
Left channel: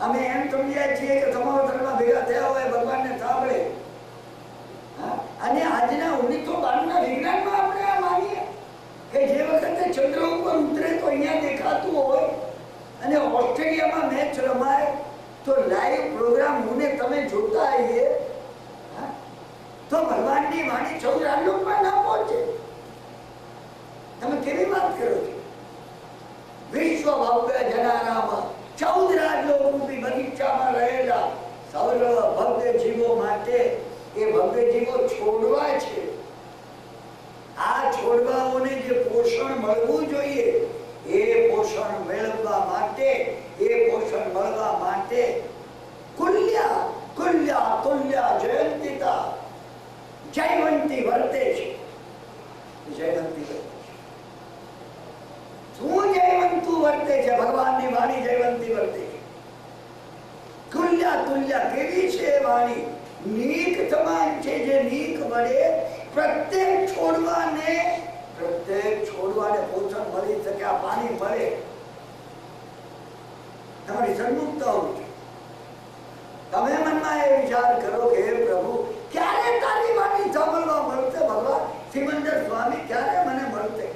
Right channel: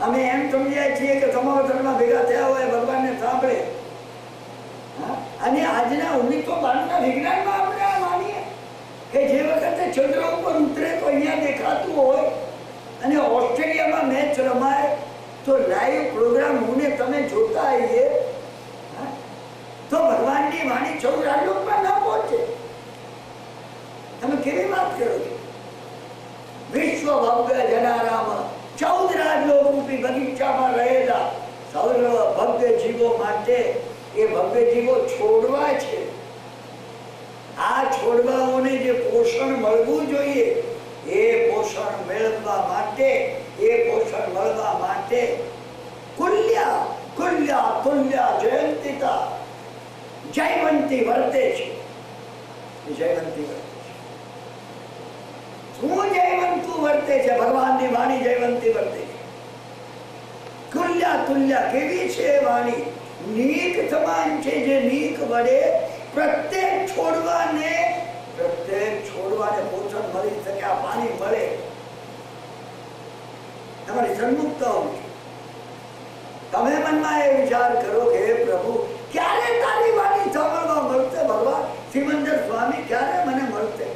અમે એમ સમજ્યા છીએ કે સમાવતરમાં ભેગા થયા હોય ભગવાનને સાંભળે. અને આજના 1992ના વિજ્ઞાનમાં આપણે આ માનીએ કે જે વખતે ચંદ્ર ઉપર ઉતરે તો અહીંયા દેખાતું હોય, અને ઓસ્ટ્રેલિયામાં મેચ રમાય તો લાઈવ પ્રોગ્રામ હું ને તમે જોતા આવીએ, તો ભગવાનની વાણી 14 રાજલોકમાં ના પહોંચે. તમે કેવી વાત કરો છો? વિશ્વ ભવ્ય જનારામ 14 રાજલોક રૂપી બગીચામાં રહેલા સર્વ ભવ્ય જીવો માટે એ ભવ્ય જીવો છોડવા છે. આ છોડવાઓને જે પોષણ મળવું જોઈએ એ પોષણ મેળવવા માટે કુલ્યા કુલ્યા કુલ્યા જયંતિતા જયવંતી વર્તે છે. જયવંતી વર્તે છે. શું જયવંતું વર્તે છે? ભગવાનની વાણી જયવંતી વર્તે છે. કુલ્યા તુલ્યા કેવી છે વાણી? નીક સમાન છે, જે નીક વડે પ્રત્યેક છોડવાને પોષણ મળી શકે, આ પાણી મળે. તમારી સન્મુખતા હોવી. તમે મનમાં એ વિચાર કરો કે હે પ્રભુ, ક્યારે તારી વાણી સાંભળવા મળશે? ભગવાન સિમંદર સ્વામી ક્યારે મને મળશે?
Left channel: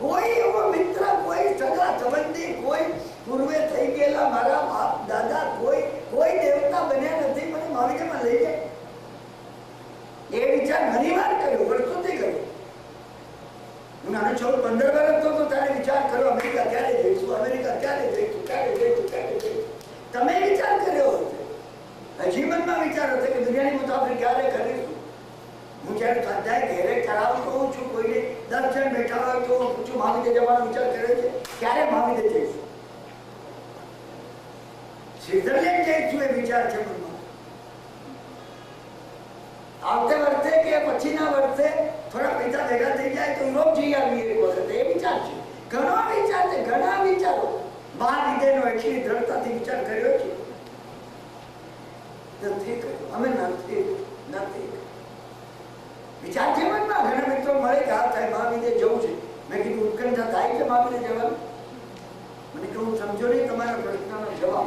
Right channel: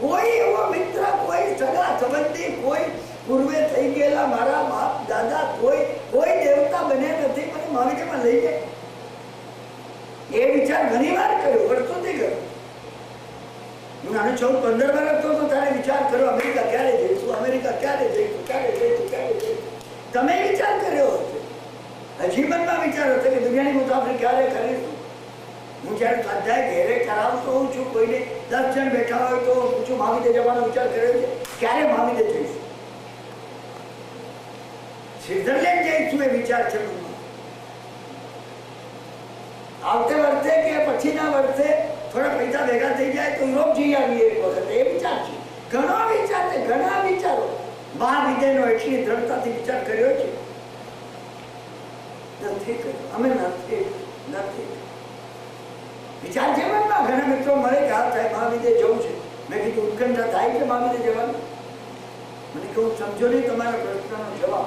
કોઈ એવો મિત્ર, કોઈ સગા સંબંધી, કોઈ પૂર્વે થઈ ગયેલા મારા બાપ દાદા, કોઈ દેવતા બન્યા નથી, મને મહાવીરમાં લઈ જાય. એ વિચાર ઘણી વાર કર્યો, વર્ષોથી કર્યો. હું નાનો 14-15 વર્ષ તો તારે વિચાર કર્યો, અમેરિકા ક્યારે જઈશું, અમેરિકા ક્યારે જઈશું, ક્યારે જઈશું, ક્યારે જઈશું. તમે વિચાર કર્યો હશે, હજી મનમાં વિચાર હશે કે દુનિયાની મુસાફરી ક્યારે કરીશું. હું જયારે સ્વાધ્યાય ઘેરે કરાવતો હોઉં છું, કોઈને 10 જણ બેઠા હોય તો પૂછું મહાવીર જવાનો વિચાર કર્યો છે, ક્યારે મહાવીર જઈશું, સ્વિટ્ઝરલેન્ડ જઈશું, એ વિચાર છે મનમાં. આવતે વર્ષે કે પછીના વર્ષે થોડા પૈસા ભેગા થઈ જાય તો યુરોપ જઈ આવીએ એક વખત, એ વિચાર છે. ઘણો વિચાર છે, ઘણા વિચારો. મહાવિદ્યનો એટલી દ્રઢતાથી વિચાર કર્યો છે, નથી કર્યો. અમે નથી વિચાર છે મનમાં. ઘણા મિત્રો મળે કે હા સાહેબ મહાવિદ્ય જવું છે. મેં કીધું ઉત્કંઠા થાય છે મહાવિદ્ય જવાનું? મને કહું સમજો નહીં તમારા પ્રશ્નનો જવાબ.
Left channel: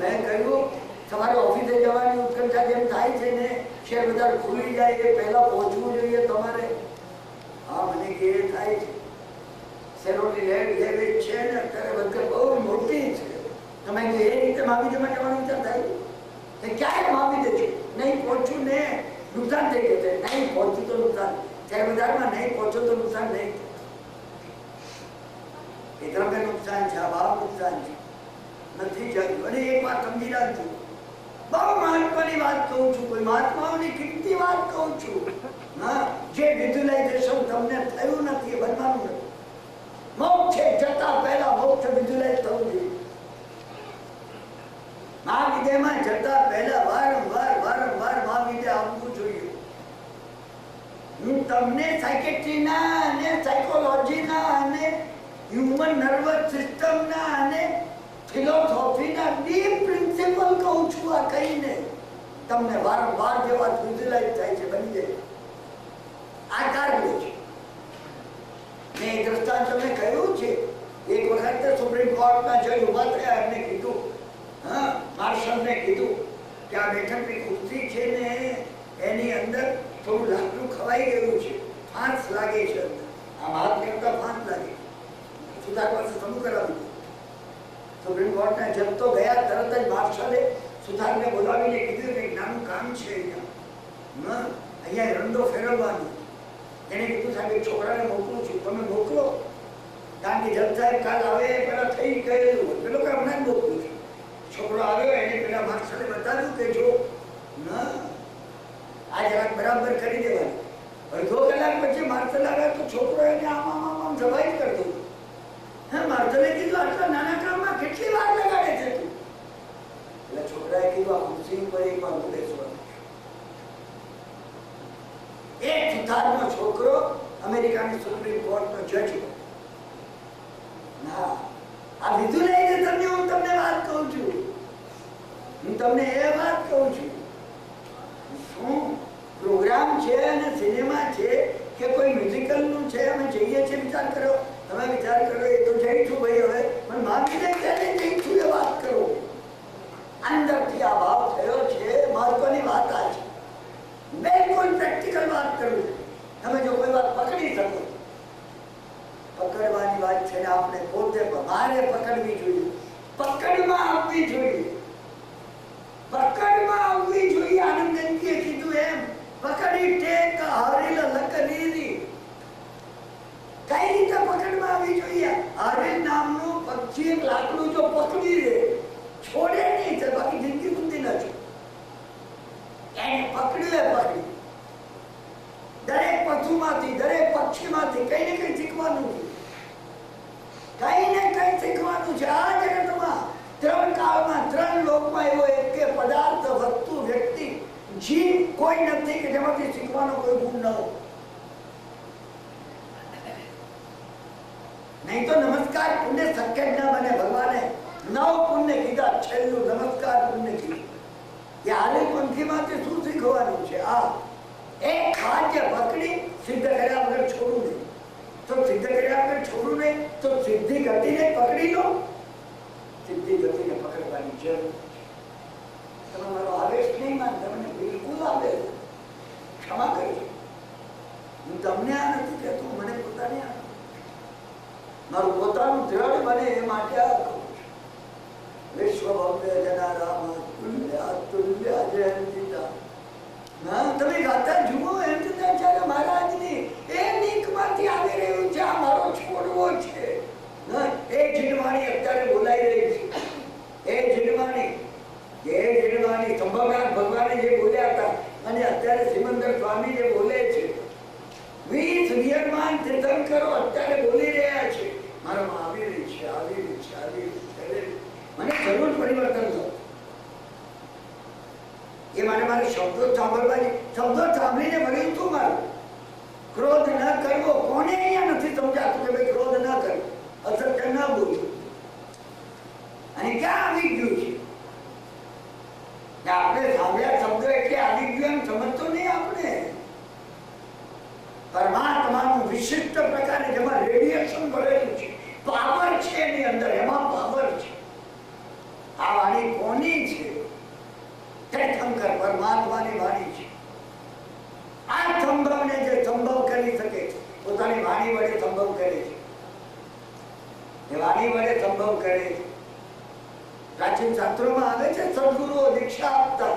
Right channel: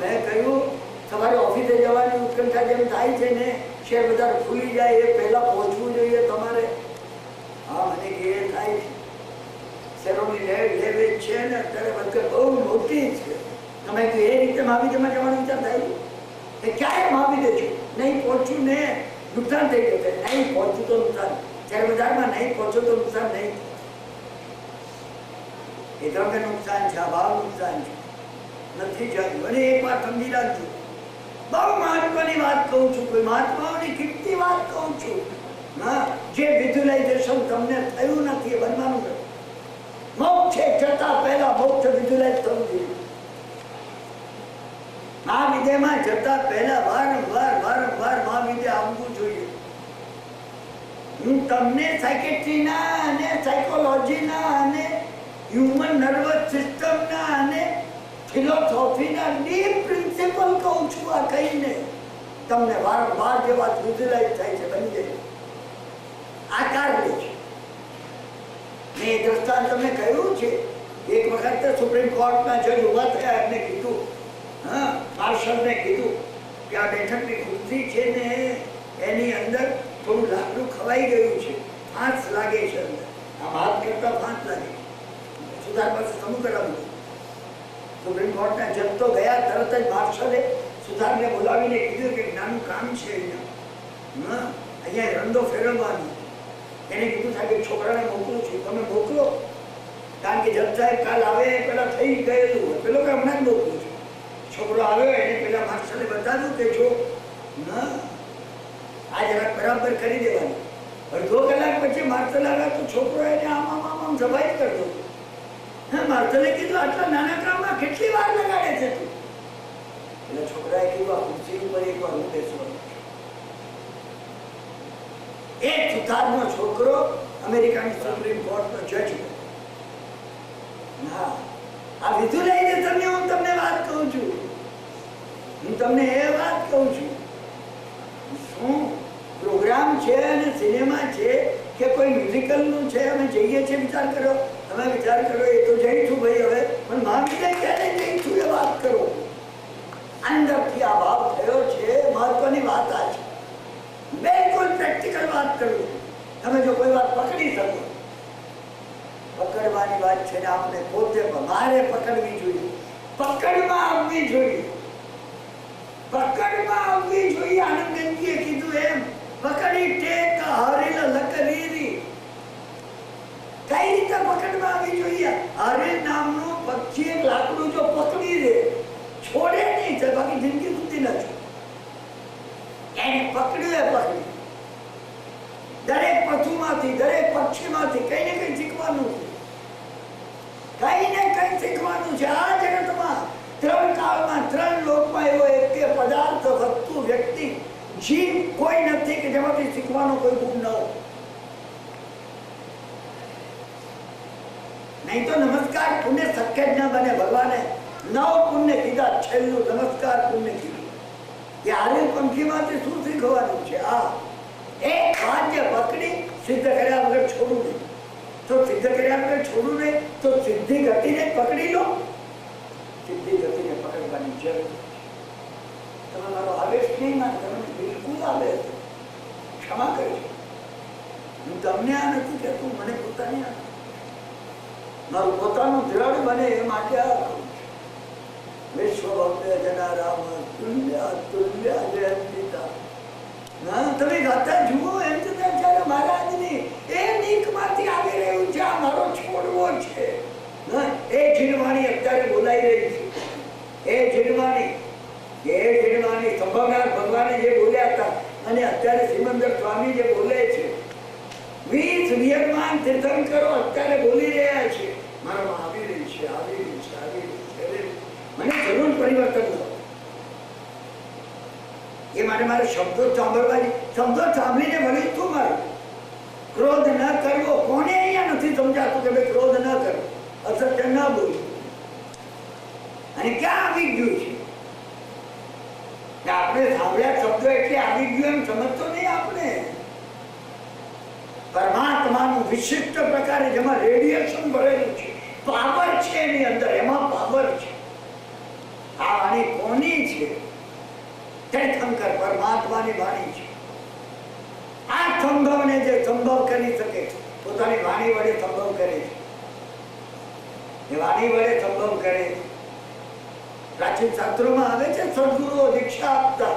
મેં કહ્યું તમારે ઓફિસે જવાની ઉત્કંઠા જેમ થાય છે ને, શેર બજાર ખુલી જાય એ પહેલા પહોંચવું જોઈએ તમારે. હા મને કે એ થાય છે. શેરોની લેવેજ છે ને અત્યારે બંકર બહુ મોટી છે. તમે એ રીતે મહાવિદ્યમાં જવાનું વિચાર થાય એ ક્યારે મહાવિદ્ય છું નહીં પહોંચું ને નુકસાન થઈ જશે. નહીં પહોંચું તો નુકસાન, શેર બજારમાં નહીં પહોંચો તો નુકસાન નહીં. એ તમને નુકસાન છે, આ ભાવ નુકસાન છે, નથી ચાલ્યું. અને એક વાત સમજી રાખજો, બહુ મહત્વની વાત કહું છું, કોઈ મહાત્માઓની કિંમતી વાત કહું છું. હા, જે વિઝ્યુલાઇઝેશન તમને થયું નથી એ બનવાનું નથી. મોક્ષે જતા પહેલા મોક્ષ વિઝ્યુલાઇઝ થવું જોઈએ. મહાવિદ્યમાં જતા પહેલા વારંવાર મહાવિદ્ય આવવું જોઈએ. હું તમને સાયકેટ્રીના અને સાયકોલોજીના અને હ્યુમન નર્વસ સિસ્ટમના અને ફિલોસોફીના ડીપ પ્રિન્સિપલ કહું છું. આ કહીને તમને વારંવાર જે વાત વિઝ્યુલાઇઝ થાય છે બની જાય, આકાર લે છે. મેં એ દ્રષ્ટાંત તમને કહ્યું છે. એક વખત સુપ્રીમ કોર્ટના જજ ઉભા થયા, એમને કીધું, હા માર્શલને કીધું કે આ બેઠકની ખુરશી છે ને એની અંદર થોડું લાકડું ખવાઈ ગયું છે, ફાંસ લાગે છે અંદર, આમ હાથ કરતા ફાંસ લાગે. સુધાર પાસે સમૂહ કરાવ્યું. સુપ્રીમ કોર્ટના જજ તો ગયા, તરત જ માર્શલે સુધારને બોલાવીને કીધું કે નાનું કામ છે અહીંયા, અહીંયા રંડો ફેરવવાનો. એને કીધું સાહેબ છોકરાને મોકલું છું, તમે મોકલો. કારણ કે જજ સાહેબ કાલ આવે પેલા થઈ ગયેલું હોય, પેલો કે હમણાં જ મોકલું છું. છોકરો આવ્યો, એને પેલા માર્શલે બતાવ્યું કે જો આ જરાક બરાબર કરી દેવાનું. અડધો કલાક પછી માર્શલ આવ્યા તો છોકરો એને આમ સફાઈ કરતો. હા, માર્શલે કીધું આટલા નાના કામમાં કેટલી વાર લગાડે છે તું? એટલે છોકરાએ કીધું આ ખુરશી ઉપર એક વાર હું બેસવાનું. એક સુથારનો છોકરો અમેરિકાની સુપ્રીમ કોર્ટનો જજ. હા, આ વિઝ્યુલાઇઝેશનની હું તમને વાત કહું છું. હું તમને એ વાત કહું છું, શું પ્રોગ્રામ છે અને સિનેમા છે કે કોઈ મ્યુઝિકલનું છે, અમે જઈએ છીએ. વિચાર કરો, તમે વિચાર કરો. એ તો જઈશું ભાઈ, હવે પણ મહાવીર ક્યારે જઈશું એ વાત કરો. અંદરથી આ ભાવ થયો છે. મહત્વની વાત આ છે, બિલકુલ પ્રેક્ટિકલ વાત કરું. તમે જો કોઈ વાત પકડી શકો, પકડવાની વાત છે ને આપણે પોતે મારે પકડવી જોઈએ, પકડમાં આવવી જોઈએ, પકડમાં આવવી જોઈએ. આનંદજીએ કીધું એમ, પકડી ટેક હરિલ લકરીરી. કઈ રીતે પકડમાં આવવી જોઈએ? હરિલ નામનું પક્ષી એક લાકડું જો પકડી દે, છોડે નહીં, બાકી જિંદગી સુધી ન છોડે. એને પકડ્યું એ પકડી. દરેક પશુમાંથી, દરેક પક્ષીમાંથી કઈ ને કઈ શીખવાનું છે, કઈ ને કઈ શીખવાનું છે. આ જગતમાં 3 કાળમાં 3 લોકમાં એવો એક પદાર્થ, વસ્તુ, વ્યક્તિ, જીવ કોઈ નથી કે જેમાંથી શીખવાનો કોઈ ગુણ ન હોય. નહીં તો નમસ્કાર પુણ્ય શક્ય જ ન બને. ભગવાને 9 પુણ્ય કીધા, છેલ્લું નમસ્કાર પુણ્ય કીધું. યારે પંખીમાંથી શું શીખવાનું છે? આ એક વાક્ય પકડી સિદ્ધ કર્યા વગર છોડવું નહીં. તો સિદ્ધ કર્યા વગર છોડવું નહીં તો સિદ્ધિ ગતિને પકડી લો. સિદ્ધિ ગતિને પકડવાની જરૂર. તમે મારો આવેશ નહીં માન, તમને બિલકુલ આવે, ક્ષમા કરજો. હું તમને આ નથી કહેતો, મને પોતાને આ મારું પોતાનું દ્રઢ બને એ માટે આ કહું છું. વિશ્વ ભવ્ય જનારામ તુલ્ય તુલ્ય જયંતિતા. તમે ગાતા જુઓ એમ જયારે મહારાજની એ નીકમાંથી આવી રહ્યું છે, આ મારો છોડવો છે. એ જીણવાણી અત્યારે બોલાઈ રહી છે. એ જીણવાણી સંભવનાથ ભગવાને જે બોલ્યા હતા અને અત્યારે સિમંદર સ્વામી જે બોલે છે, 20 વિયતમાન તીર્થંકરો અત્યારે બોલી રહ્યા છે. મારામાં આવી રહી છે, આવી રહી છે, આવી રહી છે. મને જરૂર પરિવર્તન કરો. એ માટે મારે શબ્દો સાંભળવાની, શબ્દો સાંભળીને મળ્યું તું મારું. ક્રોધ ન કરવો. કોને અહીંયા નથી સમજાતું કે ભાઈ ક્રોધ ન કરવો, અસત્ય ન બોલવું? અને ક્યાં આવી ગયું છે? આપણે સાંભળ્યા શબ્દો એટલે આવી ગયું એમ સમજતો નહીં. આપણે પરમાત્માનું વિશિષ્ટ પ્રકારે જેમાં રેડિયેશન ભરેલું છે, પાવર છે એની અંદર, એમાં પાવર છે. આ વાણી કોની છે? તીર્થંકર પરમાત્માની વાણી છે. આ સંભવને જે સંભવ કરી શકે, પોતાની વાણી વડે સંભવ કરે છે. એ વાણી વડે સંભવ કરે છે. પ્રાચીન શાસ્ત્રોમાં આવે છે, સદગુરુઓ દીક્ષા આપતા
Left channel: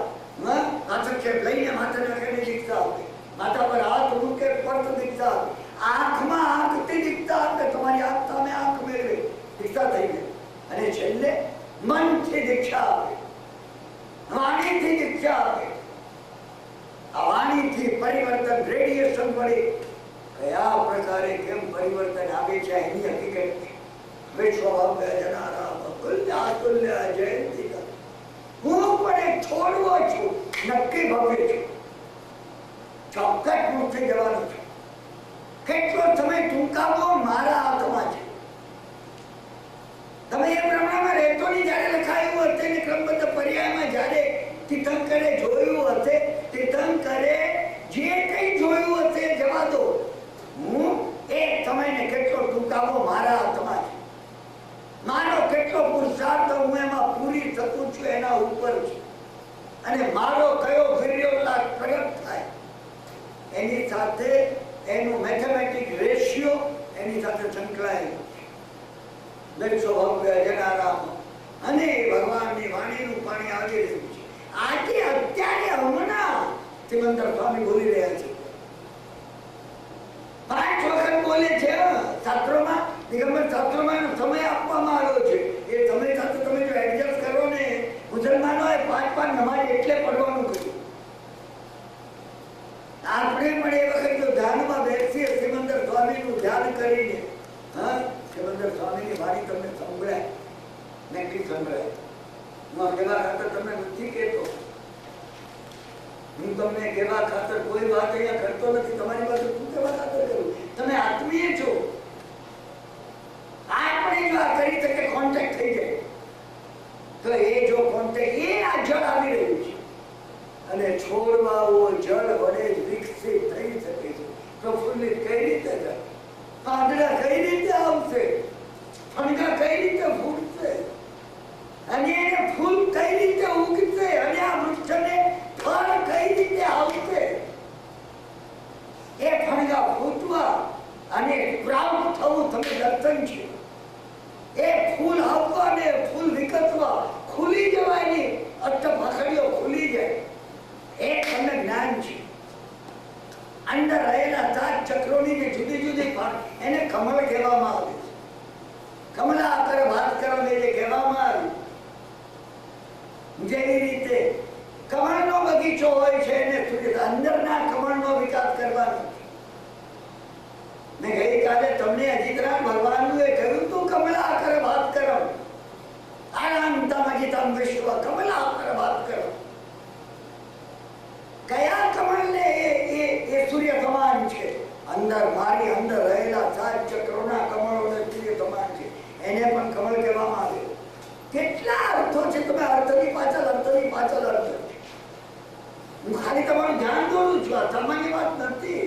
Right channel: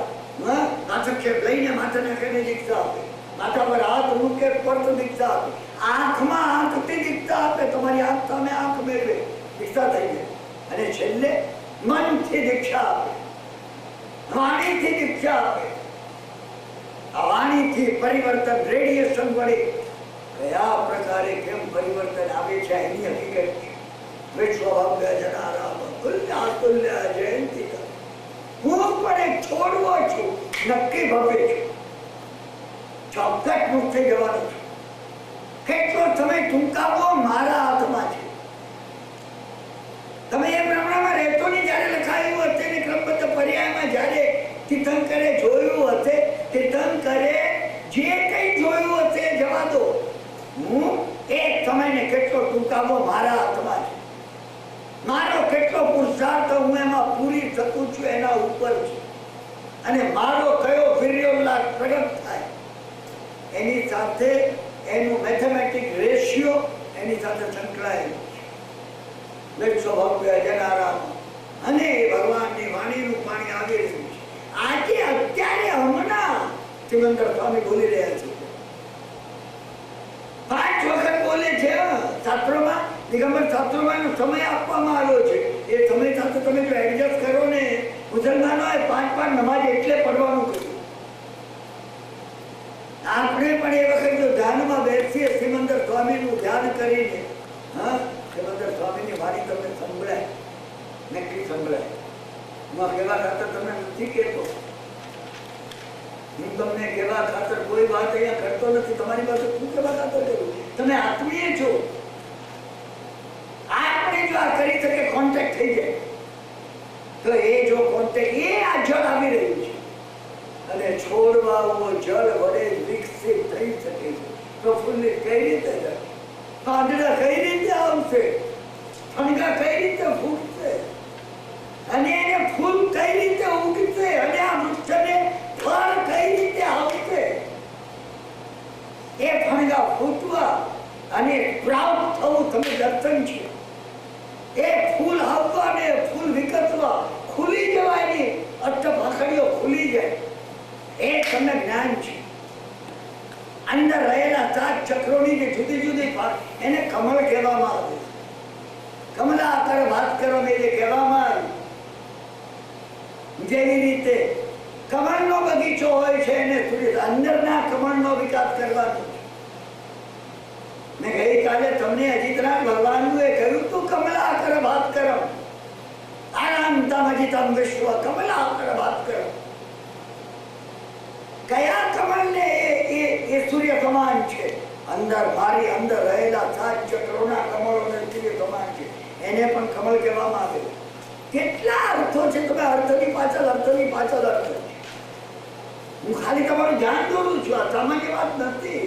આક્ષેપ લઈને માથાના કરીને દીક્ષા આપે, માથા પર હાથ મૂકે પટ દીક્ષા આપે, આંખમાં આંખથી દીક્ષા આપે, તમારી આંખ સામે આંખ મેળવે, દીક્ષા થઈ જાય. અને છેલ્લે મનથી દીક્ષા આપે, વાણીથી દીક્ષા આપે. આ વાણીથી પરિવર્તન રેડિયેશન વડે કયા પ્રકારે કેમ પરિવર્તન આવે છે એની હકીકત છે. વિશ્વભવ્ય જનારામ તુલ્ય તુલ્ય જયંતિકા. હું પણ એક છોડવો છું, નક્કી ભવ્ય છું, ચોક્કસ મુક્ત થઈ જવાનું છું. કેટલો સમય ટૂંકાવો મારા હાથમાં છે. તમે એ પ્રમાણમાં રહેતો નહીં. જયારે લખાયું હશે ને ક્રમબદ્ધ પર્યાયમાં જયારે તીર્થંકરે જોયું હશે, તીર્થંકરે જે કઈ જોયું હશે જવા દો. હું એક સમયને કેટલો ટૂંકાવો મારા હાથમાં છે. મારો કેટલો પુરુષાર્થ હું એમાં પૂરી શકું છું એના ઉપર છે. અને મારો કયો વીર્યોલ્લાસ પ્રગટ થાય એની સાથે એનું મેથેમેટિક રેશિયો એની સાથે સંકળાયેલું છે. વિશ્વભવ્ય જનારામ અને ભગવાનની વાણીનું પાણી આવી રહ્યું છે. આજે અત્યારે હમણાં સિમંદર સ્વામી બોલી રહ્યા છે. 5 વખત બોલે છે શાસ્ત્રોમાં, દિગંબર શાસ્ત્રોમાં એનો સમય આપવામાં આવ્યો છે. એ સમય સાથે તમે જો એડજસ્ટ કરો ને, મુસલમાનોએ 5 નમાજ એટલે પડવાનું કહ્યું. આપણે પણ એ વખત જો ધ્યાનમાં બેસીએ, સિમંદર સ્વામીનું ધ્યાન કરીને, સિમંદર સ્વામીની વાણી તમને સંભળાય, નક્કી સંભળાય. હું કહેવા ખાતર તમને નથી કહેતો, હું તમને કહેવા ખાતર કોઈ વાત અહીંયા કરતો નથી. તમારી પાસે શું કહેવા ખાતર કરું? તમે આત્મીય છો. આપણે જો આ કરી શકે, કોન્ટેક્ટ થઈ જાય, તો એ જો કોન્ટેક્ટ, એ આ જળ આવી રહ્યું છે અને છોડવાઓ જળ વડે વિકસિત થઈ શકે છે. પ્રફુલ્લિત કઈ રીતે થાય? પાંદડા કઈ રીતે આવશે? ફણગા કઈ રીતે ફૂટશે? અને એને ફૂલ કઈ રીતે ઉગશે? અને આ વૃક્ષને ફળ કઈ રીતે આવશે? એ ફણગા ફૂટવા અને પ્રાપ્ત થવું તમે દર્શન છે. એ ફૂલ આવવા ને ફૂલ વિકસવા, ખુલી જવાની અષ્ટભાખડીઓ ખુલી જાય, એ તમને જ્ઞાન છે. અંદર રહેલા 7 ચક્રોની જે જુદી જુદી એને કમળ કહેવામાં આવે. કમલાકર ભાસ્કરો ને જે કહેવામાં આવે, જેવી રીતે કમળનો બગીચો હોય છે એને અંદરના કમળનો વિકાસ કરવાનો. મેં ગઈકાલે તમને અજીતરામ ભગવાનનું એ કહ્યું તું, કમલાકર ભાસ્કરમ આનંદમ અજીતમ વિશ્વ કમલાકર ભાસ્કરમ. કયા કમળને એ સૂર્ય સમાન છે? અંદર મારી અંદર રહેલા 7 ચક્રોના કમળોને સૂર્ય સમાન છે. એને પણ કમળ કહેવામાં આવે. કેટલા અર્થો છે? તમે અર્થની પાછળ અર્થ છે. હું ખાલી તમારું ધ્યાન દોરું છું. આ સામાન્ય વાત નથી.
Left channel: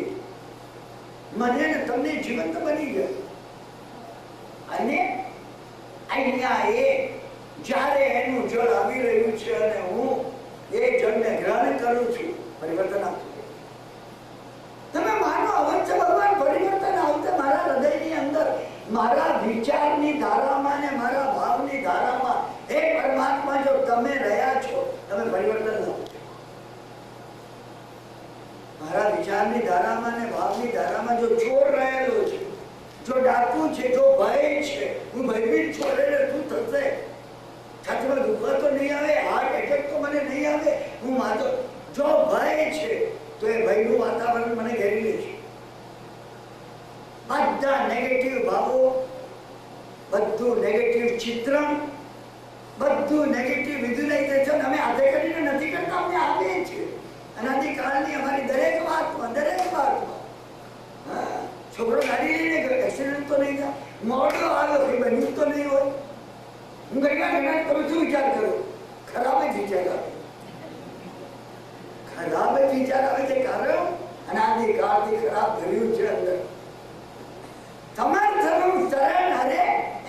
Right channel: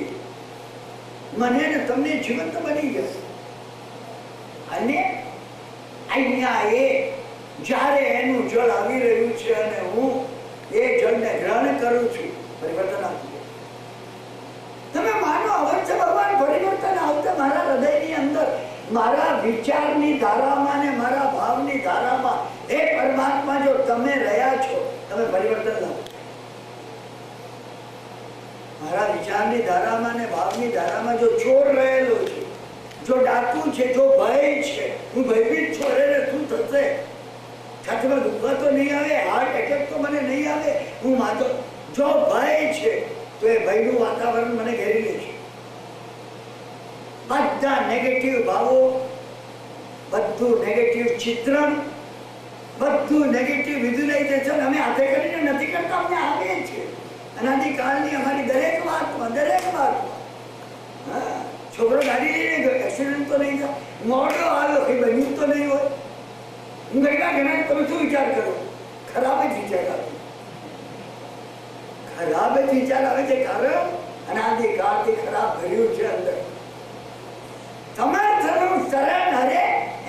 મને ને તમને જીવંત બની જશે. અને અહીંયા એ જ્યારે એનું જળ આવી રહ્યું છે અને હું એ જળને ગ્રહણ કરું છું, પરિવર્તન આપું. તમે માનો અવશ્ય ભગવાન પરિવર્તન આવશે મારા હૃદયની અંદર. મારા વિચારની ધારામાં ને મારા ભાવની ધારામાં હે પરમાત્મા જો તમે રહ્યા છો, તમે પરિવર્તન લાવો. મારા વિચારની ધારામાં ને ભાવની ધારામાં જો ચોર રહેલો છે, જો ડાકુ છે, જો ભય છે, હું ભયભીત છું, અરે શું થશે, છાતીમાં દુખવા તો નહીં આવે, હાર્ટ એટેક તો મને નહીં આવે, હું માતો, જો ભય છે તો એ ભયનું વાતાવરણ મને ઘેરી લે છે. બધા નેગેટિવ ભાવો, બધું નેગેટિવ ચિત્રણ, બધું નેગેટિવ વિઝ્યુલાઇઝેશન અમે હાથે કરીને નથી કરતા, અમને આપીએ છીએ. અનાદિકાળની અમારી દરેક વાતમાં છોકરો ગાડી લઈને ગયો, એક્સિડન્ટ તો નહીં થાય, મોડો આવ્યો કઈ બન્યું તો નહીં હોય. હું ઘણા તમે શું વિચાર કરો? ખરાબ જ વિચાર આવે, ખરાબ જ વિચાર આવે છે. કારણ અનાદિકાળથી ખરાબ ભર્યું છે અંદર. તમારું શરણ હરે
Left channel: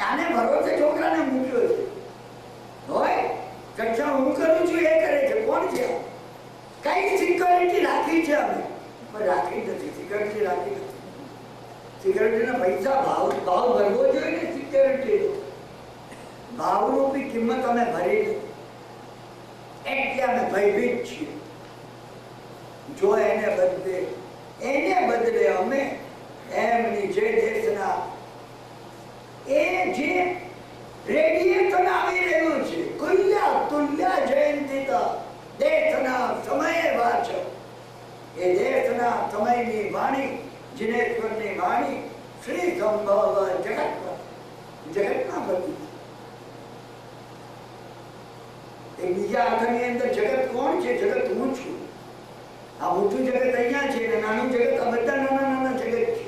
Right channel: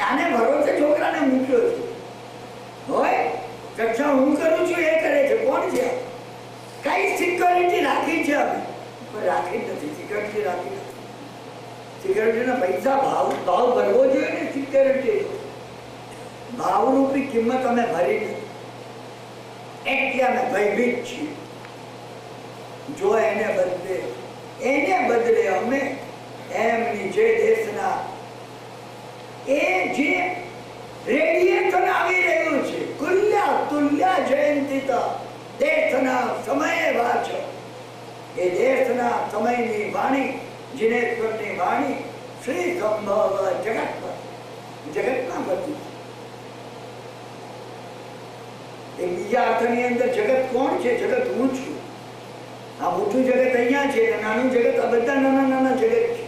આને ભરોસે છોકરાને મૂક્યો છે. હોય કક્ષા હું કરું છું, એ કરે છે. કોણ છે? કઈ સિક્યોરિટી રાખી છે અમે? પણ રાખી નથી. સિક્યોરિટી રાખી નથી. સિક્યોરિટીના પૈસા ભાવ ભરવો જોઈએ ને. સિક્યોરિટી ભાવરૂપી કિંમત અમે ભરી નથી, એટલે અમે ભયભીત છીએ. જો એને બદલે અમે એમની જે દેશના એ જે રેડિયેશન આવી રહ્યું છે, કુલ્યા તુલ્યા જયંતિતા દેશના સમયે વાચ, એ દેશના સમયની વાણી, જીનેશ્વરની વાણી, શ્રી સંભવ જગતમાં બધી. બીજા અર્થની અંદર જગત કોણ છે? જગત હું છું. આ મોટું જગત અહીંયા છે, નાનું જગત આ બધા નાના નાના જગત છે.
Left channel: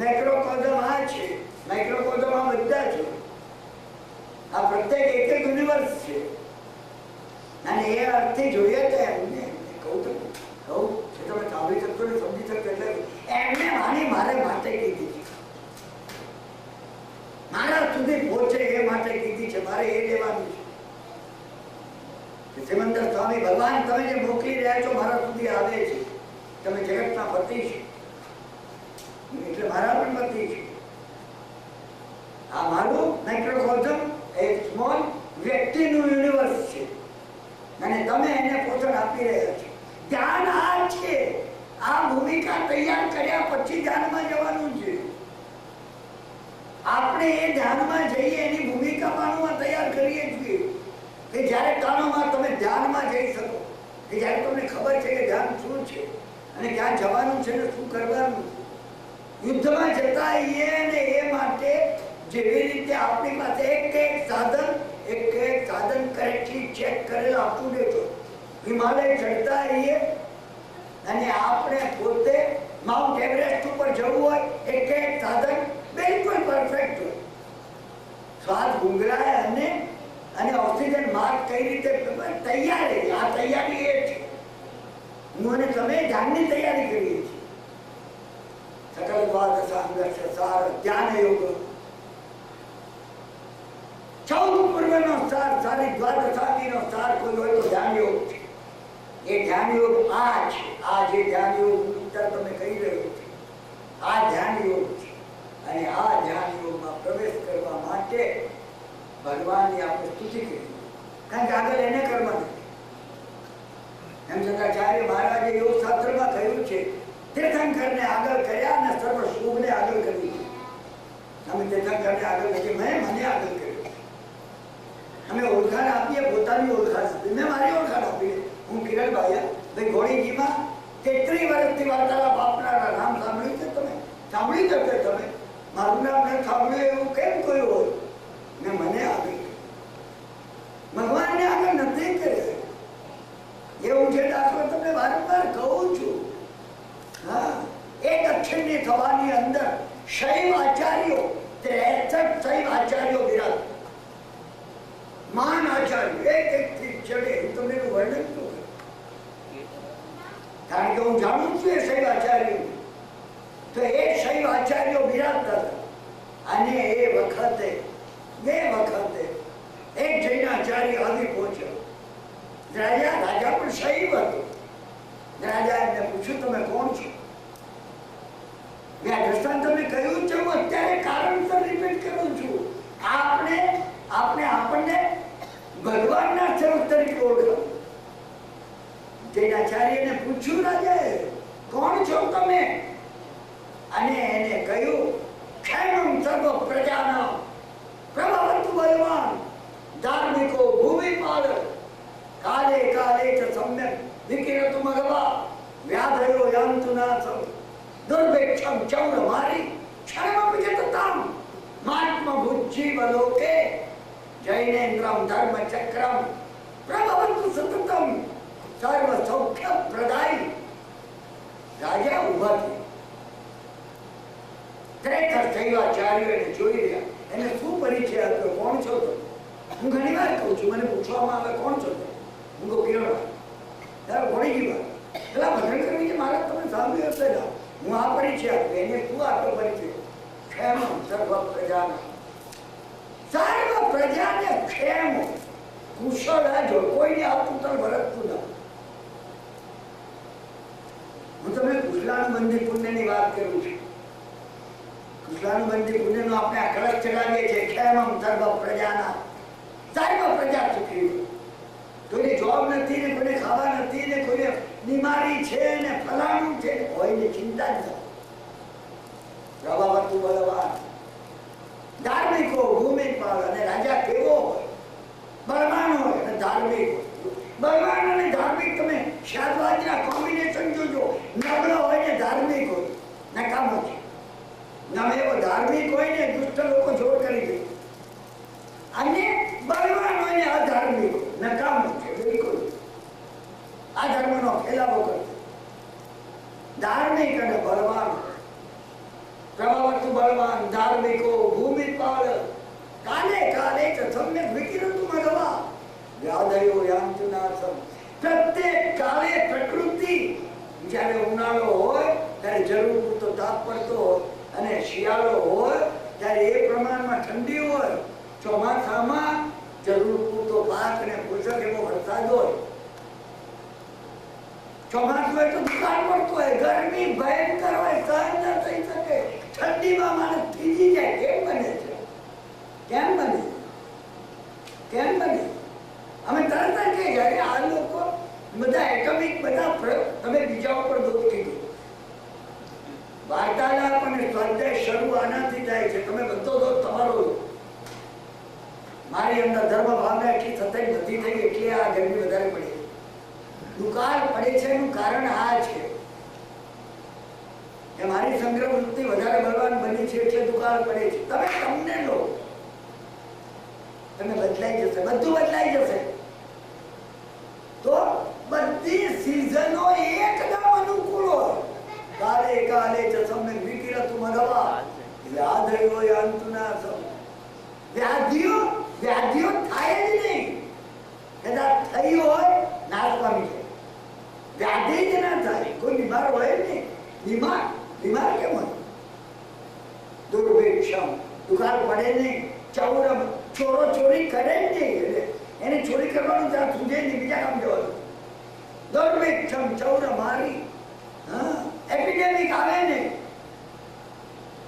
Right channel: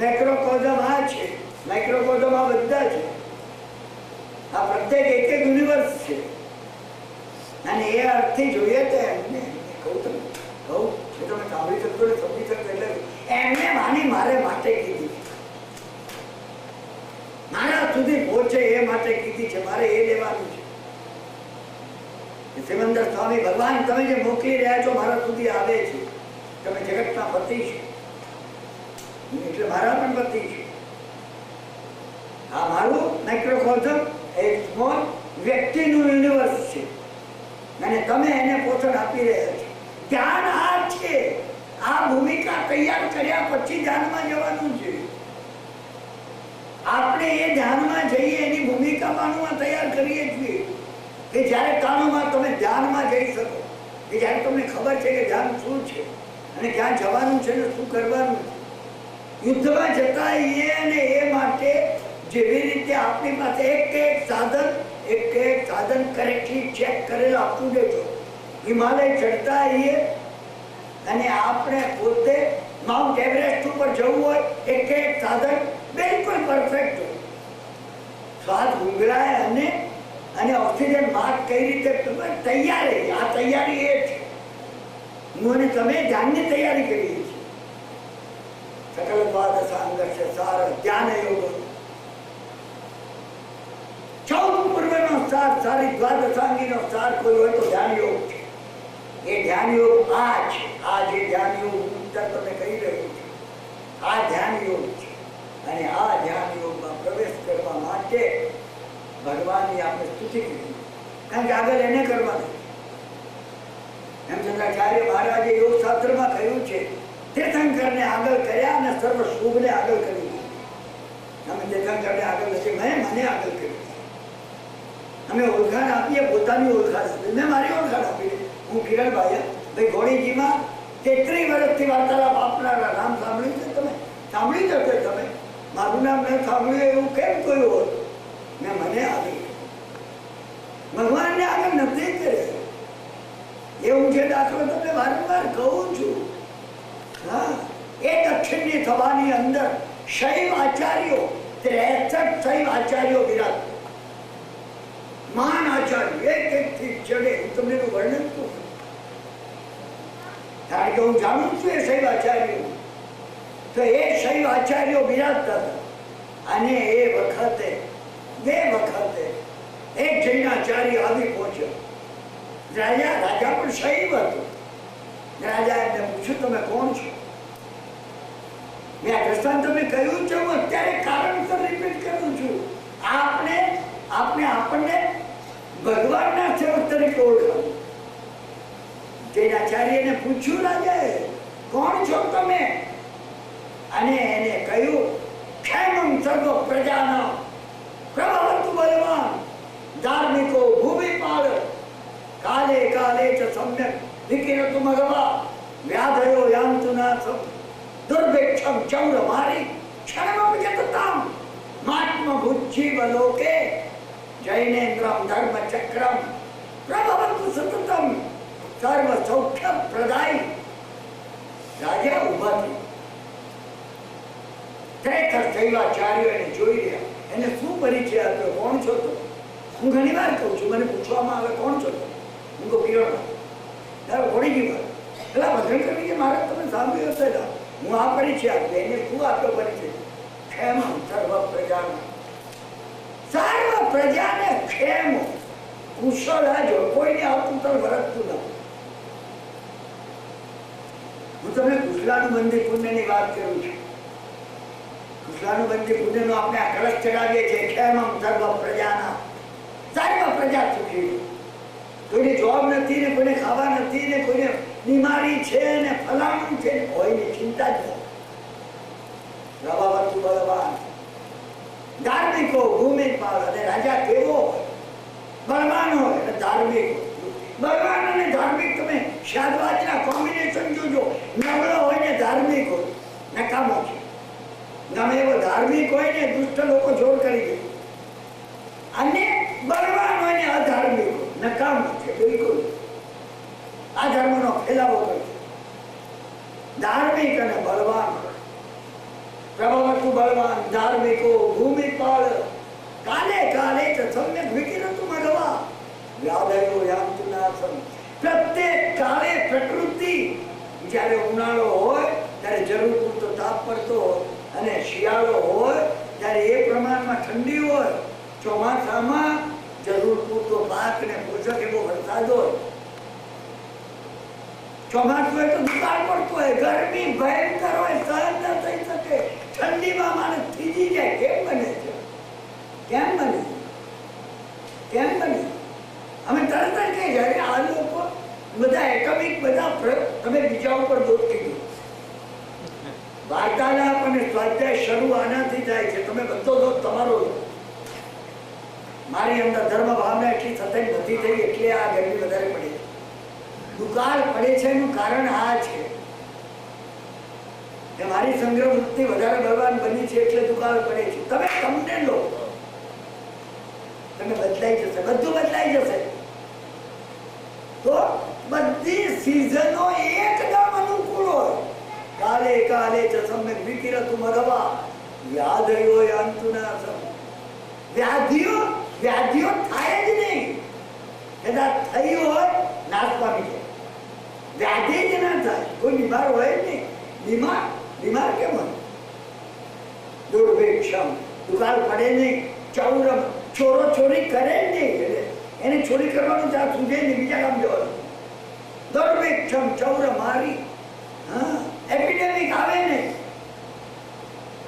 મેક્રોકોઝમ આ છે, માઇક્રોકોઝમ આ બધા છે. આ પ્રત્યેક એક યુનિવર્સ છે. અને એ અર્થથી જોઈએ તો એમને કહું તમે સાંભળી શકશો ને સમજી શકશો. એટલે એમને વાણી મારે માટે કીધી છે, મારા સુધી પહોંચે એ માટે કીધી છે. મારે એ લેવાનું છે. સિમંદર સ્વામી ભગવાન તમે જે મોકલી રહ્યા છો મારા સુધી આવે છે. તમે જગતના પતિ છો, એટલે મારા પણ પતિ છે. આ મારું માઇક્રોકોઝમ એક સ્મોલ વ્યક્તિનું યુનિવર્સ છે, અને તમે એને પોષણ આપી રહ્યા છો. ધ્યાન આ છે. આ ભૂમિકા તૈયાર કર્યા પછી ધ્યાનમાં જવાનું છે. આપણે એ ધ્યાનમાં જઈએ એની ભૂમિકા માનવા તૈયાર કરીએ છીએ કે જ્યારે કામમાં તમે ધ્યાનમાં જઈ શકો, કે જ્યારે તમને ખબર છે કે ધ્યાન શું છે અને ક્યાં જવાનું છે ને શું કરવાનું છે. યુદ્ધમાં જતા અને એ માટે જેવી રીતે આપણી પાસે એક સાધન કરેક્ટલી ચેક કરેલું આપવું દેજો. હિમાલય ચડતા અને આપણે પોતે માઉન્ટ એવરેસ્ટ ઉપર જવું હોય, એક સાધન બિલકુલ પરફેક્ટ હોય. શ્વાસ ગુંગળાય અને ઓક્સિજન માર્ક કઈ રીતે તૈયારી. આ તૈયારી એ છે. હું અને તમે ધ્યાનની તૈયારી કરીએ છીએ. સકલ દ્વાદશ અંગસ્ય સાર ધ્યાન યોગ. 14 પૂર્વનો સાર, સારી દ્વાદશાંગીનો સાર કોઈ હોય તો ધ્યાન યોગ છે. એ ધ્યાન યોગ આ છે. આ જે ધ્યાન યોગ તમને કહી રહ્યો છું, આ ધ્યાન યોગ છે. અને આ ધ્યાન યોગમાં પ્રવેશ કરવા માટે ભગવાનની આપણે સ્તુતિ કરી, કારણ કે આગળ એને કરવા નથી. હેમચંદ્રાચાર્ય મહારાજે યોગ શાસ્ત્રમાં કહ્યું છે, તીર્થંકરને આગળ કર્યા અને સર્વ શુભને આગળ કર્યું. અમે તીર્થંકરને આગળ નથી, મને આગળ કર્યું. અમે ઓળખાણ આપીએ, પોતાની ઓળખાણ આપીએ. મેં મારી ઓળખાણ આપી. હું કિરણભાઈ ભાઈ ઘોડીજીમાં 33 વર્ષથી વાર્તાલાપ આપનારા. નામ સાંભળ્યું છે તમે? સાંભળી જશે તમે. મારું નામ મેં સાંભળ્યું એવું કેમ કહ્યું હોય? મેં મને આગળ, ભગવાનને આગળ નથી કર્યા. એવું છે દાખલો તમને વારંવાર કહું છું. હા, એ દક્ષિણની થવાની અંદર શૈવ આચાર્યો 63 શૈવ આચાર્યો બિરાજ. મહાન આચાર્ય એક થી ચડે. હું તમને એનું વર્ણન કરું, કારણ કે હું જાણું છું એ શૈવ આચાર્યો. તો એ શૈવ આચાર્યો બિરાજતા હતા. અને એ વખતે એક જૈનાચાર્ય આવી પહોંચ્યો. રાજા પણ શૈવ હતો. રાજા એમને પૂછ્યું, તમે કોણ છો? આ દ્રષ્ટાંત તમે કહ્યું છે, હું અત્યારે કારણસર રિપીટ કરું છું. આપણને ભગવાનના સેવક તરીકે ઓળખાવું. જૈનાચાર્યને પૂછ્યું રાજાએ, કોણ છો તમે? અને એને કહ્યું, ક્ષેમં સર્વ પ્રજાનાં પ્રભવતુ બલવાન ધાર્મિકો ભૂમિપાલ કાલે કાલે ચ સમ્યક વિકિરતુ મઘવા વ્યાધયો યાન્તુ નાસમ દુર્ભિક્ષમ ચૌરમારી ક્ષણમપि જતતામ મહાત્મ ભુજીવ લોકે જૈનેન્દ્રમ ધર્મચક્રમ પ્રભવતુ સતતમ સર્વ સૌખ્ય પ્રદાય. રાજા ઉભા થયા. ખરેખર શૈવાચાર્યો એને જોઈ રહ્યા. એને શું પરિચય આપ્યો? કોણ છો તમે? હું ઘણી વાર કહું છું, મને પૂછવામાં આવે કોણ છો તમે? હું કહું કિરણ. ઘણી ગઈ વાર પેલા ભજન કરવી છે મારે, તમે સાંભળ્યું હશે ને. હું આ પરિચય આપ્યો. એને શું આપ્યો પરિચય? ક્ષેમ સર્વ પ્રજાને, સર્વ પ્રજાને ક્ષેમ કુશળ જો કોઈને આવતું તર વરતતું નથી. હું તમને કુશલાનુબંધી પુણ્યની વાત કરું છું. કુશલાનુબંધી પુણ્યનો આપણે આ કળશ ચડાવીએ છીએ. ક્ષેમમ સર્વ પ્રજાના, સર્વ પ્રજા સુખી. કોઈને જોબ નથી ને કોઈને ખાવા નથી ને કોઈને બીમારી છે ને ફલાણું છે, કોઈની ચિંતા જ નથી. પ્રભાવતુ બલવાન ધાર્મિકો ભૂમિપાલ. અને રાજા કેવો હોય? બળવાન હોય અને ધાર્મિક હોય. બળવાન અને ધાર્મિક તમે શાદવાદના કોમ્બિનેશન જોજો. નબળો હોય ને ધાર્મિક હોય, નકામો છે. ગમે એવો ધાર્મિક હોય ને દુષ્ટ લોકો જોર કરી દે. અને બળવાન હોય ને અધાર્મિક હોય, નકામો છે બિલકુલ. આ ધર્મનો ફેલાવો કરે. ધાર્મિક અને બળવાન. પ્રભવતુ બળવાન ધાર્મિકો ભૂમિપાલ કાલે કાલે ચ સમ્યક વિકિરતુ મઘવા વ્યાધયો યાન્તુ નાસમ. પ્રત્યેક કાળે પ્રકૃતિ, જ્યારે ઉનાળો હોય ત્યારે જરૂર પૂરતો તાપ પડતો હોય, અને શિયાળો હોય ત્યારે એ પ્રમાણમાં ઠંડી હોય, ચોમાસામાં જરૂર પૂરતો પાક ને પોષક એવો વરસાદ હોય. ચોમાસું હોય તો દુકાળ પડતો હોય, ગરમી ભયંકર હોય, સહન ન થઈ શકે, ઠંડીમાં માણસ થીજી જાય. કેમ બને છે? કેમ બને? કેમ બને? અમે તરત જ કહીએ અરે આ લોકો બધા એટમિક બધા તમે બીજા ઉપર દોષ કીધું. વાર્તાલાપ અને સ્વાધ્યાય શરૂ આનાથી થાય છે. તમે બધો દોષ તમારો. મારી અંદર ધર્મ ભાવના એટલી સતત નથી થઈ એટલે આ ગરમી વધારે પડી. દુકાળ પડે છે એનું કારણ આ છે કે મારી સંગ્રહ વૃત્તિ વધારે બળવાન બની છે એટલે દુકાળ પડે છે. તમે તમને લો, તમે બદલાઈ જશે, બધું બદલાઈ જશે. તો બધી સિઝનો એકદમ અનુકૂળ હોય. કાલે કાલે ચ સમ્યક વિકિરતુ મઘવા વ્યાધયો યાન્તુ નાસમ. વ્યાધિઓ થાય જ નહીં. કદાચ થઈ હોય નાશ પામી જાય. વ્યાધિ જ ના થાય. કોઈ બીમાર હોય નહીં. બીમાર કેમ હોય? દુર્ભિક્ષમ, દુકાળ પડે નહીં. ચૌરમ, ચોરો ચોરી કરે જ નહીં. એને ચોરી કરવાનું ત્યાં સુજે નહીં, બીજા કામ જવાનું. દુર્ભિક્ષમ ચૌરમારી. હા, એપિડેમિક આવે નહીં.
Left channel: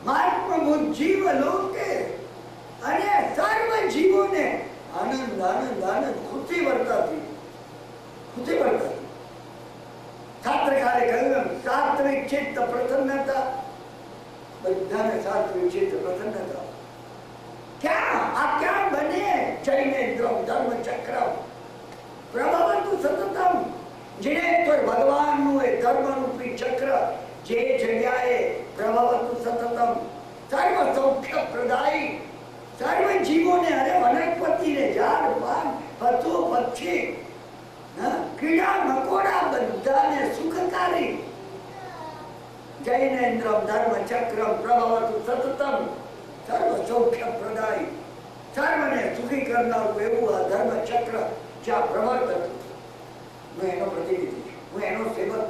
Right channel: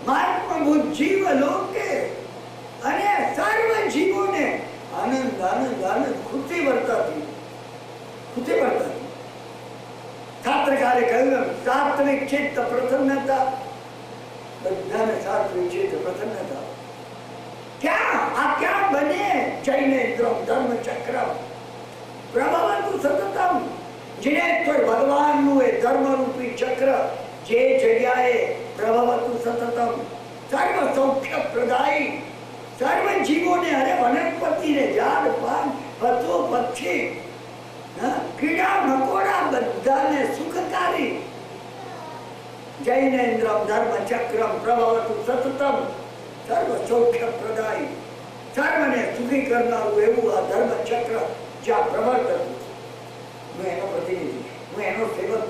મહાત્મ ભુજીવ લોકે, અને સર્વ જીવોને આનંદ આનંદ આનંદ ખુશી વર્તાતી. શાસ્ત્રકારે કહ્યું સાત્વિક ચિત્ત પ્રસન્નતા. બધાને સાત્વિક ચિત્ત પ્રસન્નતા ક્યાં બને? જૈનેન્દ્રમ ધર્મચક્રમ પ્રભવતુ સતતમ. જીનેશ્વર ભગવાનનું એ ધર્મરૂપી ચક્ર જે જગ્યાએ પ્રભવતુ સતતમ સર્વ સૌખ્ય પ્રદાયી. સર્વ જીવોને, અરે વનસ્પતિને, ઝાડ પાન, પશુ પક્ષી, કીડા મકોડા બધાને સુખકારી. જૈનેન્દ્રમ ધર્મચક્રમ પ્રભવતુ સતતમ સર્વ સૌખ્ય પ્રદાયી. સર્વને સુખી કરનારું એવું આ ધર્મચક્ર જ્યાં પ્રવર્તતું. હું એનો પ્રતિનિધિ, હું એનો સેવક.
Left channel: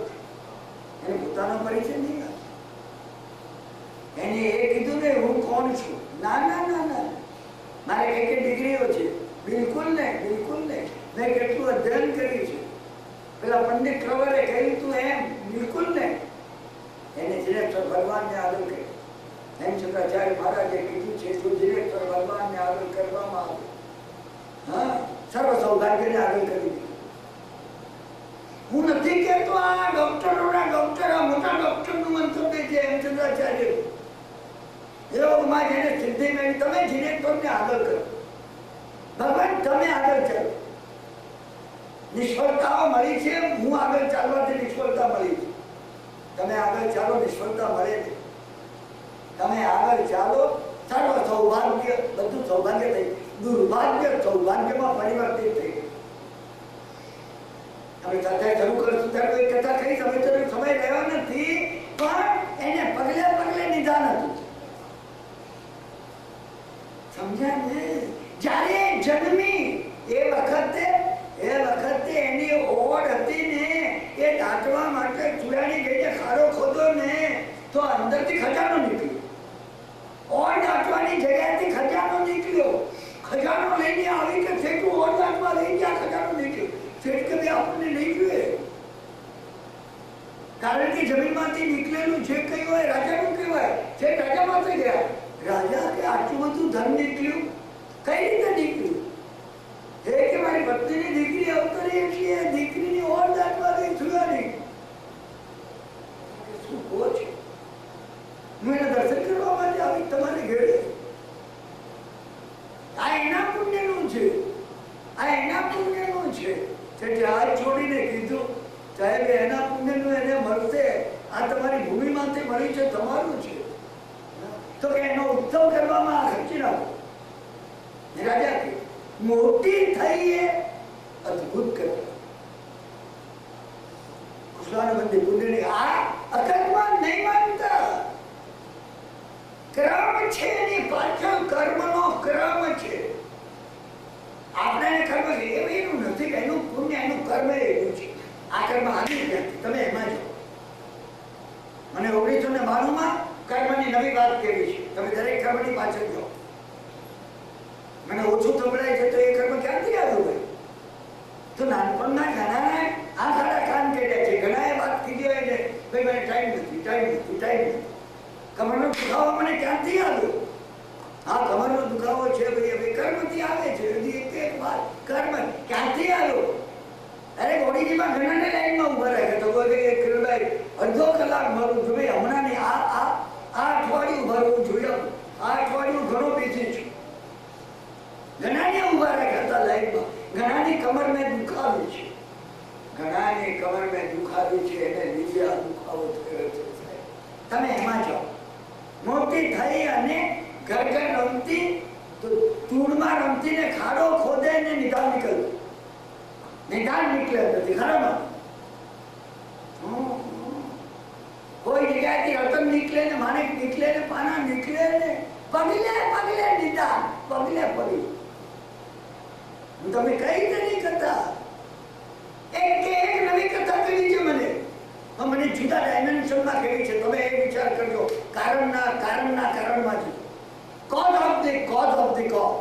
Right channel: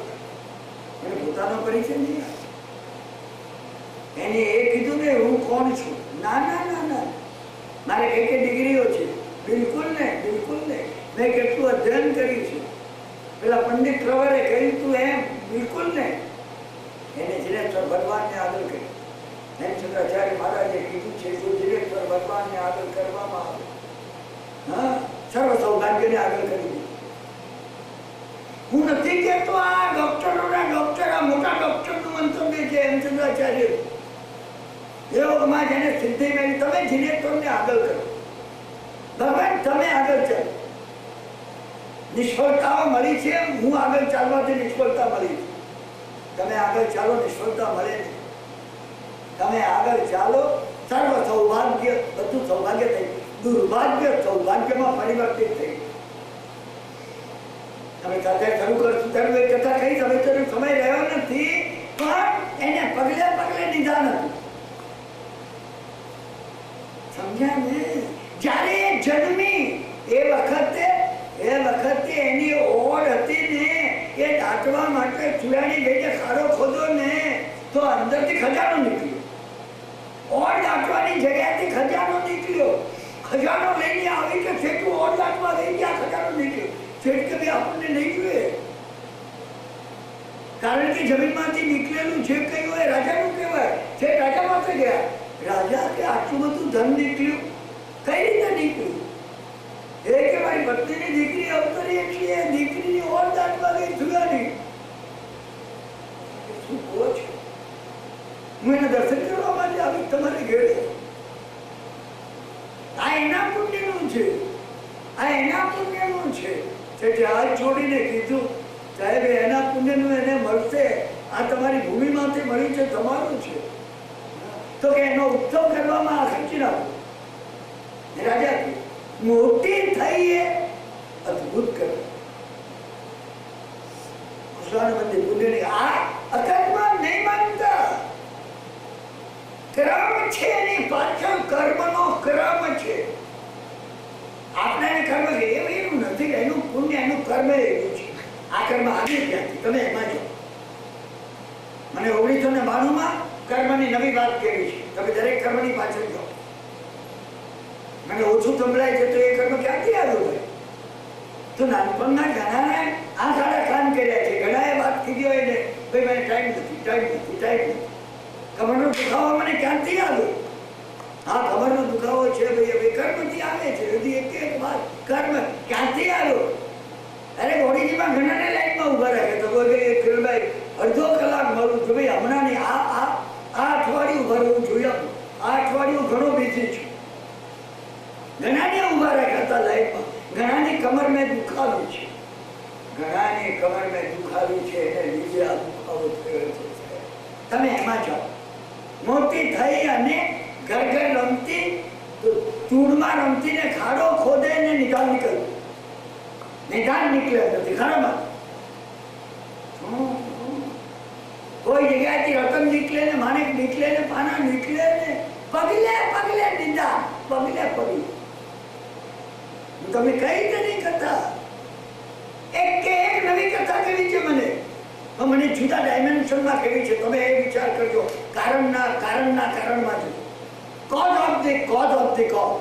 એને પોતાનો પરિચય નહીં. એને એ કીધું કે હું કોણ છું. ના ના ના ના, મારે કઈ ડિગ્રીઓ છે? બિલકુલ નહીં. મેં કેટલું અધ્યયન કર્યું છે? પેલા પંડિત પ્રવરે કહ્યું તું એમ? બિલકુલ નહીં. એને જીનેશ્વર ભગવાનને આગળ કર્યો. હેમચંદ્રાચાર્ય મહારાજે કીધું છે જો જીનેશ્વર ભગવાનને આગળ કરવામાં આવે, હા, સર્વ સૌભાગ્યને આગળ કરી દીધું. હું નથી કહેતો આ ડોક્ટરોના ડોક્ટર, આ મોટા ડોક્ટરનું મંતવ્ય છે હેમચંદ્રાચાર્ય. યોગમાં જેને સિદ્ધિ મેળવી, તમે જીનેશ્વરને આગળ કરો. ભગવાન તમે આગળ ચાલો. નિષ્ફળતાઓ મળી છે, હું આગળ ચાલવાથી નિષ્ફળતા મળી છે. તમે આગળ ચાલો, નિષ્ફળતા મળે છે. તમે આગળ ચાલો, સર્વ સૌભાગ્ય, બધું સૌભાગ્ય થઈ, દુર્ભાગ્ય સૌભાગ્યમાં પરિવર્તિત થઈ. તમે કથા શરૂ કરશું ત્યારે કથા કઈ સમય રહ્યો નથી, પણ એને પગલે પગલે નિદાન હતું. સમજ્યા ને? જ્યારે જન્મી એ વખતે એની ઓળ હતી ને, એ દાટવા માટે ચૂડાની ગઈને ખાડો ખોદો ને તો અંદરથી ખજાનો નીકળ્યો. ઓળ દાટવાની જગ્યાએથી ખજાનો નીકળ્યો. ખજાનો લઈને આવી કે છેટું ઓળ દાટવા ગઈ ત્યાં ખજાનો નીકળ્યો. છેટ કે ભાઈ આપણને નહીં જોઈએ, કારણ કે જમીનમાંથી નીકળેલું જે કઈ હોય રાજાનું કહેવાય. જે રાજા પાસે ગયા, રાજા કે આટલું બધું ધન નીકળ્યું, કઈ રીતે નીકળ્યું? એ કે મારી પત્નીની દીકરી અવતરી એટલી એ દીકરીની ઓર દાટવા ગઈ જુગાની. શું કહો છો? હું એને દર્શન કરવા માટે આવી તમારે ઘેરે. આ એના પુણ્યનું છે, આ એના પુણ્યનું છે. જે હાથ જોડીને કીધું, સાહેબ એના પુણ્યનું એને મળશે, આ તમારી ભૂમિમાંથી મળી છે, તમારું છે. તો કે એનો ઉત્સવ કરવામાં આ ખર્ચી નાખો. રાજા મોટી થઈ એ અદભુત કરે. કૃષ્ણ પુણ્યની આ અકસ્માત નહીં માનતા. ક્રમ છે, એની પાછળ કર્મનો ક્રમ છે. આપણે કર્મ એવું નથી, એનું પુણ્ય એનું કર્મ એવું છે. આ કર્મ આવી ક્યાંથી? તમે એમાં જાઓ. મને 1992 કર્મની નવી વાત કેવી છે, તમે દરેક કર્મની પાછળ જાઓ. મને ઓછું સંભળાય છે તો એ કર્મ ક્યાંથી આવ્યું ભાઈ? તો નાનપણના ઘણાને આ સારા કામ કર્યા છે, ઘણાએ વાત કીધી હોય ને ભાઈ મને ટાઈમ નથી. કમરનો દુખાવો મને ક્યાંથી આવ્યો? હા, કમરનો દુખાવો છે ભાઈ, હવે કર્મથી આવે છે. હજી એક વાત કર્મ ક્યાંથી આવ્યો? અરે બોડીજીમાં ઘણાને લાઈનમાં ઉભા રાખે તો કોઈ કિરણભાઈ અડધો કલાક મળું છું ભાઈ, હમણાં નહીં, આ અઠવાડિયું ભરવું જોઈએ. આ અઠવાડિયું ઘણો બીજી છું. ઘણાને ઉભા રાખ્યા હતા લાઈનમાં. ઘણાની કમર મેં દુખાવ્યું છે, ઘણાની કમર મેં દુખાવ્યું છે, એને લીધે આ દુખાવો થયો છે. તમે એમાં જાઓ. મોટી થઈ અને ઘર રમતી તો ધૂળમાં રમતી ને ખાડો ખોદે ને નિદાન નીકળ્યું. નિદાન નીકળે નથી ખરામાં. કોઈ જગ્યાએથી રતન નીકળે ને માણેક નીકળે ને પાના નીકળે ને પગલે પગલે નિદાન, પગલે પગલે. તમે કઈ રીતે નહીં કરતા? એક કે એક નવી કથા કરી છે મને જુદા ડાયમેન્શનમાં કેવી છે. તમે એ વિચાર કરજો. કારણના કારણમાં છે. Cause of the cause.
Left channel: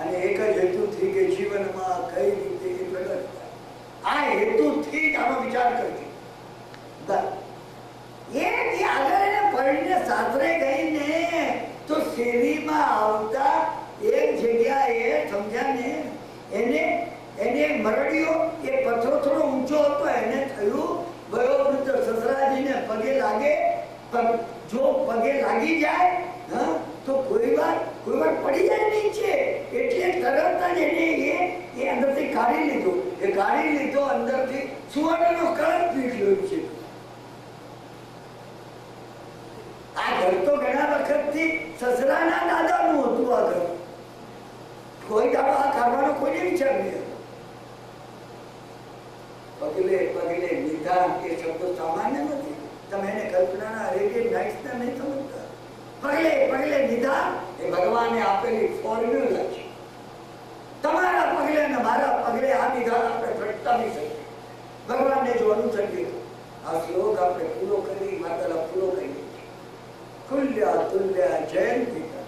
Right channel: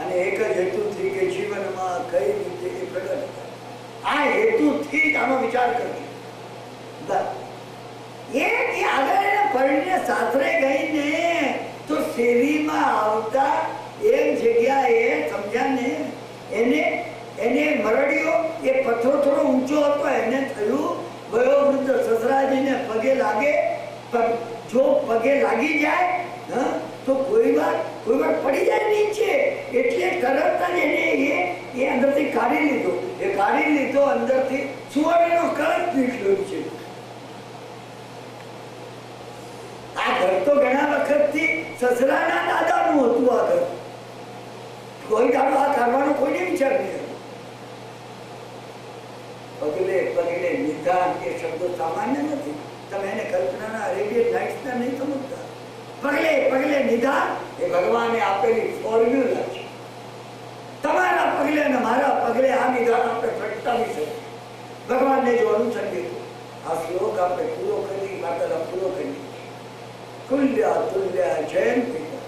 અને એક જ હેતુથી કે જીવનમાં કઈ રીતે એ પ્રગટ થાય, આ હેતુથી જ આનો વિચાર કરજો. બસ એ આગળ એને પડીને સાસરે ગઈને તો શેરીમાં આવતા એક જગ્યાએ સમજ્યા ને, એને મરડિયો એ પથ્થરો થોડો ઊંચો હતો, એને થયું વયોવૃદ્ધ સસરાજીને પગે લાગે. જો પગે લાગી જાય તો કોઈ વાર પડી જાય નીચે, એટલે તરત જ એને એ અંદરથી કાઢી લીધો. અંદરથી સુવર્ણનો કળશ નીકળ્યો છે. આ ઘર તો ઘણા વખતથી સસરાના દાદાનું હતું. આ ઘર કોઈ દાડો આ કાઢવાનો કોઈને વિચાર નહીં. પગલે પગલે નિદાન એ શબ્દો સામાન્ય નથી. તમે એને કલ્પનાના અરેબિયન નાઇટ્સના નહીં સમજતા. પગલે પગલે નિદાન એ ભગવાને આપેલી ફોર્મ્યુલા છે. તમારા પગલે અને મારા પગલે આ નિદાન આપણે પ્રગટાવી શકીએ. ભગવાનને જો અનુસંધિત આ શ્લોક આપણે પૂરો કરી માતાના પૂરો કરી કુલ્યા તુલ્યા જયન પિતા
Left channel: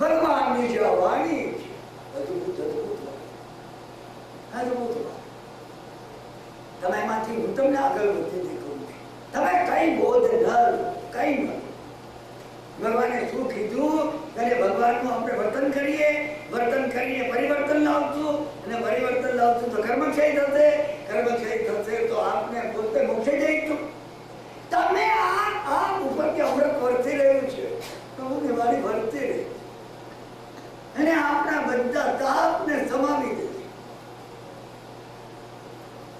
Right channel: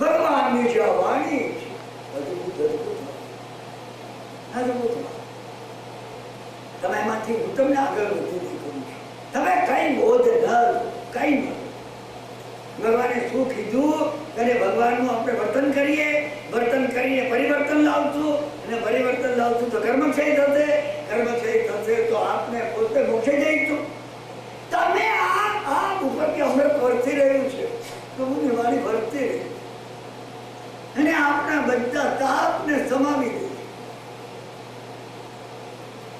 ભગવાનની જે વાણી છે અદભુત. તમે એમાંથી હું તમને આગળ વધી કરું છું. તમે કઈ બોધ ન કઈ ન. ભગવાને શું કીધું? અને ભગવાનનું આપણે વર્તન કરીએ, વર્તન કરીને પરિવર્તન લાવશું, અને પરિવર્તન લાવશું તો કર્મક્ષય થશે, કર્મક્ષય થશે તો આપને પોતે મોક્ષે જઈશું. તમે આ ઉપર કે અમૃત વર્તી રહ્યું છે, પ્રભુની વાણી વર્તી રહી અને આપણા બધા તાપને સમાવી દે.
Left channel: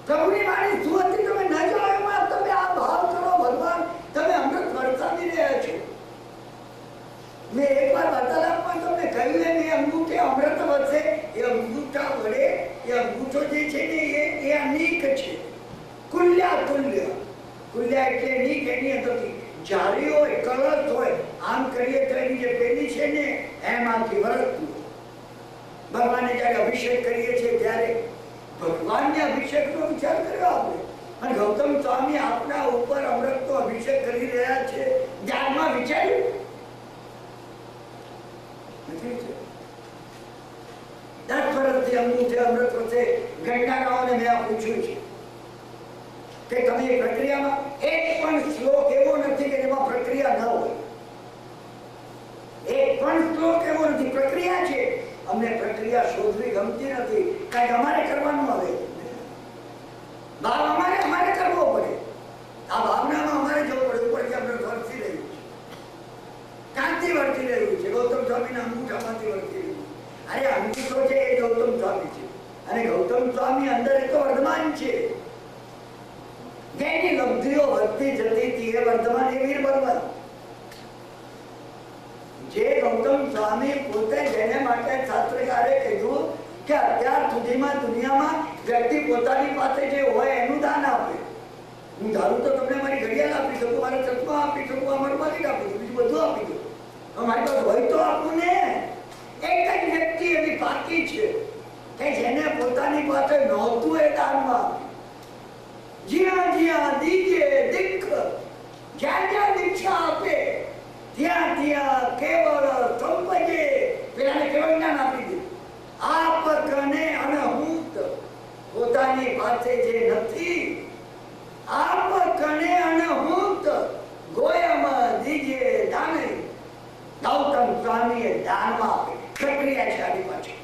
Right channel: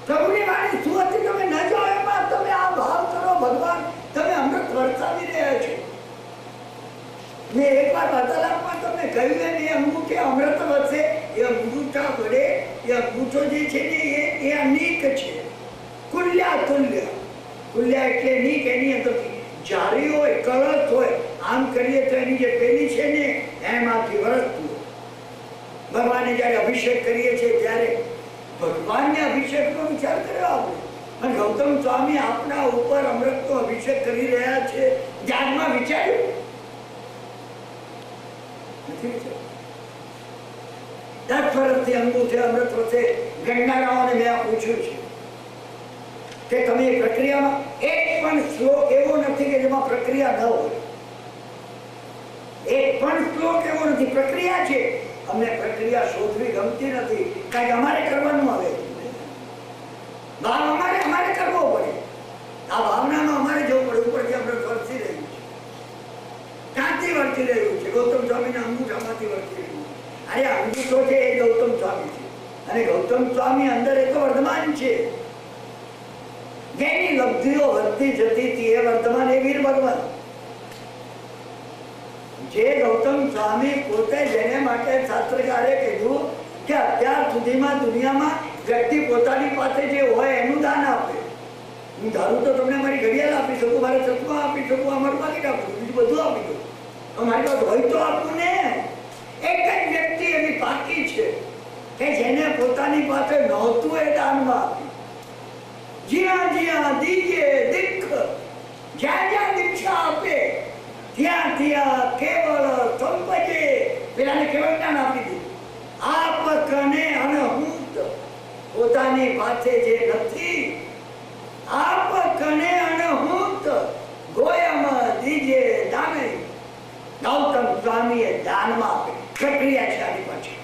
પ્રભુની વાણી શું હતી તમે ન જાઓ એમાં તમે આ ભાવ કરો, ભગવાન તમે અમૃત વરસાવી રહ્યા છો. મેં એકવાર વાર્તાલાપમાં તમને કહ્યું ને, એ અંગૂઠે અમૃત વરસે, એ અંગૂઠા વડે એ અંગૂઠો જે છે ને એ અનેક છે, કુલ્યા તુલ્ય. કુલ્યા એટલે નીક, એની અંદરથી જારી હોય, કળશ હોય, આમ કરીએ તો એની જે પેલી છે ને એમાંથી વરસતું. ભગવાનને જયારે અભિષેક કરીએ છીએ ત્યારે ભગવાનને અભિષેકનો વિચાર કર્યો આપણે. અને ગૌતમ સ્વામી આપણા ઉપર અમૃતનો અભિષેક કરી રહ્યા છે, ધ્યાનમાં વિચાર્યું નથી? 10 વર્ષથી અંગૂઠે અમૃત વરસે ગણનારાઓને મેં પૂછ્યું છે કે તમે એ પ્રક્રિયામાં એક પણ શ્લોક એવો નથી કે જેમાં પ્રક્રિયા ન હોય. એક પણ શ્લોક એવો નથી. પ્રક્રિયા છે. અમને પ્રક્રિયા શોધવી ગમતી નથી, કારણ કે અમારે કરવાનું આવે. ભાવ અમારે કરવો પડે. આ ભાવનામાં અમારે જવું પડે. ઉપરથી આપણે વર્તી રહ્યું છે. ક્યાંથી વર્તી રહ્યું છે? ગૌતમ સ્વામીના અંગૂઠામાંથી વર્તી રહ્યું છે. અરે અંગૂઠો છે એ ગૌતમ સ્વામી છે, અને ગૌતમ સ્વામી અંદર એ તો વર્તમાન છે. જેની લબ્ધિઓ વધતી જતી હતી એ વર્તમાન, એ વીર ભગવાન. જે ગૌતમ સ્વામી પોતે, જેને માટે શાસ્ત્રકારે કીધું કે અત્યાર સુધીમાં દુનિયામાં વ્યક્તિ પોતાની પાસે જે હોય એનું દાન આપે. હું ધારું તો તમને મારી ઘડિયાળ આપી શકું, મારા ચશ્મા આપી શકું, અમારું માલિક આપી શકું, બીજું બધું આપી દઉં. મારી પાસે હોય તો આપું ને. એક જ વ્યક્તિ એવી બાકી છે કે જેને પોતાની પાસે નહોતું એ દાનમાં આપ્યું. જ્યાં જ્યાં દીજે દીખ, જ્યાં જ્યાં દીક્ષા આપે ત્યાં ત્યાં કેવળ સંપજે. પેલાને કેવળ જ્ઞાન આપી દીધું. આપકને અનહૂત, પોતાની પાસે જે નથી, આપકને અનહૂત ગોયમાં દીજે દાને. ગૌતમ સ્વામીએ દાનમાં આપે. પ્રક્રિયા છે આની પાછી.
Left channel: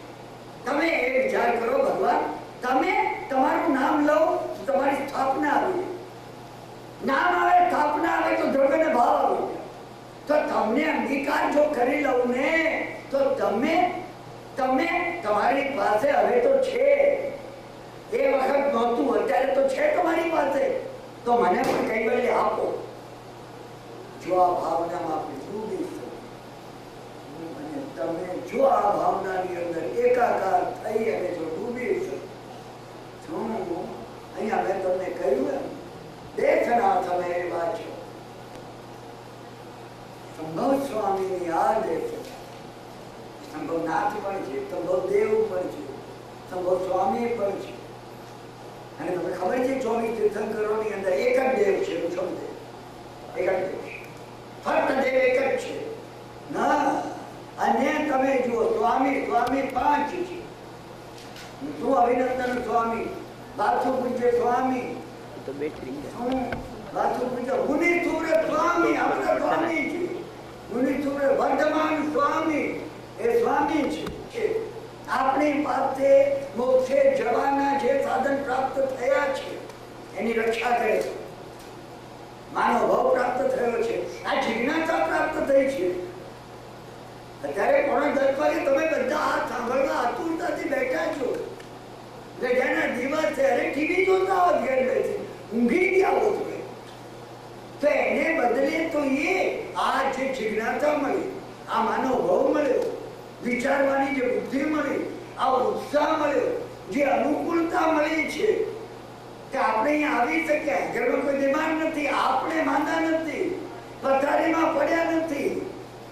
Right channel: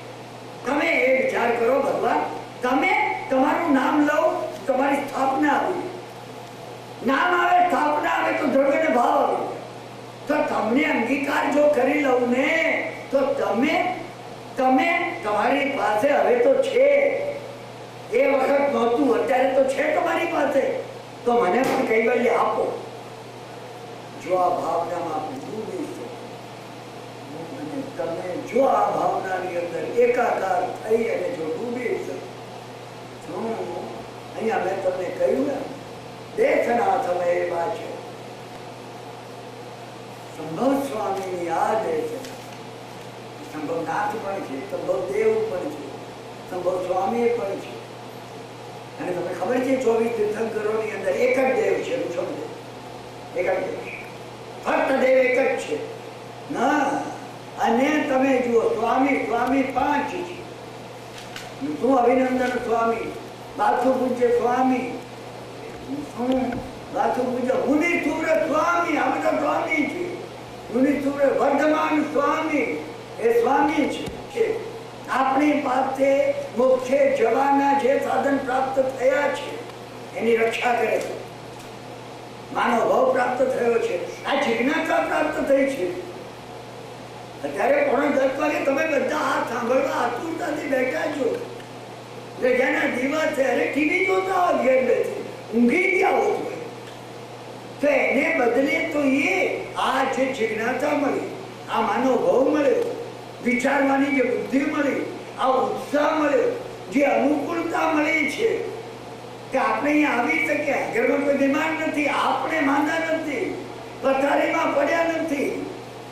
તમે એ વિચાર કરો, ભગવાન તમે તમારું નામ લો, તમારી સ્થાપના આવી. નામ આવે, સ્થાપના આવે તો દ્રવ્ય ને ભાવ આવે. તો તમને અંગીકાર જો કરી લઉં ને તો તમે તમારી પાસે હવે તો છે. એ વખત નહોતું, અત્યારે તો છે તમારી પાસે. તો મને પણ કૈવલ્ય આપો. જો આ ભાવનામાં આપણે ડૂબીશું અને તમે જો આ ભાવનાની અંદર એકાકાર થઈ અને જો ડૂબીશું, અહીંયા મેં તમને કહ્યું ને, દેખના તમે એવા છો. સંભવ સ્વામીની આ દેશ, સંભવનાથ પણ છે, સંભવ દેવ પણ છે, સંભવ સ્વામી પણ છે. અને તમને ખબર છે 24 તીર્થંકરોની અંદર એક જ દેવ છે. સમજે? એક જ દેવ છે, ફક્ત દેવ એક જ છે ના. અને તમે જુઓ, સ્વામી 5 છે. તું અભિનંદન સ્વામી, બાથુ પૂજ્ય સ્વામી, બાથુ પૂજ્ય મુનિ સુર સ્વામી, આ બધા સ્વામી છે. મુનિ સુર વર્ધમાન સ્વામી એ સ્વામી છે. આપણી પાસે મોક્ષે જવાના જે સાધન પ્રાપ્ત થયા છે એની રક્ષા કરે છે. માનવ ભાવ પ્રાપ્ત થયો છે, આ જિજ્ઞાસા પ્રાપ્ત થઈ છે. અત્યારે 9:30 વાગે તમે બધા આ સાંભળવા આતુરતાથી બેઠા છો. જેના દિવસે અરે ટીવી જોતા હોય, ઘેર બેસી ઊંઘી ગયા હોય તો એને બદલે તો એ આ જે જિજ્ઞાસા મળી, આ માનવ ભાવ મળ્યો, વિચારવાની જે બુદ્ધિ મળી, આ ઉત્સાહ મળ્યો, જે અનુકૂળતા મળી છે કે આપણે અહીંયા આવી શક્યા. ઘરમાં કોઈ બીમાર નથી, આપણે માંદા નથી, પથારીમાં પડ્યા નથી,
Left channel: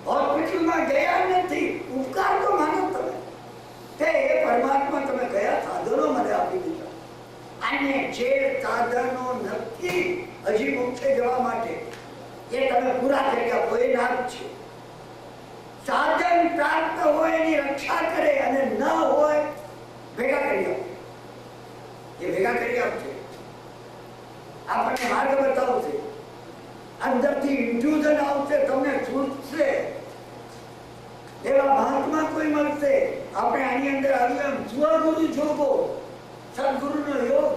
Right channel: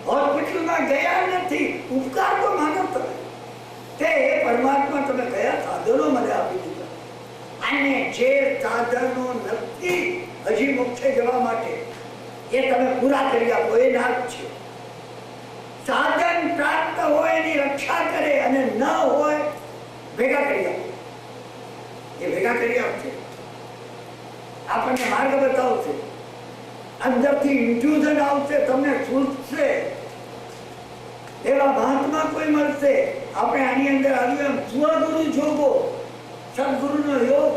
હોસ્પિટલમાં ગયા નથી. ઉપકાર તો માનો તમે કે એ પરમાત્મા તમે કયા સાધનો મને આપી દીધા. અને જે સાધનો નથી હજી મોક્ષે જવા માટે એ તમે પૂરા કરી આપો. એ નાથ છે. સાધન પ્રાપ્ત હોય એની રક્ષા કરે અને ન હોય ભેગા કરી આપો. એ ભેગા કરી આપશે, આપણને માર્ગ બતાવશે. અંદરથી ઇન્ફ્યુઝન આવશે, તમને સૂચશે, એવા મહાત્મા કોઈ મળશે. આપણે આની અંદર આવ્યું એમ સ્વગુરુ જોગો, સદગુરુનો યોગ.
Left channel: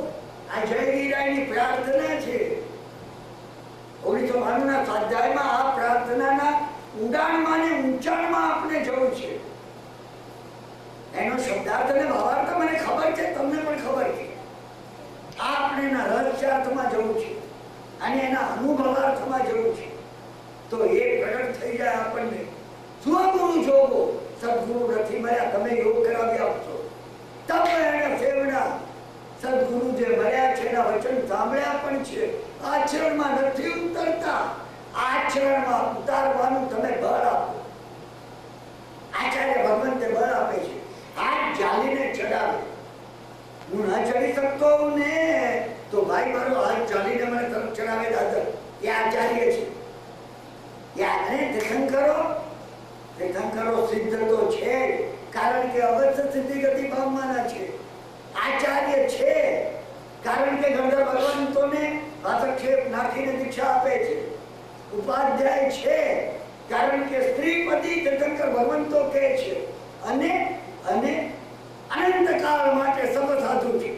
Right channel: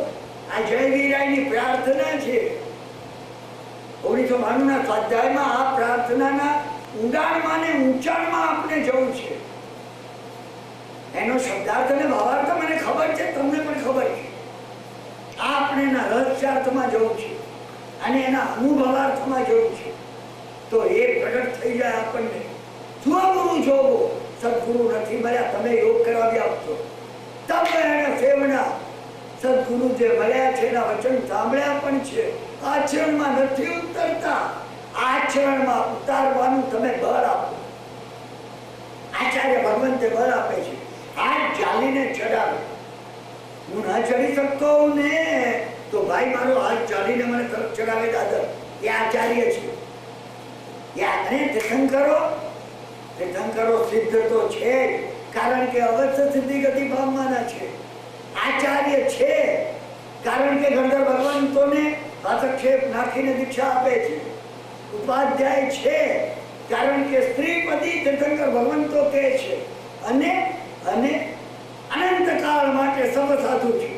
આ જયવીરાયની પ્રાર્થના છે. 1992 ના સ્વાધ્યાયમાં આ પ્રાર્થનાના ઊંડાણમાં ને ઊંચાણમાં આપણે જવું છે. એનો શબ્દાર્થ અને ભાવાર્થ મને ખબર છે, તમને પણ ખબર છે. આપણે એના રહસ્યાર્થમાં જવું છે અને એના અનુભવાર્થમાં જવું છે. તો એ પ્રગટ થઈ જાય આપણને. સ્વગુરુ જોગો, સદગુરુ નથી મળ્યા, તમે યોગ કરાવી આપશો. તપ એના સેવના, સદગુરુ જે મળ્યા છે એના વચન સાંભળ્યા પણ છે, આચરણમાં નથી ઉતરતા. આચરણમાં ઉતારવાનું તમે બળ આપો. આચાર્ય ભગવંતે બળ આપે છે. હાથ ચાલીને ચડાવે. હું ના ચડી શકતો હોઉં ને તો ભાઈ મારો હાથ ચાલીને મને તરફ ચડાવે દાદર, એ આચાર્ય છે. તીર્થંકરો સિદ્ધ તો છે, કારણ કે અવશ્ય સિદ્ધિ ગતિ પામવાના છે. આચાર્ય છે કારણ કે ગંધર્વ ભગવંતોને હસ્તક્ષેપ નાખીને દીક્ષા આપે છે. ઉપાધ્યાય છે કારણ કે સ્ત્રીપતિ તીર્થંકર ભગવંતો કહે છે. અને અનંતકાળ માટે સબ સાધુ છે.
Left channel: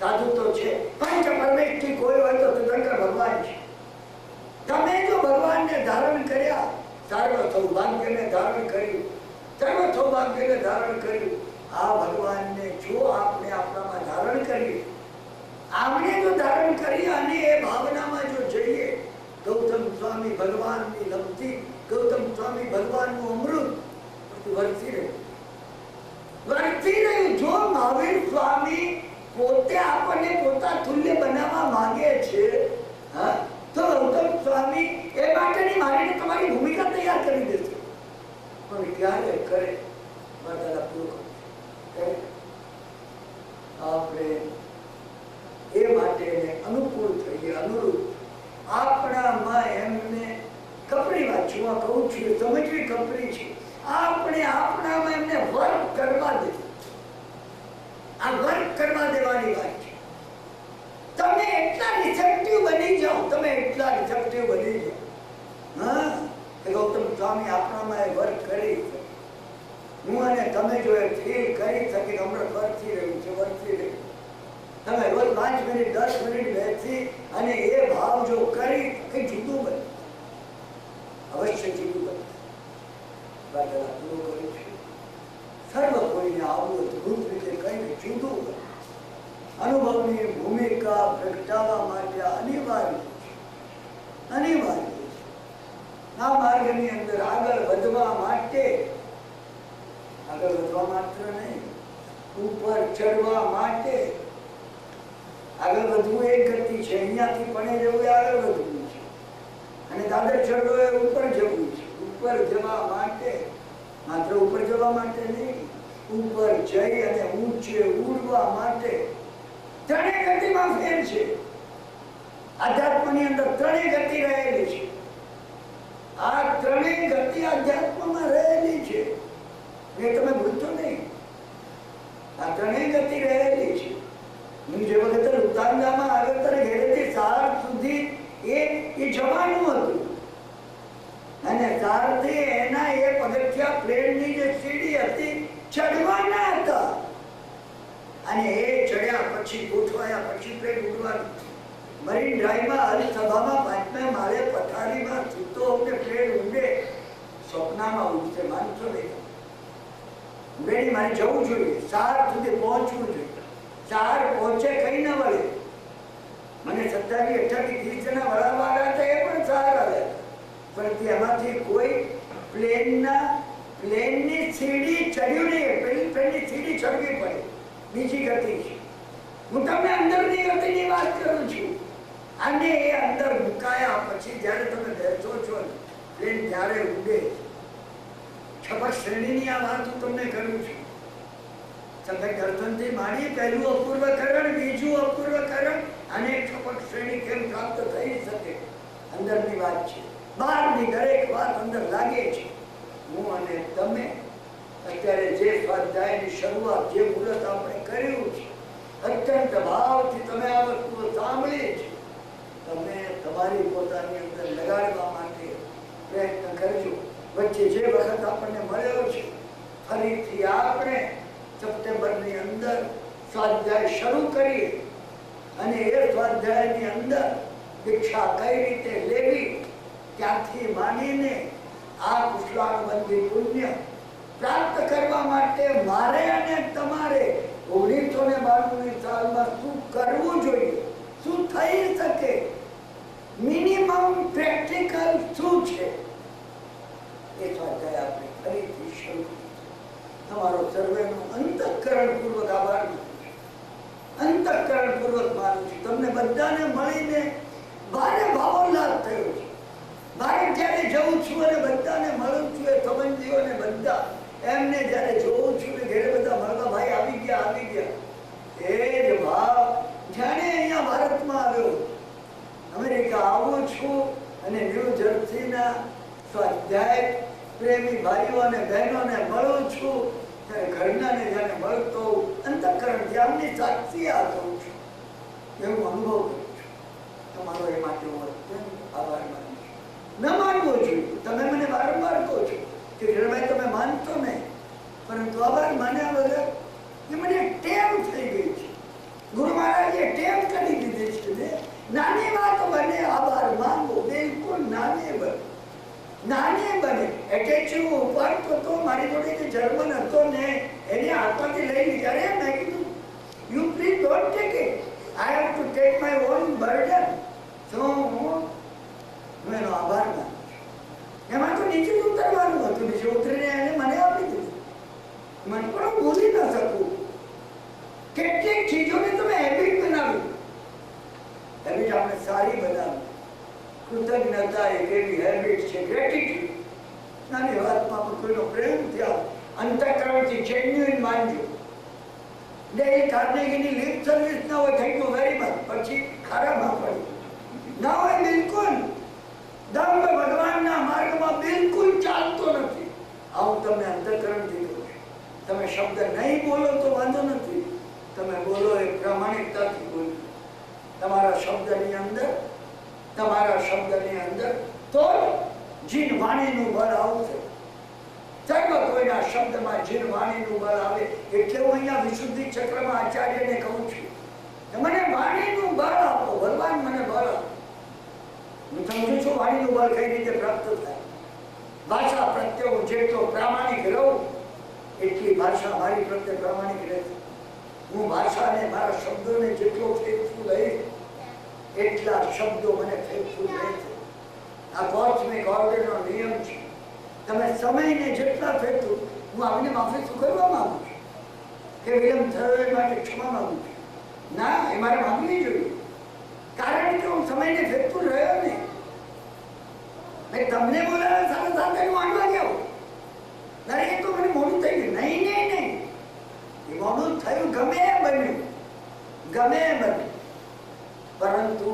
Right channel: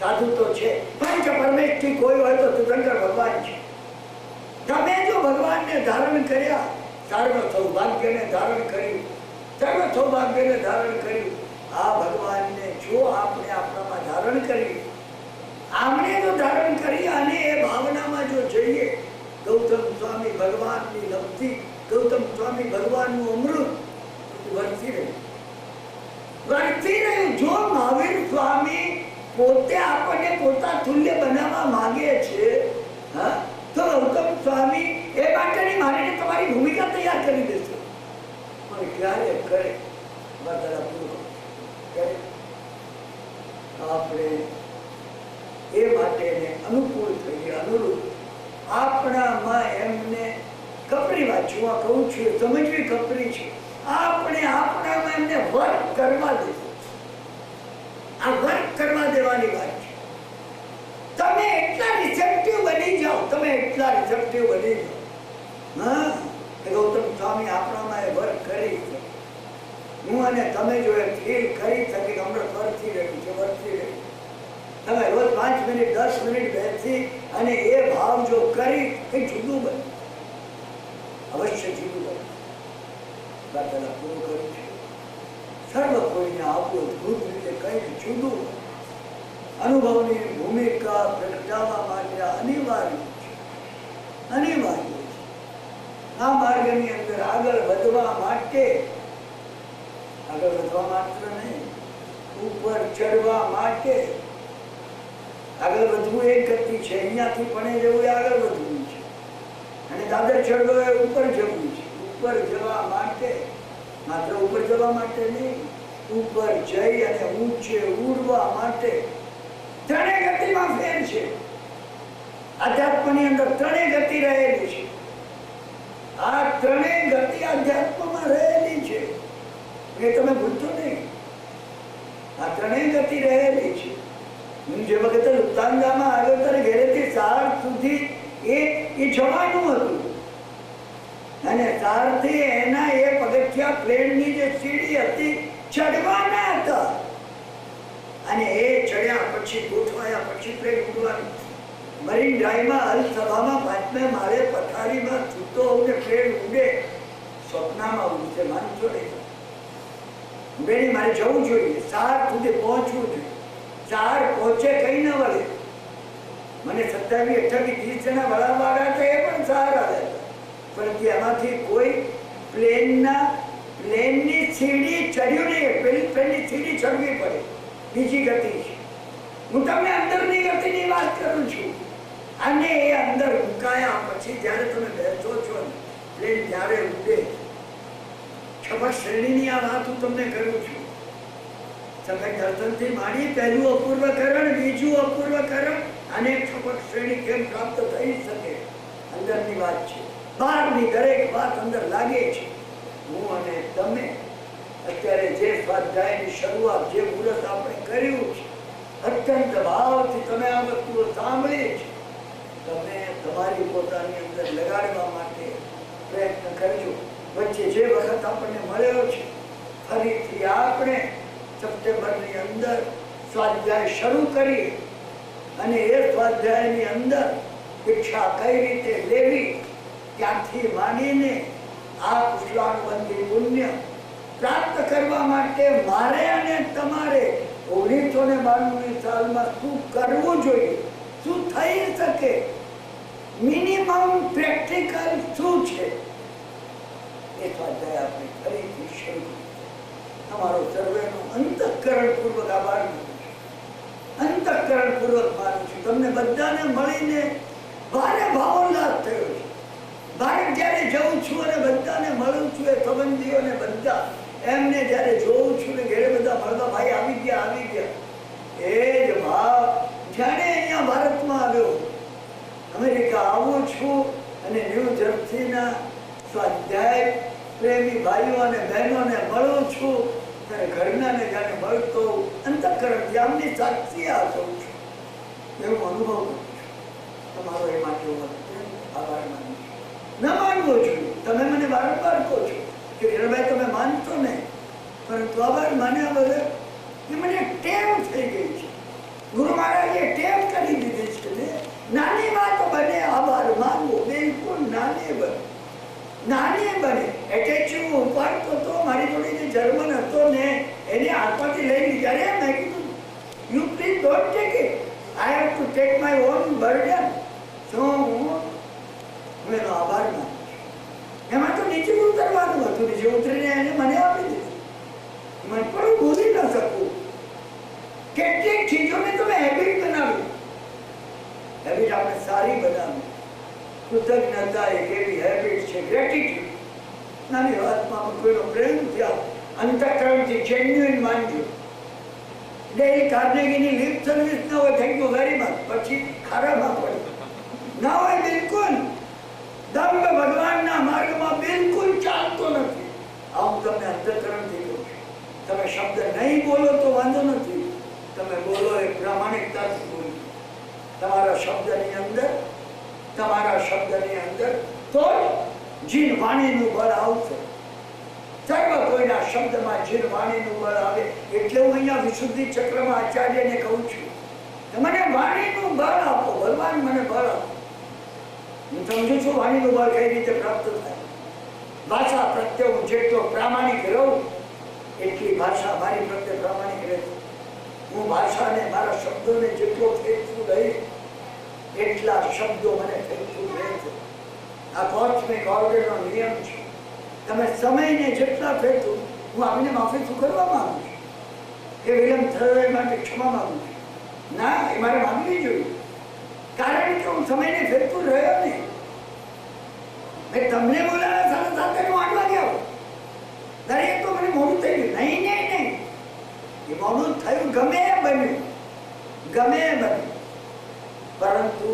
સાધુ તો છે. પંચ પરમેષ્ઠી કોઈ હોય તો તીર્થંકર ભગવાન છે. તમે જો ભગવાનને ધારણ કર્યા, સર્વ સૌભાગ્યને ધારણ કર્યું, સર્વ સૌભાગ્યને ધારણ કર્યું. આ ભગવાનને જો આપણે આપણામાં ધારણ કરીએ, આપણે જો ધારણ કરીએ અને એ ભાવનામાં જો જઈએ, ગૌતમ સ્વામી ભગવાનની લબ્ધિ, ગૌતમ સ્વામી ભગવાનનું અમૃત વર્તી રહ્યું. જો મહાવીર સ્વામી પોતે આપણને પોતા તુલ્ય બનાવવા માંગે છે, તો ગૌતમ સ્વામી એ માટેની મારીને તમારી ભૂમિકા તૈયાર કરી દેશે. પણ ક્યારે કરે? આપણે એ માટે અનુકૂળ થઈએ, અનુરૂપ. આપણામાં એમને કપરી વાંચવા કહું છું, સમજવી કપરી છે. આપણે આપણામાં એમને વર્ક કરવા દે. આ વર્ક કરવા દેવાની વાત છે. તમે એટલા રિસેપ્ટિવ બની જાઓ, તમે એટલા રિસેપ્ટિવ બની જાઓ. ગૌતમ સ્વામી આપણામાં એ વર્ક કરી છે. હું અને તમે જો એ ફીલ કરી શકી હમણાં વર્તી રહ્યું છે, વર્તી રહ્યું. તમે રોજ 5 મિનિટ 10 મિનિટ બેસી અને એ ભાવ જો કરી કઈ જુદું બને, અવશ્ય જુદું બને. વાર્તાલાપ પૂરો કરું છું. સર્વ કોઈને આવું અદભુત રીતે કંઈક જુદું બને. અનુભવની ભૂમિકા પ્રગટાવવા માટે અનિવાર્ય છે, અનિવાર્ય છે. આ માર્ગની અંદર આગળ વધવા માટે, આગળ વધવા માત્ર નહીં, ઉપર ચડવા માટે આગળ વધવું એક ગતિ છે. અહીંયાથી પણ જવું એ આગળ વધવું છે, અને દાદર ચડવો એ ઉપર જવું છે. ઉપર જવા માટે, માત્ર ઉપર જવા માટે નહીં, ઉપર જઈ અને ઊંચે ઉડવા માટે ત્રણેય ગતિમાં ફેર છે. આધ્યાત્મની અંદર ત્રણેય ગતિ રહેલી છે. આ ત્રણેય ગતિ આધ્યાત્મમાં રહેલી છે, એ તમે ભૂલશો નહીં. આ ત્રણેય ગતિ રહેલી છે. હું જે વખતે લુપ્તાંગામાં આવ્યો ત્યારે ઘરેથી સાર સુધી એ જવાનું હતું, અને સારથી એના એ પગથિયા પ્લેનની જે સીડી હતી ચડવાના હતા. અને એ ચડ્યા પછી, ગોઠવાયા પછી પ્લેન ઉડવાનું. મરીન ડ્રાઈવમાં અલસભામાં 5મે માળે પથારીમાં સૂતો હોઉં પ્લેન ઉડે, સ્વપ્નમાં ઉડશે, માનશો નહીં. ઉડેની મારે જવું જોઈએ, સાર સુધી પહોંચવું જોઈએ. સાર પહોંચે કઈ ન વળે. મને 27, 28, 30 જણા વળાવવાળા હતા, એ પણ સાર આવે, પણ એમાંથી કોઈ પ્લેનની સીડી ચડ્યું નહીં. પ્લેનની સીડી ચડવી પડે, બીજી ગતિ છે. હું તમને અંદરની ગતિની વાત કરું છું. અને એ અંદર મુકાયા પછી જ્યારે તમે બેસો છો, પ્લેન જ્યારે ઉડે, છપક શ્રેણીની આ વાત હું તમને કરું છું. છપક દર્શનથી માંડી પહેલું અપૂર્વકરણ, બીજું અપૂર્વકરણ, અને છપક શ્રેણી કેમ પ્રાપ્ત થઈ શકે, અંદરની વાત છે. બહારની દરેક વાત અંદર લાગે છે. હું અને તમે અત્યારે જે સ્વાધ્યાયની શરૂઆત, જે મુહૂર્ત આપણે કર્યું છે, અત્યંત ભાવથી તમે આ વસ્તુઓ સાંભળી છે. તમે તમારી પોતાની અંદર લગાડવા માટે પ્રયત્ન કરજો. વચ્ચે જે વખત આપણને મળ્યો છે ફરીથી આપણે સપ્ટેમ્બરની અંદર સ્વાધ્યાય શરૂ કરીએ અને એ સ્વાધ્યાયની અંદર દીક્ષા કઈ રીતે લેવી ત્યાંથી માંડીને આ કુશલાનુબંધી પુણ્ય પ્રાપ્ત કરવા માટે મારે અને તમારે 1992 સાલમાં શું કરવું જોઈએ, શું થઈ શકે, મિનિમમ પ્રેક્ટિકલ શું છે, એ સ્વાધ્યાય આપણે ફરીથી શરૂ કરીએ. તમારો સર્વેનો અંતઃકરણપૂર્વક આભાર માનું છું, અંતઃકરણપૂર્વક માનું છું. તમને બધાને મળીને ભારે ભાવોલ્લાસ થયો છે. બહાર જ્યારે જઉં છું અને બધાને મળું છું, એ સંબંધીઓને બધા એમને જ્યારે જોઉં છું ને ઘરે બધા મળવા ભાઈ આવી ગયા, એ જ ભાવ જાણે અહીંયા ભારતમાં આવ્યો. અમેરિકા આવું છું અને ન્યૂ જર્સીના સ્વાધ્યાય પ્રેમી ભાઈઓ અને બહેનોને મળું છું ત્યારે ઘરનાને જાણે મળતો અંતઃકરણથી આમની સાક્ષી આ કરું છું, એવું અનુભવ કરું છું. તમારો એ માટે હું આભાર માનું છું. ન માનવો જોઈએ. તમે મને વારંવાર કહો છો કે હિરણભાઈ તમે માનતો નહીં, પરંતુ આભાર માન્યા વગર એ મને ટેવ થઈ ગઈ છે. ગુરુ મહારાજે ટેવ કરી દીધી છે ને. નાની વાત બને આભાર માનવો, બિલકુલ નાની બને. એટલે હું ઉપાડતો તો મારી જોડે જે જર્મન હતો ને એને હાથમાંથી લઈ લીધા. અરે મેં કીધું you please don't take it, I have to take my own burden. હું એનો આભાર માનું છું. એમાં તો નીચે ઉતરવાનું હતું, નીચે ઉતરીને એને મને આપી દીધું. મને પણ હું ભૂલી ન શકું. કેટલીક ચીજોને તમે હેબિટ બનાવી, હેબિટ આપણે સારી બનાવી. કૃતજ્ઞતા એક એવી હેબિટ છે, ગ્રેટિટ્યુડ. નાની વાતમાં પણ કોઈનો પ્રેમ થયા અંતઃકરણથી જેન્યુઇન માનજો. ડેલી કાર્નેગીની લિપ સર્વિસ ન હોય થેન્ક યુ વેરી મચ, પછી ખરાબમાં પડે ના હોય બિલકુલ. દંભ ભગવાનના માર્ગમાં બિલકુલ ચાલતો નથી. આવું તમને અંતઃકરણથી કહું છું. તમે શબ્દ નહીં બોલો તો વાંધો નથી, તમે બોલો એ પ્રામાણિકતાથી બોલો. તમારા શબ્દની અંદર તો જીન વાણીનું બળ આવશે. સર્વ કોઈના શબ્દમાં જીન વાણીનું બળ આવે. એટલે હું અહીંયા વિશુદ્ધિ ચક્રમાં આચાર્યને કહું છું કે મને વાણીનું બળ આપો, ભગવાન મને બળ આપો. હું સમજુ છું વાણીનું બળ કઈ રીતે પ્રાપ્ત થાય. ભાષા પ્રત્યે હું જેટલો પ્રામાણિક રહું એટલી ભાષા મારી પ્રત્યે પ્રામાણિક રહેશે. હું ભાષાને મારા શબ્દોને જેટલો ફેંકતું રહીશ એટલા શબ્દો મને ફેંકતું રહેશે. આ કોસ્મિક ઓર્ડરનો નિયમ છે. તમે સમયને જેટલા ફેંકતું, હું આવીને માફી ચૂકવવા માંગુ છું કે વિલંબ થયો એ માટે ક્ષમા માંગુ છું. ના, એ મારે માંગવી જોઈએ, કારણ કે હું સમયને ફેંકતું રહ્યો નહીં. મેં તમને બોલાવ્યા 7:30 હું 8 વાગે આવું. દરેક તો મને મોડું થઈ ગયું. નહીં, એ મોડું થયું ગમે એ બન્યું, પરંતુ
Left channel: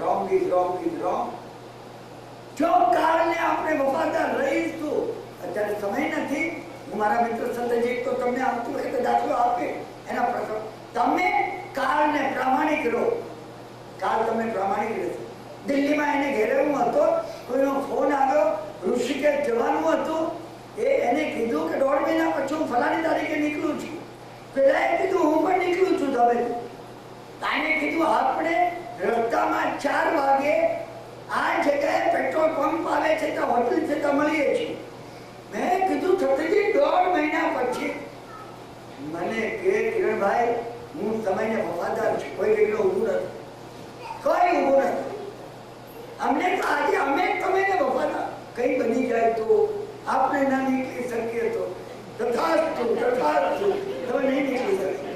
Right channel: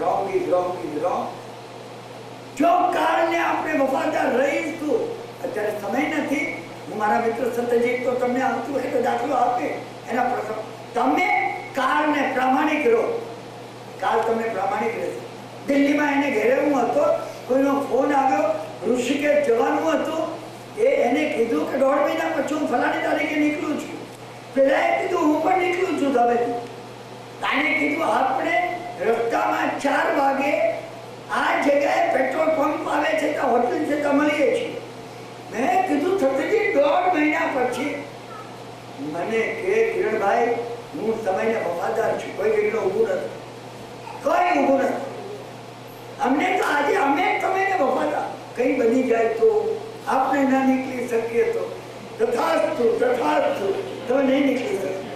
રોંગ ઇઝ રોંગ. જો કાળને આપણે વફાદાર રહીશું. અત્યારે સમય નથી. હું મારા મિત્ર સત્યજીત તો તમને આવતી વખતે દાખલો આપે એના પ્રસંગ. તમે કાળને પ્રામાણિક રહો, કાળ તમને પ્રામાણિક રહેશે. દિલ્હીમાં એને ઘેરે હું હતો, કોઈનો ફોન આવ્યો, ઋષિકેશ જવાનું હતું. એને કીધું કે 1.5 મહિના પછી હું ફલાણી તારીખે નીકળું છું. પેલા એ કીધું હું પણ નીકળું છું. હવે તાને કીધું આપણે રસ્તામાં 4 વાગે આ જગ્યાએ પેટ્રોલ પંપ આવે છે તો હોટલ છે તો મળીએ છીએ. મેં કીધું થતી 1.5 મહિના પછી મને કે કિરણભાઈ હું સમયને વફાદાર છું, કોઈ જગ્યાએ ઊભું નથી. અમને તો આજે અમે સમયને વફાદાર. કઈ બની જાય તો આપણે ના નીકળી શકીએ તો તથાસ્તુ, તમે નહીં નીકળી શકશો.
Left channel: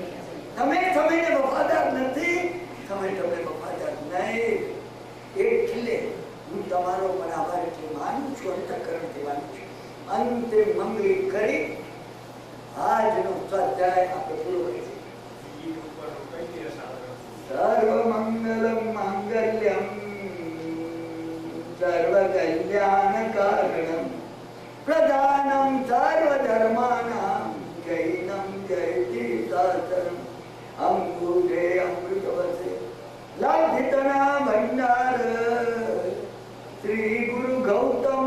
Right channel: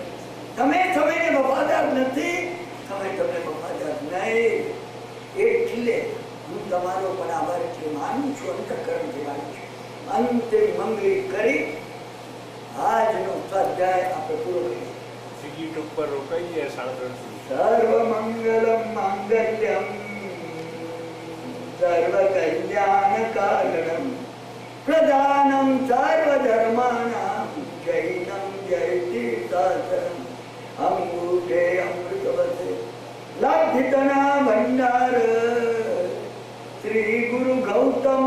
તમે સમયને વફાદાર નથી, સમય તમને વફાદાર નહીં. એટલે હું તમારો પણ આભાર માનું છું, અંતઃકરણથી માનું છું. અંતે મંગળી કરી આજનો સ્વાધ્યાય આપણે પૂરો કરીએ. ટિકિટ ઉપર રોકાઈએ. સર્વ મંગલમ માંગલ્યમ સર્વ કલ્યાણ કારણમ પ્રધાનમ સર્વ ધર્માણામ જૈનમ જયતિ શાસ્ત્રમ અંગુઠે અમૃતવસે લાભિતના ભંડાર શ્રી ગુરુ ગૌતમ